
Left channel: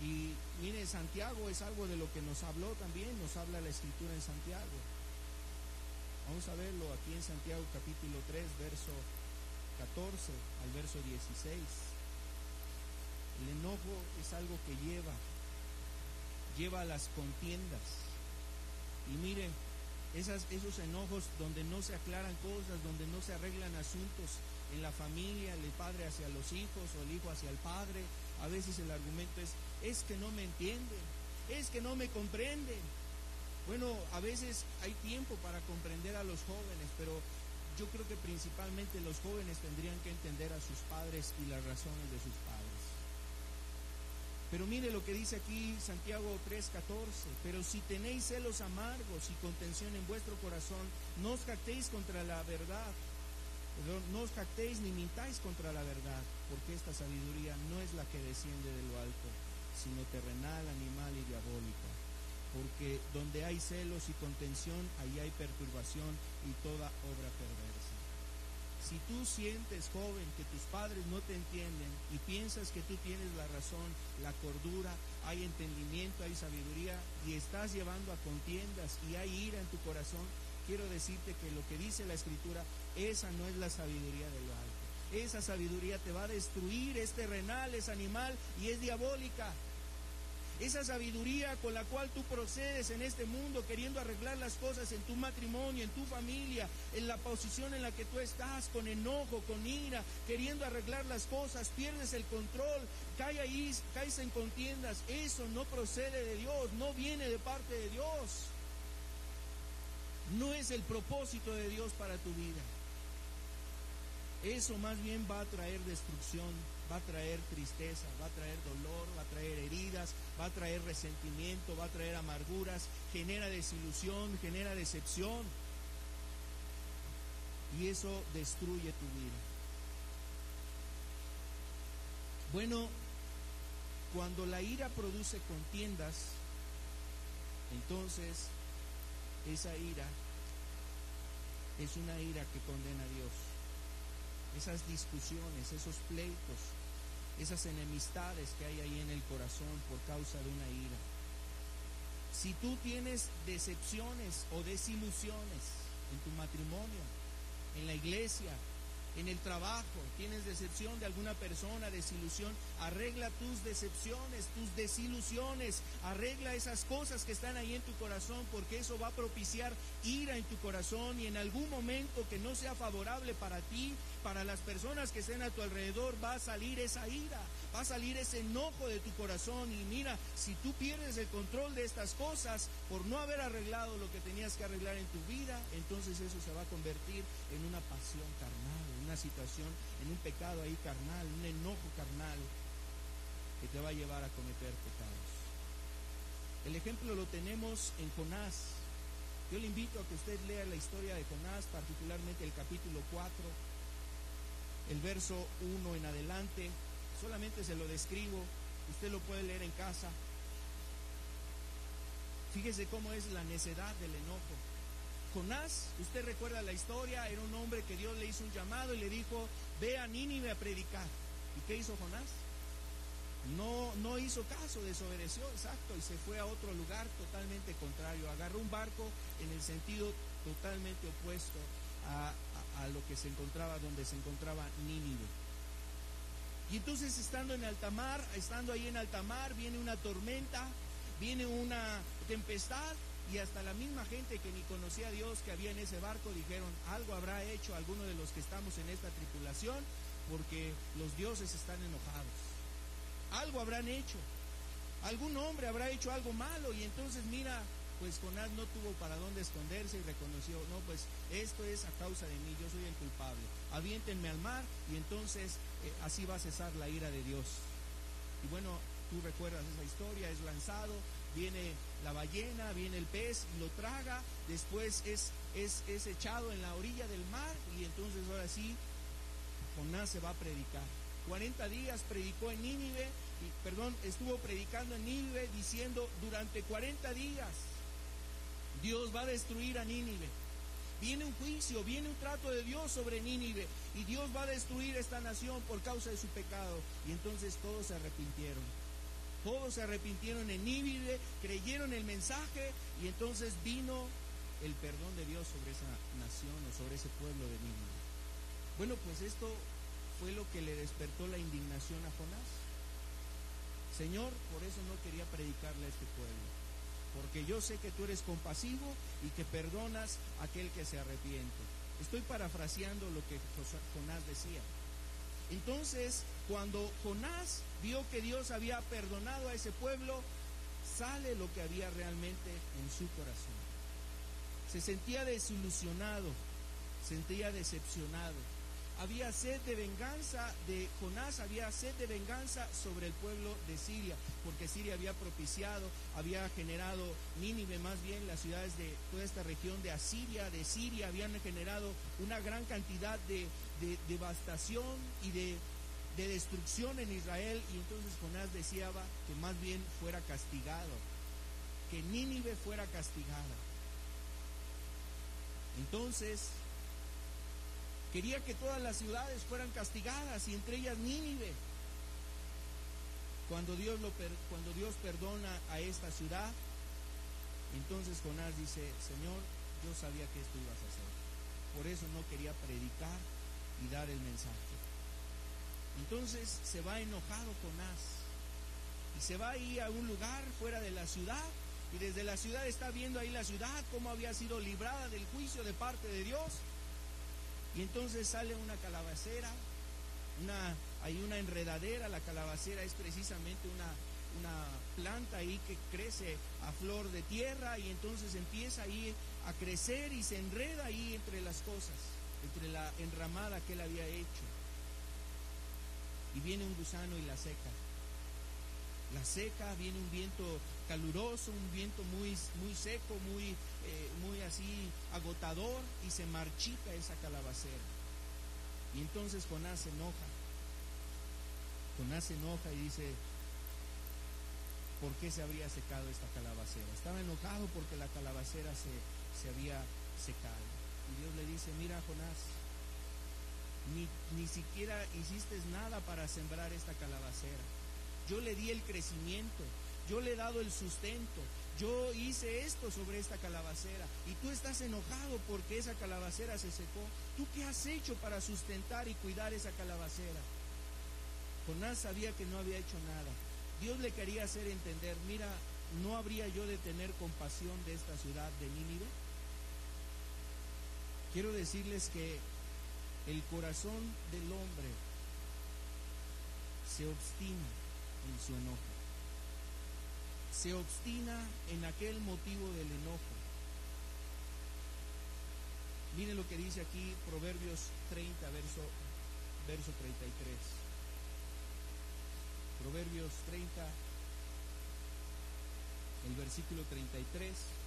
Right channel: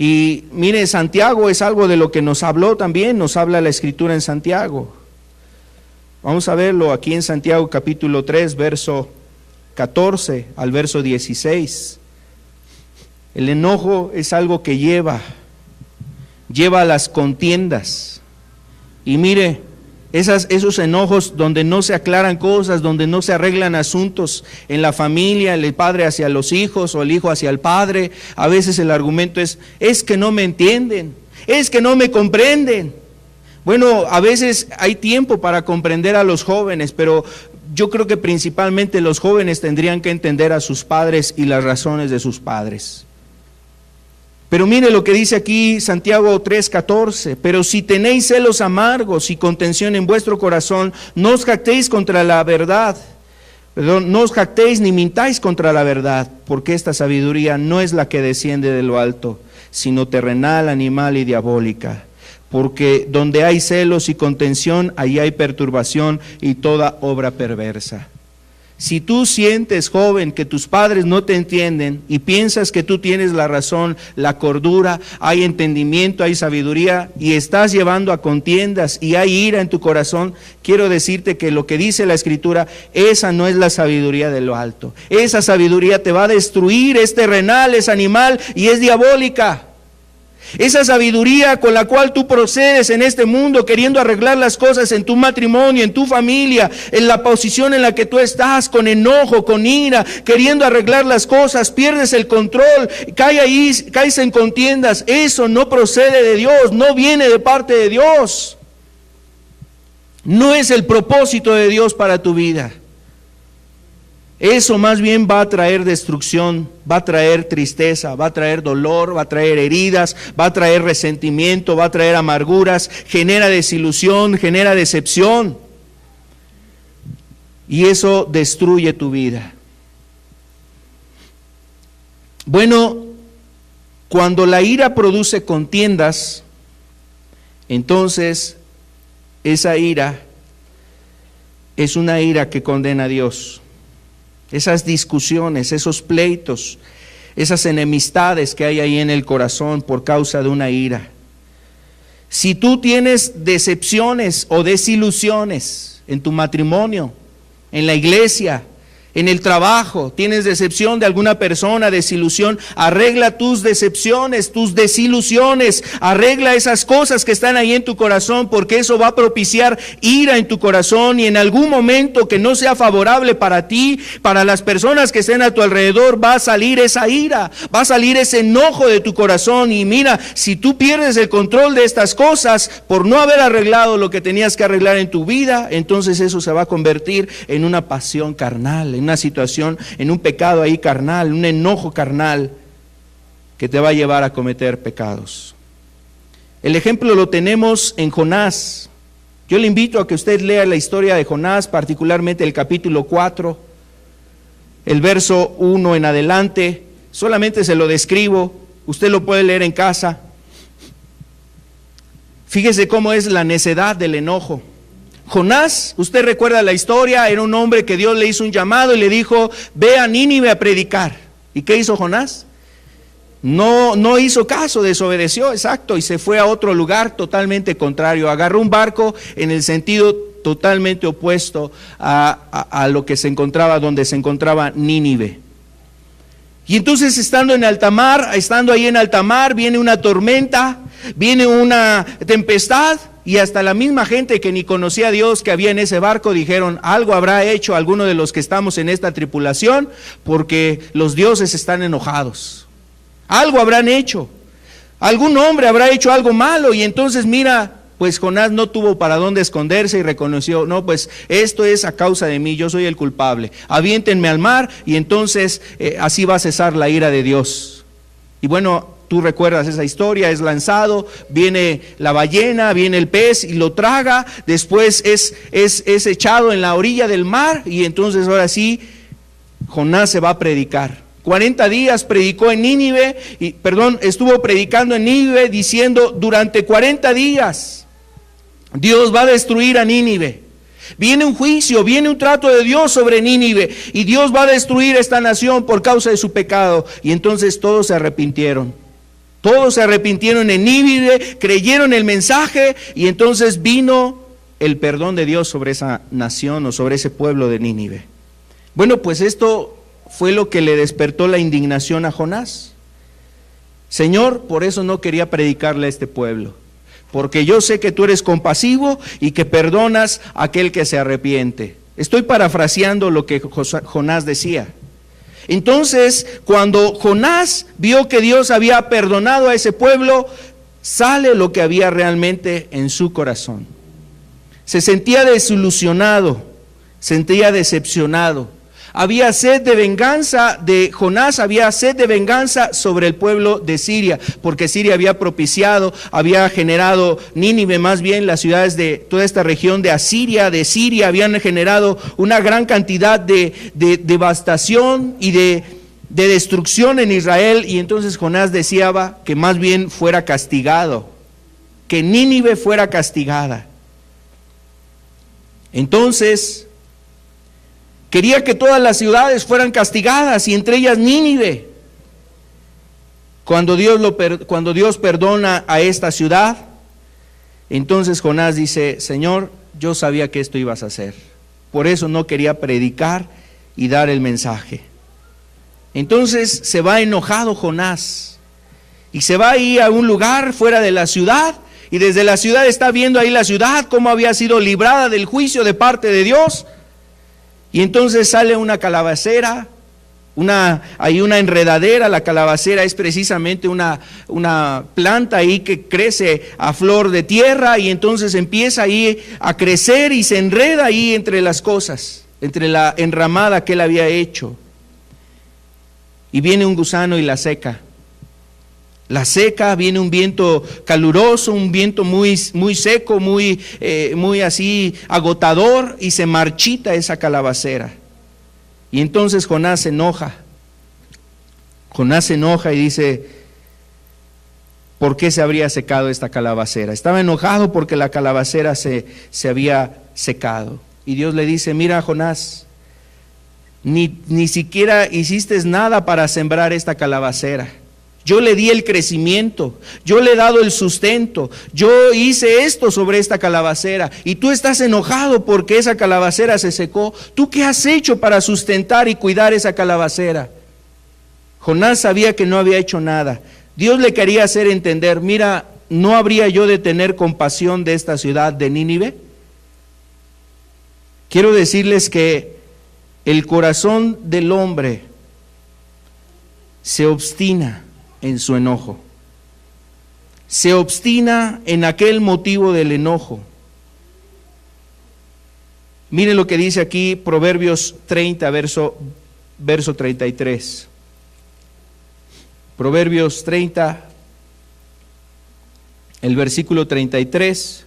Y mire, Santiago es algo de lo que nos habló también, nos habla la Escritura en Santiago. Vamos a verlo aquí en Santiago capítulo 3, verso 14 al verso 16. El enojo es algo que lleva a las contiendas. Y mire, esos enojos donde no se aclaran cosas, donde no se arreglan asuntos en la familia, el padre hacia los hijos o el hijo hacia el padre, a veces el argumento es que no me entienden, es que no me comprenden. Bueno, a veces hay tiempo para comprender a los jóvenes, pero yo creo que principalmente los jóvenes tendrían que entender a sus padres y las razones de sus padres. Pero mire lo que dice aquí Santiago 3:14, pero si tenéis celos amargos y contención en vuestro corazón, no os jactéis contra la verdad, no os jactéis ni mintáis contra la verdad, porque esta sabiduría no es la que desciende de lo alto, sino terrenal, animal y diabólica. Porque donde hay celos y contención, ahí hay perturbación y toda obra perversa. Si tú sientes, joven, que tus padres no te entienden y piensas que tú tienes la razón, la cordura, hay entendimiento, hay sabiduría y estás llevando a contiendas y hay ira en tu corazón, quiero decirte que lo que dice la Escritura, esa no es la sabiduría de lo alto. Esa sabiduría te va a destruir, es terrenal, es animal y es diabólica. Esa sabiduría con la cual tú procedes en este mundo queriendo arreglar las cosas en tu matrimonio, en tu familia, en la posición en la que tú estás, con enojo, con ira, queriendo arreglar las cosas, pierdes el control, caes en contiendas. Eso no procede de Dios, no viene de parte de Dios. No es el propósito de Dios para tu vida. Eso más bien va a traer destrucción, va a traer tristeza, va a traer dolor, va a traer heridas, va a traer resentimiento, va a traer amarguras, genera desilusión, genera decepción. Y eso destruye tu vida. Bueno, cuando la ira produce contiendas, entonces esa ira es una ira que condena a Dios. Esas discusiones, esos pleitos, esas enemistades que hay ahí en el corazón por causa de una ira. Si tú tienes decepciones o desilusiones en tu matrimonio, en la iglesia, en el trabajo, tienes decepción de alguna persona, desilusión, arregla tus decepciones, tus desilusiones, arregla esas cosas que están ahí en tu corazón, porque eso va a propiciar ira en tu corazón y en algún momento que no sea favorable para ti, para las personas que estén a tu alrededor, va a salir esa ira, va a salir ese enojo de tu corazón. Y mira, si tú pierdes el control de estas cosas por no haber arreglado lo que tenías que arreglar en tu vida, entonces eso se va a convertir en una pasión carnal, en una situación, en un pecado ahí carnal, un enojo carnal que te va a llevar a cometer pecados. El ejemplo lo tenemos en Jonás. Yo le invito a que usted lea la historia de Jonás, particularmente el capítulo 4, el verso 1 en adelante. Solamente se lo describo, usted lo puede leer en casa. Fíjese cómo es la necedad del enojo. Jonás, usted recuerda la historia, era un hombre que Dios le hizo un llamado y le dijo, ve a Nínive a predicar. ¿Y qué hizo Jonás? No hizo caso, desobedeció, exacto, y se fue a otro lugar totalmente contrario. Agarró un barco en el sentido totalmente opuesto a lo que se encontraba, donde se encontraba Nínive. Y entonces estando ahí en alta mar, viene una tormenta, viene una tempestad, y hasta la misma gente que ni conocía a Dios que había en ese barco dijeron, algo habrá hecho alguno de los que estamos en esta tripulación, porque los dioses están enojados. Algo habrán hecho, algún hombre habrá hecho algo malo. Y entonces mira, pues Jonás no tuvo para dónde esconderse y reconoció, no, pues esto es a causa de mí, yo soy el culpable, aviéntenme al mar y entonces así va a cesar la ira de Dios. Y bueno, tú recuerdas esa historia, es lanzado, viene la ballena, viene el pez y lo traga, después es echado en la orilla del mar y entonces ahora sí, Jonás se va a predicar. 40 días predicó en Nínive, estuvo predicando en Nínive diciendo, durante 40 días Dios va a destruir a Nínive. Viene un juicio, viene un trato de Dios sobre Nínive y Dios va a destruir esta nación por causa de su pecado. Y entonces todos se arrepintieron. Todos se arrepintieron en Nínive, creyeron el mensaje y entonces vino el perdón de Dios sobre esa nación o sobre ese pueblo de Nínive. Bueno, pues esto fue lo que le despertó la indignación a Jonás. Señor, por eso no quería predicarle a este pueblo, porque yo sé que tú eres compasivo y que perdonas a aquel que se arrepiente. Estoy parafraseando lo que Jonás decía. Entonces, cuando Jonás vio que Dios había perdonado a ese pueblo, sale lo que había realmente en su corazón. Se sentía desilusionado, sentía decepcionado. Había sed de venganza de Jonás, había sed de venganza sobre el pueblo de Siria, porque Siria había propiciado, había generado, Nínive más bien, las ciudades de toda esta región de Asiria, de Siria, habían generado una gran cantidad de devastación y de destrucción en Israel, y entonces Jonás deseaba que más bien fuera castigado, que Nínive fuera castigada. Entonces quería que todas las ciudades fueran castigadas y entre ellas Nínive. Cuando Dios perdona a esta ciudad, entonces Jonás dice, Señor, yo sabía que esto ibas a hacer. Por eso no quería predicar y dar el mensaje. Entonces se va enojado Jonás y se va ahí a un lugar fuera de la ciudad y desde la ciudad está viendo ahí la ciudad, cómo había sido librada del juicio de parte de Dios. Y entonces sale una calabacera, hay una enredadera. La calabacera es precisamente una planta ahí que crece a flor de tierra y entonces empieza ahí a crecer y se enreda ahí entre las cosas, entre la enramada que él había hecho. Y viene un gusano y la seca. La seca, viene un viento caluroso, un viento muy seco, muy así agotador, y se marchita esa calabacera. Y entonces Jonás se enoja. Jonás se enoja y dice, ¿por qué se habría secado esta calabacera? Estaba enojado porque la calabacera se había secado. Y Dios le dice, mira Jonás, ni siquiera hiciste nada para sembrar esta calabacera. Yo le di el crecimiento, yo le he dado el sustento, yo hice esto sobre esta calabacera y tú estás enojado porque esa calabacera se secó. ¿Tú qué has hecho para sustentar y cuidar esa calabacera? Jonás sabía que no había hecho nada. Dios le quería hacer entender, mira, ¿no habría yo de tener compasión de esta ciudad de Nínive? Quiero decirles que el corazón del hombre se obstina en su enojo, se obstina en aquel motivo del enojo. Miren lo que dice aquí Proverbios 30, verso 33. Proverbios 30, el versículo 33.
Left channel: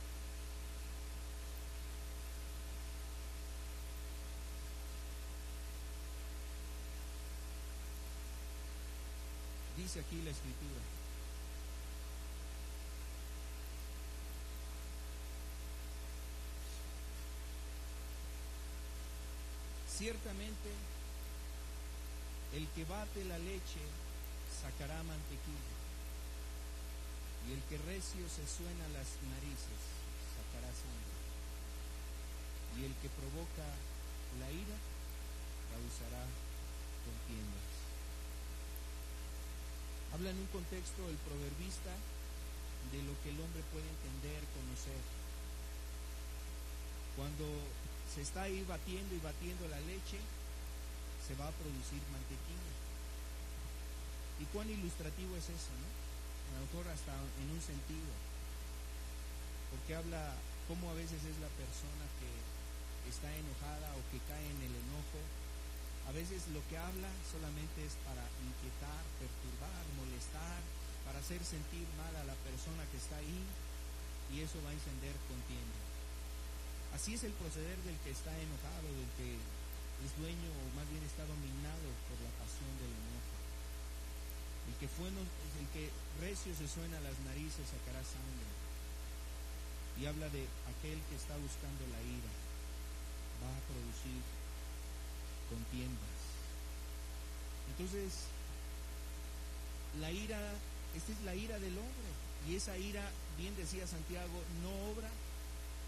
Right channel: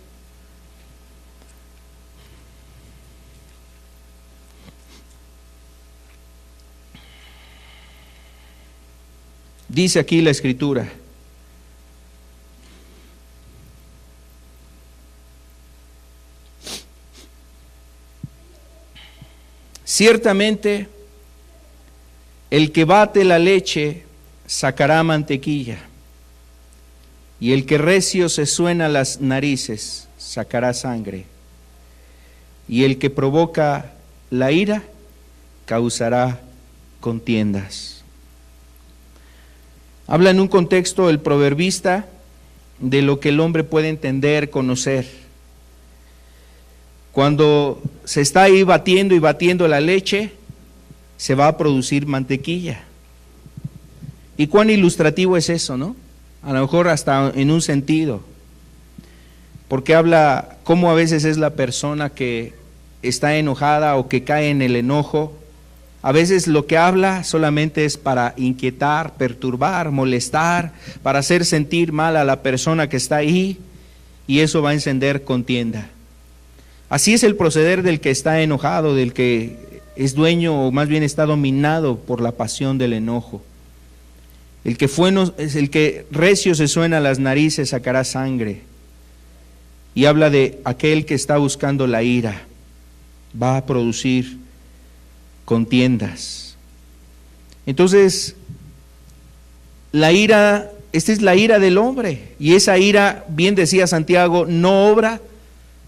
Dice aquí la escritura: Ciertamente, el que bate la leche sacará mantequilla, y el que recio se suena las narices sacará sangre, y el que provoca la ira causará contiendas. Habla en un contexto el proverbista de lo que el hombre puede entender, conocer. Cuando se está ahí batiendo y batiendo la leche, se va a producir mantequilla. Y cuán ilustrativo es eso, ¿no? A lo mejor hasta en un sentido, porque habla cómo a veces es la persona que está enojada o que cae en el enojo. A veces lo que habla solamente es para inquietar, perturbar, molestar, para hacer sentir mal a la persona que está ahí, y eso va a encender contienda. Así es el proceder del que está enojado, del que es dueño o más bien está dominado por la pasión del enojo. El que recio se suena las narices sacará sangre. Y habla de aquel que está buscando la ira, va a producir contiendas. Entonces, la ira, esta es la ira del hombre, y esa ira, bien decía Santiago, no obra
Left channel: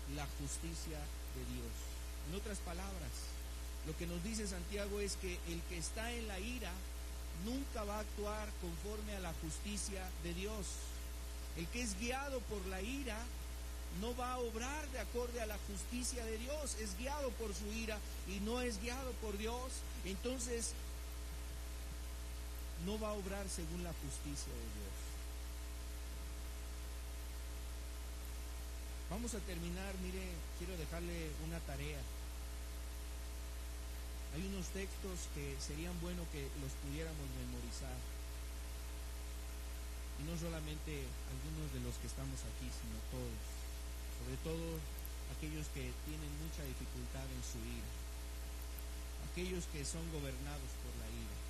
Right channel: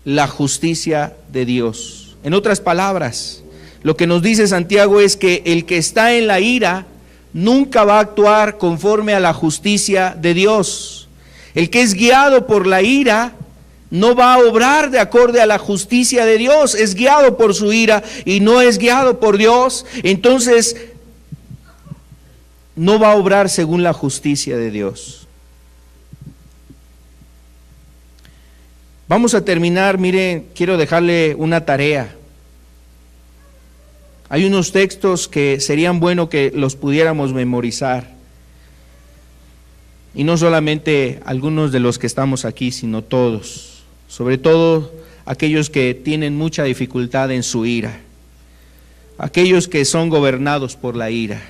la justicia de Dios. En otras palabras, lo que nos dice Santiago es que el que está en la ira nunca va a actuar conforme a la justicia de Dios. El que es guiado por la ira no va a obrar de acorde a la justicia de Dios, es guiado por su ira y no es guiado por Dios, entonces no va a obrar según la justicia de Dios. Vamos a terminar, miren, quiero dejarle una tarea. Hay unos textos que serían bueno que los pudiéramos memorizar. Y no solamente algunos de los que estamos aquí, sino todos. Sobre todo aquellos que tienen mucha dificultad en su ira. Aquellos que son gobernados por la ira.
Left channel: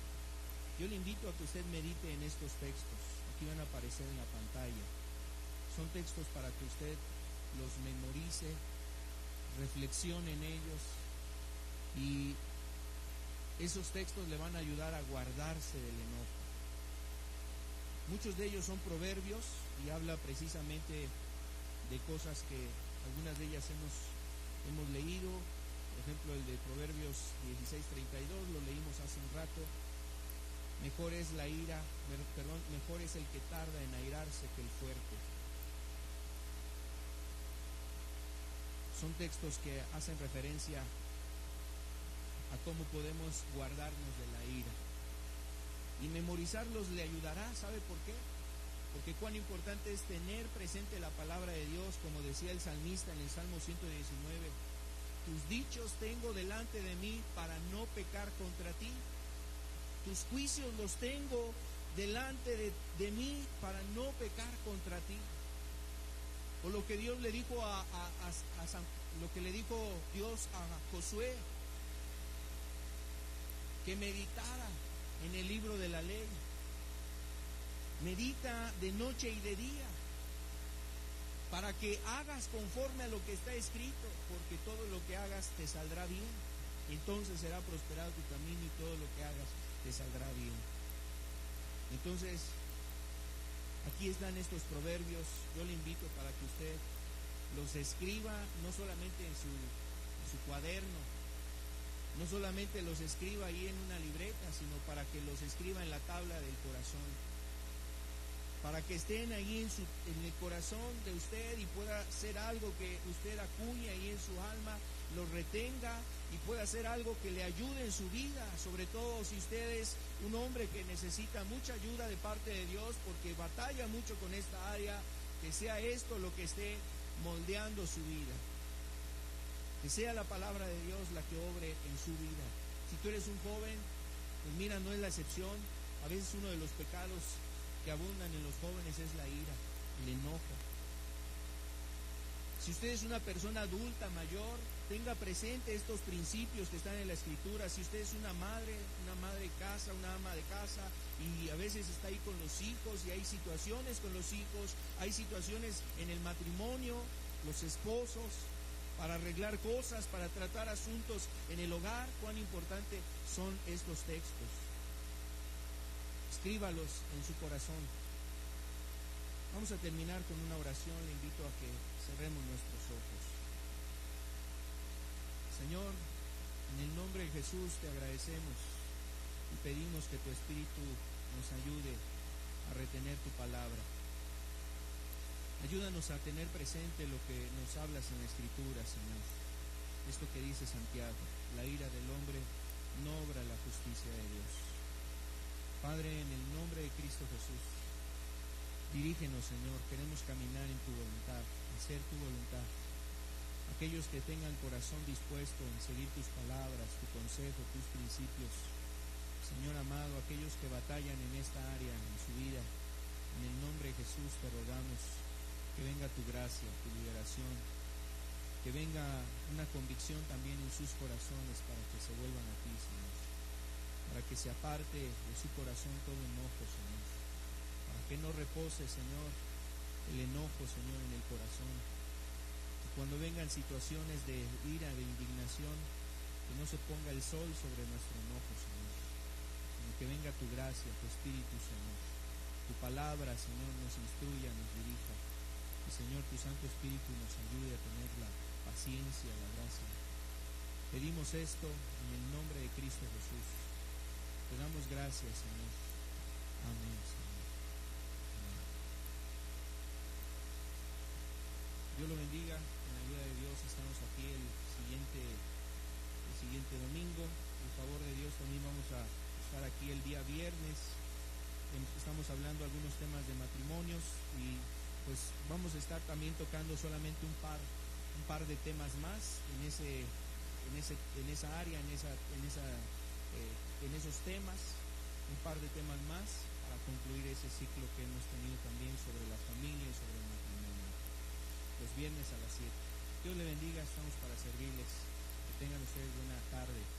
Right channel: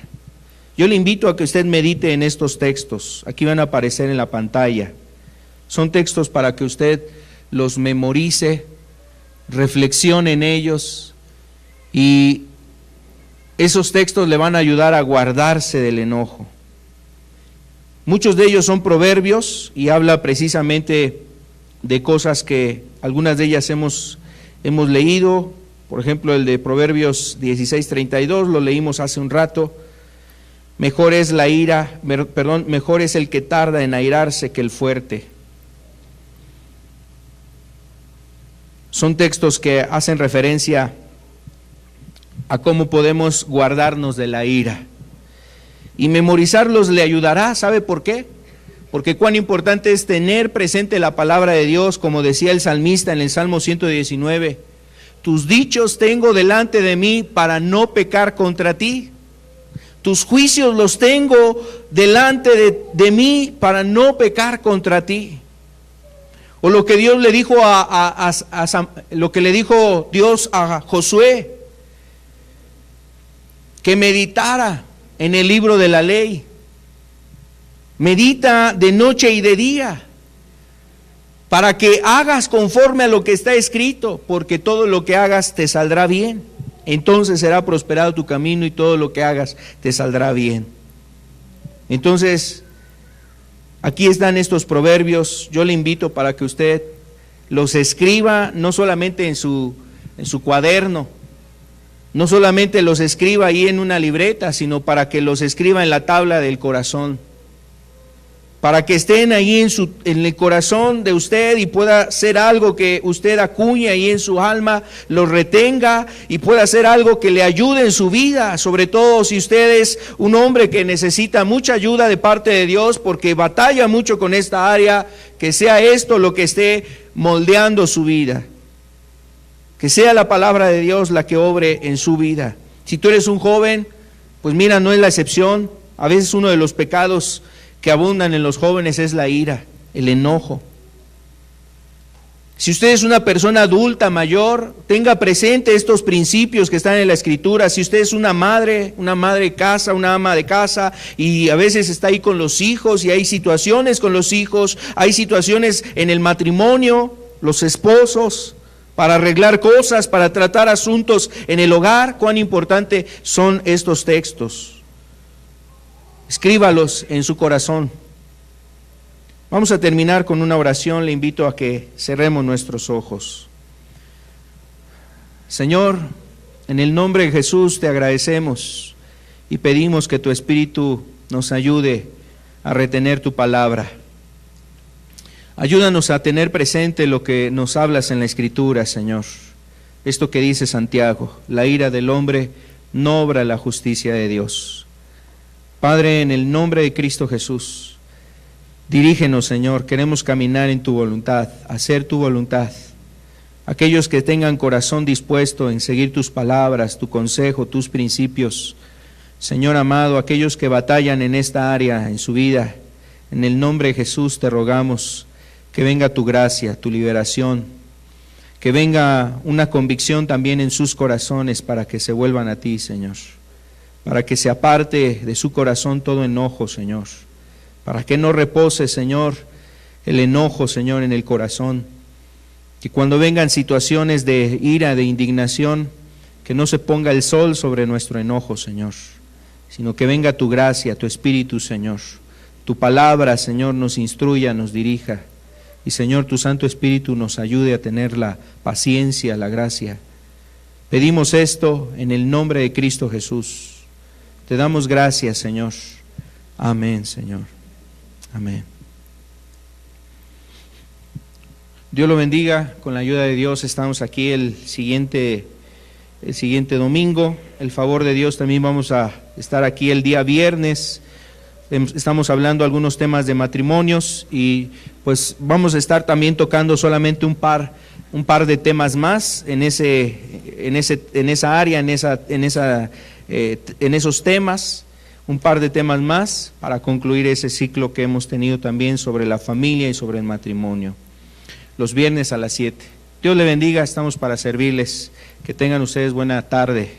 Yo le invito a que usted medite en estos textos. Aquí van a aparecer en la pantalla. Son textos para que usted los memorice, reflexione en ellos, y esos textos le van a ayudar a guardarse del enojo. Muchos de ellos son proverbios y habla precisamente de cosas que algunas de ellas hemos leído. Por ejemplo, el de Proverbios 16:32 lo leímos hace un rato. Mejor es el que tarda en airarse que el fuerte. Son textos que hacen referencia a cómo podemos guardarnos de la ira. Y memorizarlos le ayudará, ¿sabe por qué? Porque cuán importante es tener presente la palabra de Dios, como decía el salmista en el Salmo 119. Tus dichos tengo delante de mí para no pecar contra ti. Tus juicios los tengo delante de mí para no pecar contra ti. O lo que Dios le dijo lo que le dijo Dios a Josué, que meditara en el libro de la ley. Medita de noche y de día, para que hagas conforme a lo que está escrito, porque todo lo que hagas te saldrá bien. Entonces será prosperado tu camino y todo lo que hagas te saldrá bien. Entonces, aquí están estos proverbios. Yo le invito para que usted los escriba, no solamente en su cuaderno, no solamente los escriba ahí en una libreta, sino para que los escriba en la tabla del corazón, para que estén ahí en el corazón de usted y pueda ser algo que usted acuñe ahí en su alma, lo retenga y pueda ser algo que le ayude en su vida, sobre todo si usted es un hombre que necesita mucha ayuda de parte de Dios porque batalla mucho con esta área, que sea esto lo que esté moldeando su vida, que sea la palabra de Dios la que obre en su vida. Si tú eres un joven, pues mira, no es la excepción. A veces uno de los pecados que abundan en los jóvenes es la ira, el enojo. Si usted es una persona adulta, mayor, tenga presente estos principios que están en la Escritura. Si usted es una madre de casa, una ama de casa, y a veces está ahí con los hijos, y hay situaciones con los hijos, hay situaciones en el matrimonio, los esposos, para arreglar cosas, para tratar asuntos en el hogar. Cuán importante son estos textos. Escríbalos en su corazón. Vamos a terminar con una oración. Le invito a que cerremos nuestros ojos. Señor, en el nombre de Jesús te agradecemos y pedimos que tu Espíritu nos ayude a retener tu palabra. Ayúdanos a tener presente lo que nos hablas en la Escritura, Señor. Esto que dice Santiago: la ira del hombre no obra la justicia de Dios. Padre, en el nombre de Cristo Jesús, dirígenos, Señor. Queremos caminar en tu voluntad, hacer tu voluntad. Aquellos que tengan corazón dispuesto en seguir tus palabras, tu consejo, tus principios, Señor amado, aquellos que batallan en esta área, en su vida, en el nombre de Jesús te rogamos que venga tu gracia, tu liberación, que venga una convicción también en sus corazones para que se vuelvan a ti, Señor, para que se aparte de su corazón todo enojo, Señor, para que no repose, Señor, el enojo, Señor, en el corazón. Que cuando vengan situaciones de ira, de indignación, que no se ponga el sol sobre nuestro enojo, Señor, sino que venga tu gracia, tu Espíritu, Señor. Tu palabra, Señor, nos instruya, nos dirija. Y, Señor, tu Santo Espíritu nos ayude a tener la paciencia, la gracia. Pedimos esto en el nombre de Cristo Jesús. Te damos gracias, Señor. Amén, Señor. Amén. Dios lo bendiga. Con la ayuda de Dios estamos aquí el siguiente domingo. El favor de Dios, también vamos a estar aquí el día viernes. Estamos hablando algunos temas de matrimonios y pues vamos a estar también tocando solamente un par de temas más en esa área, en esos temas, un par de temas más para concluir ese ciclo que hemos tenido también sobre la familia y sobre el matrimonio. Los viernes a las 7. Dios le bendiga, estamos para servirles. Que tengan ustedes buena tarde.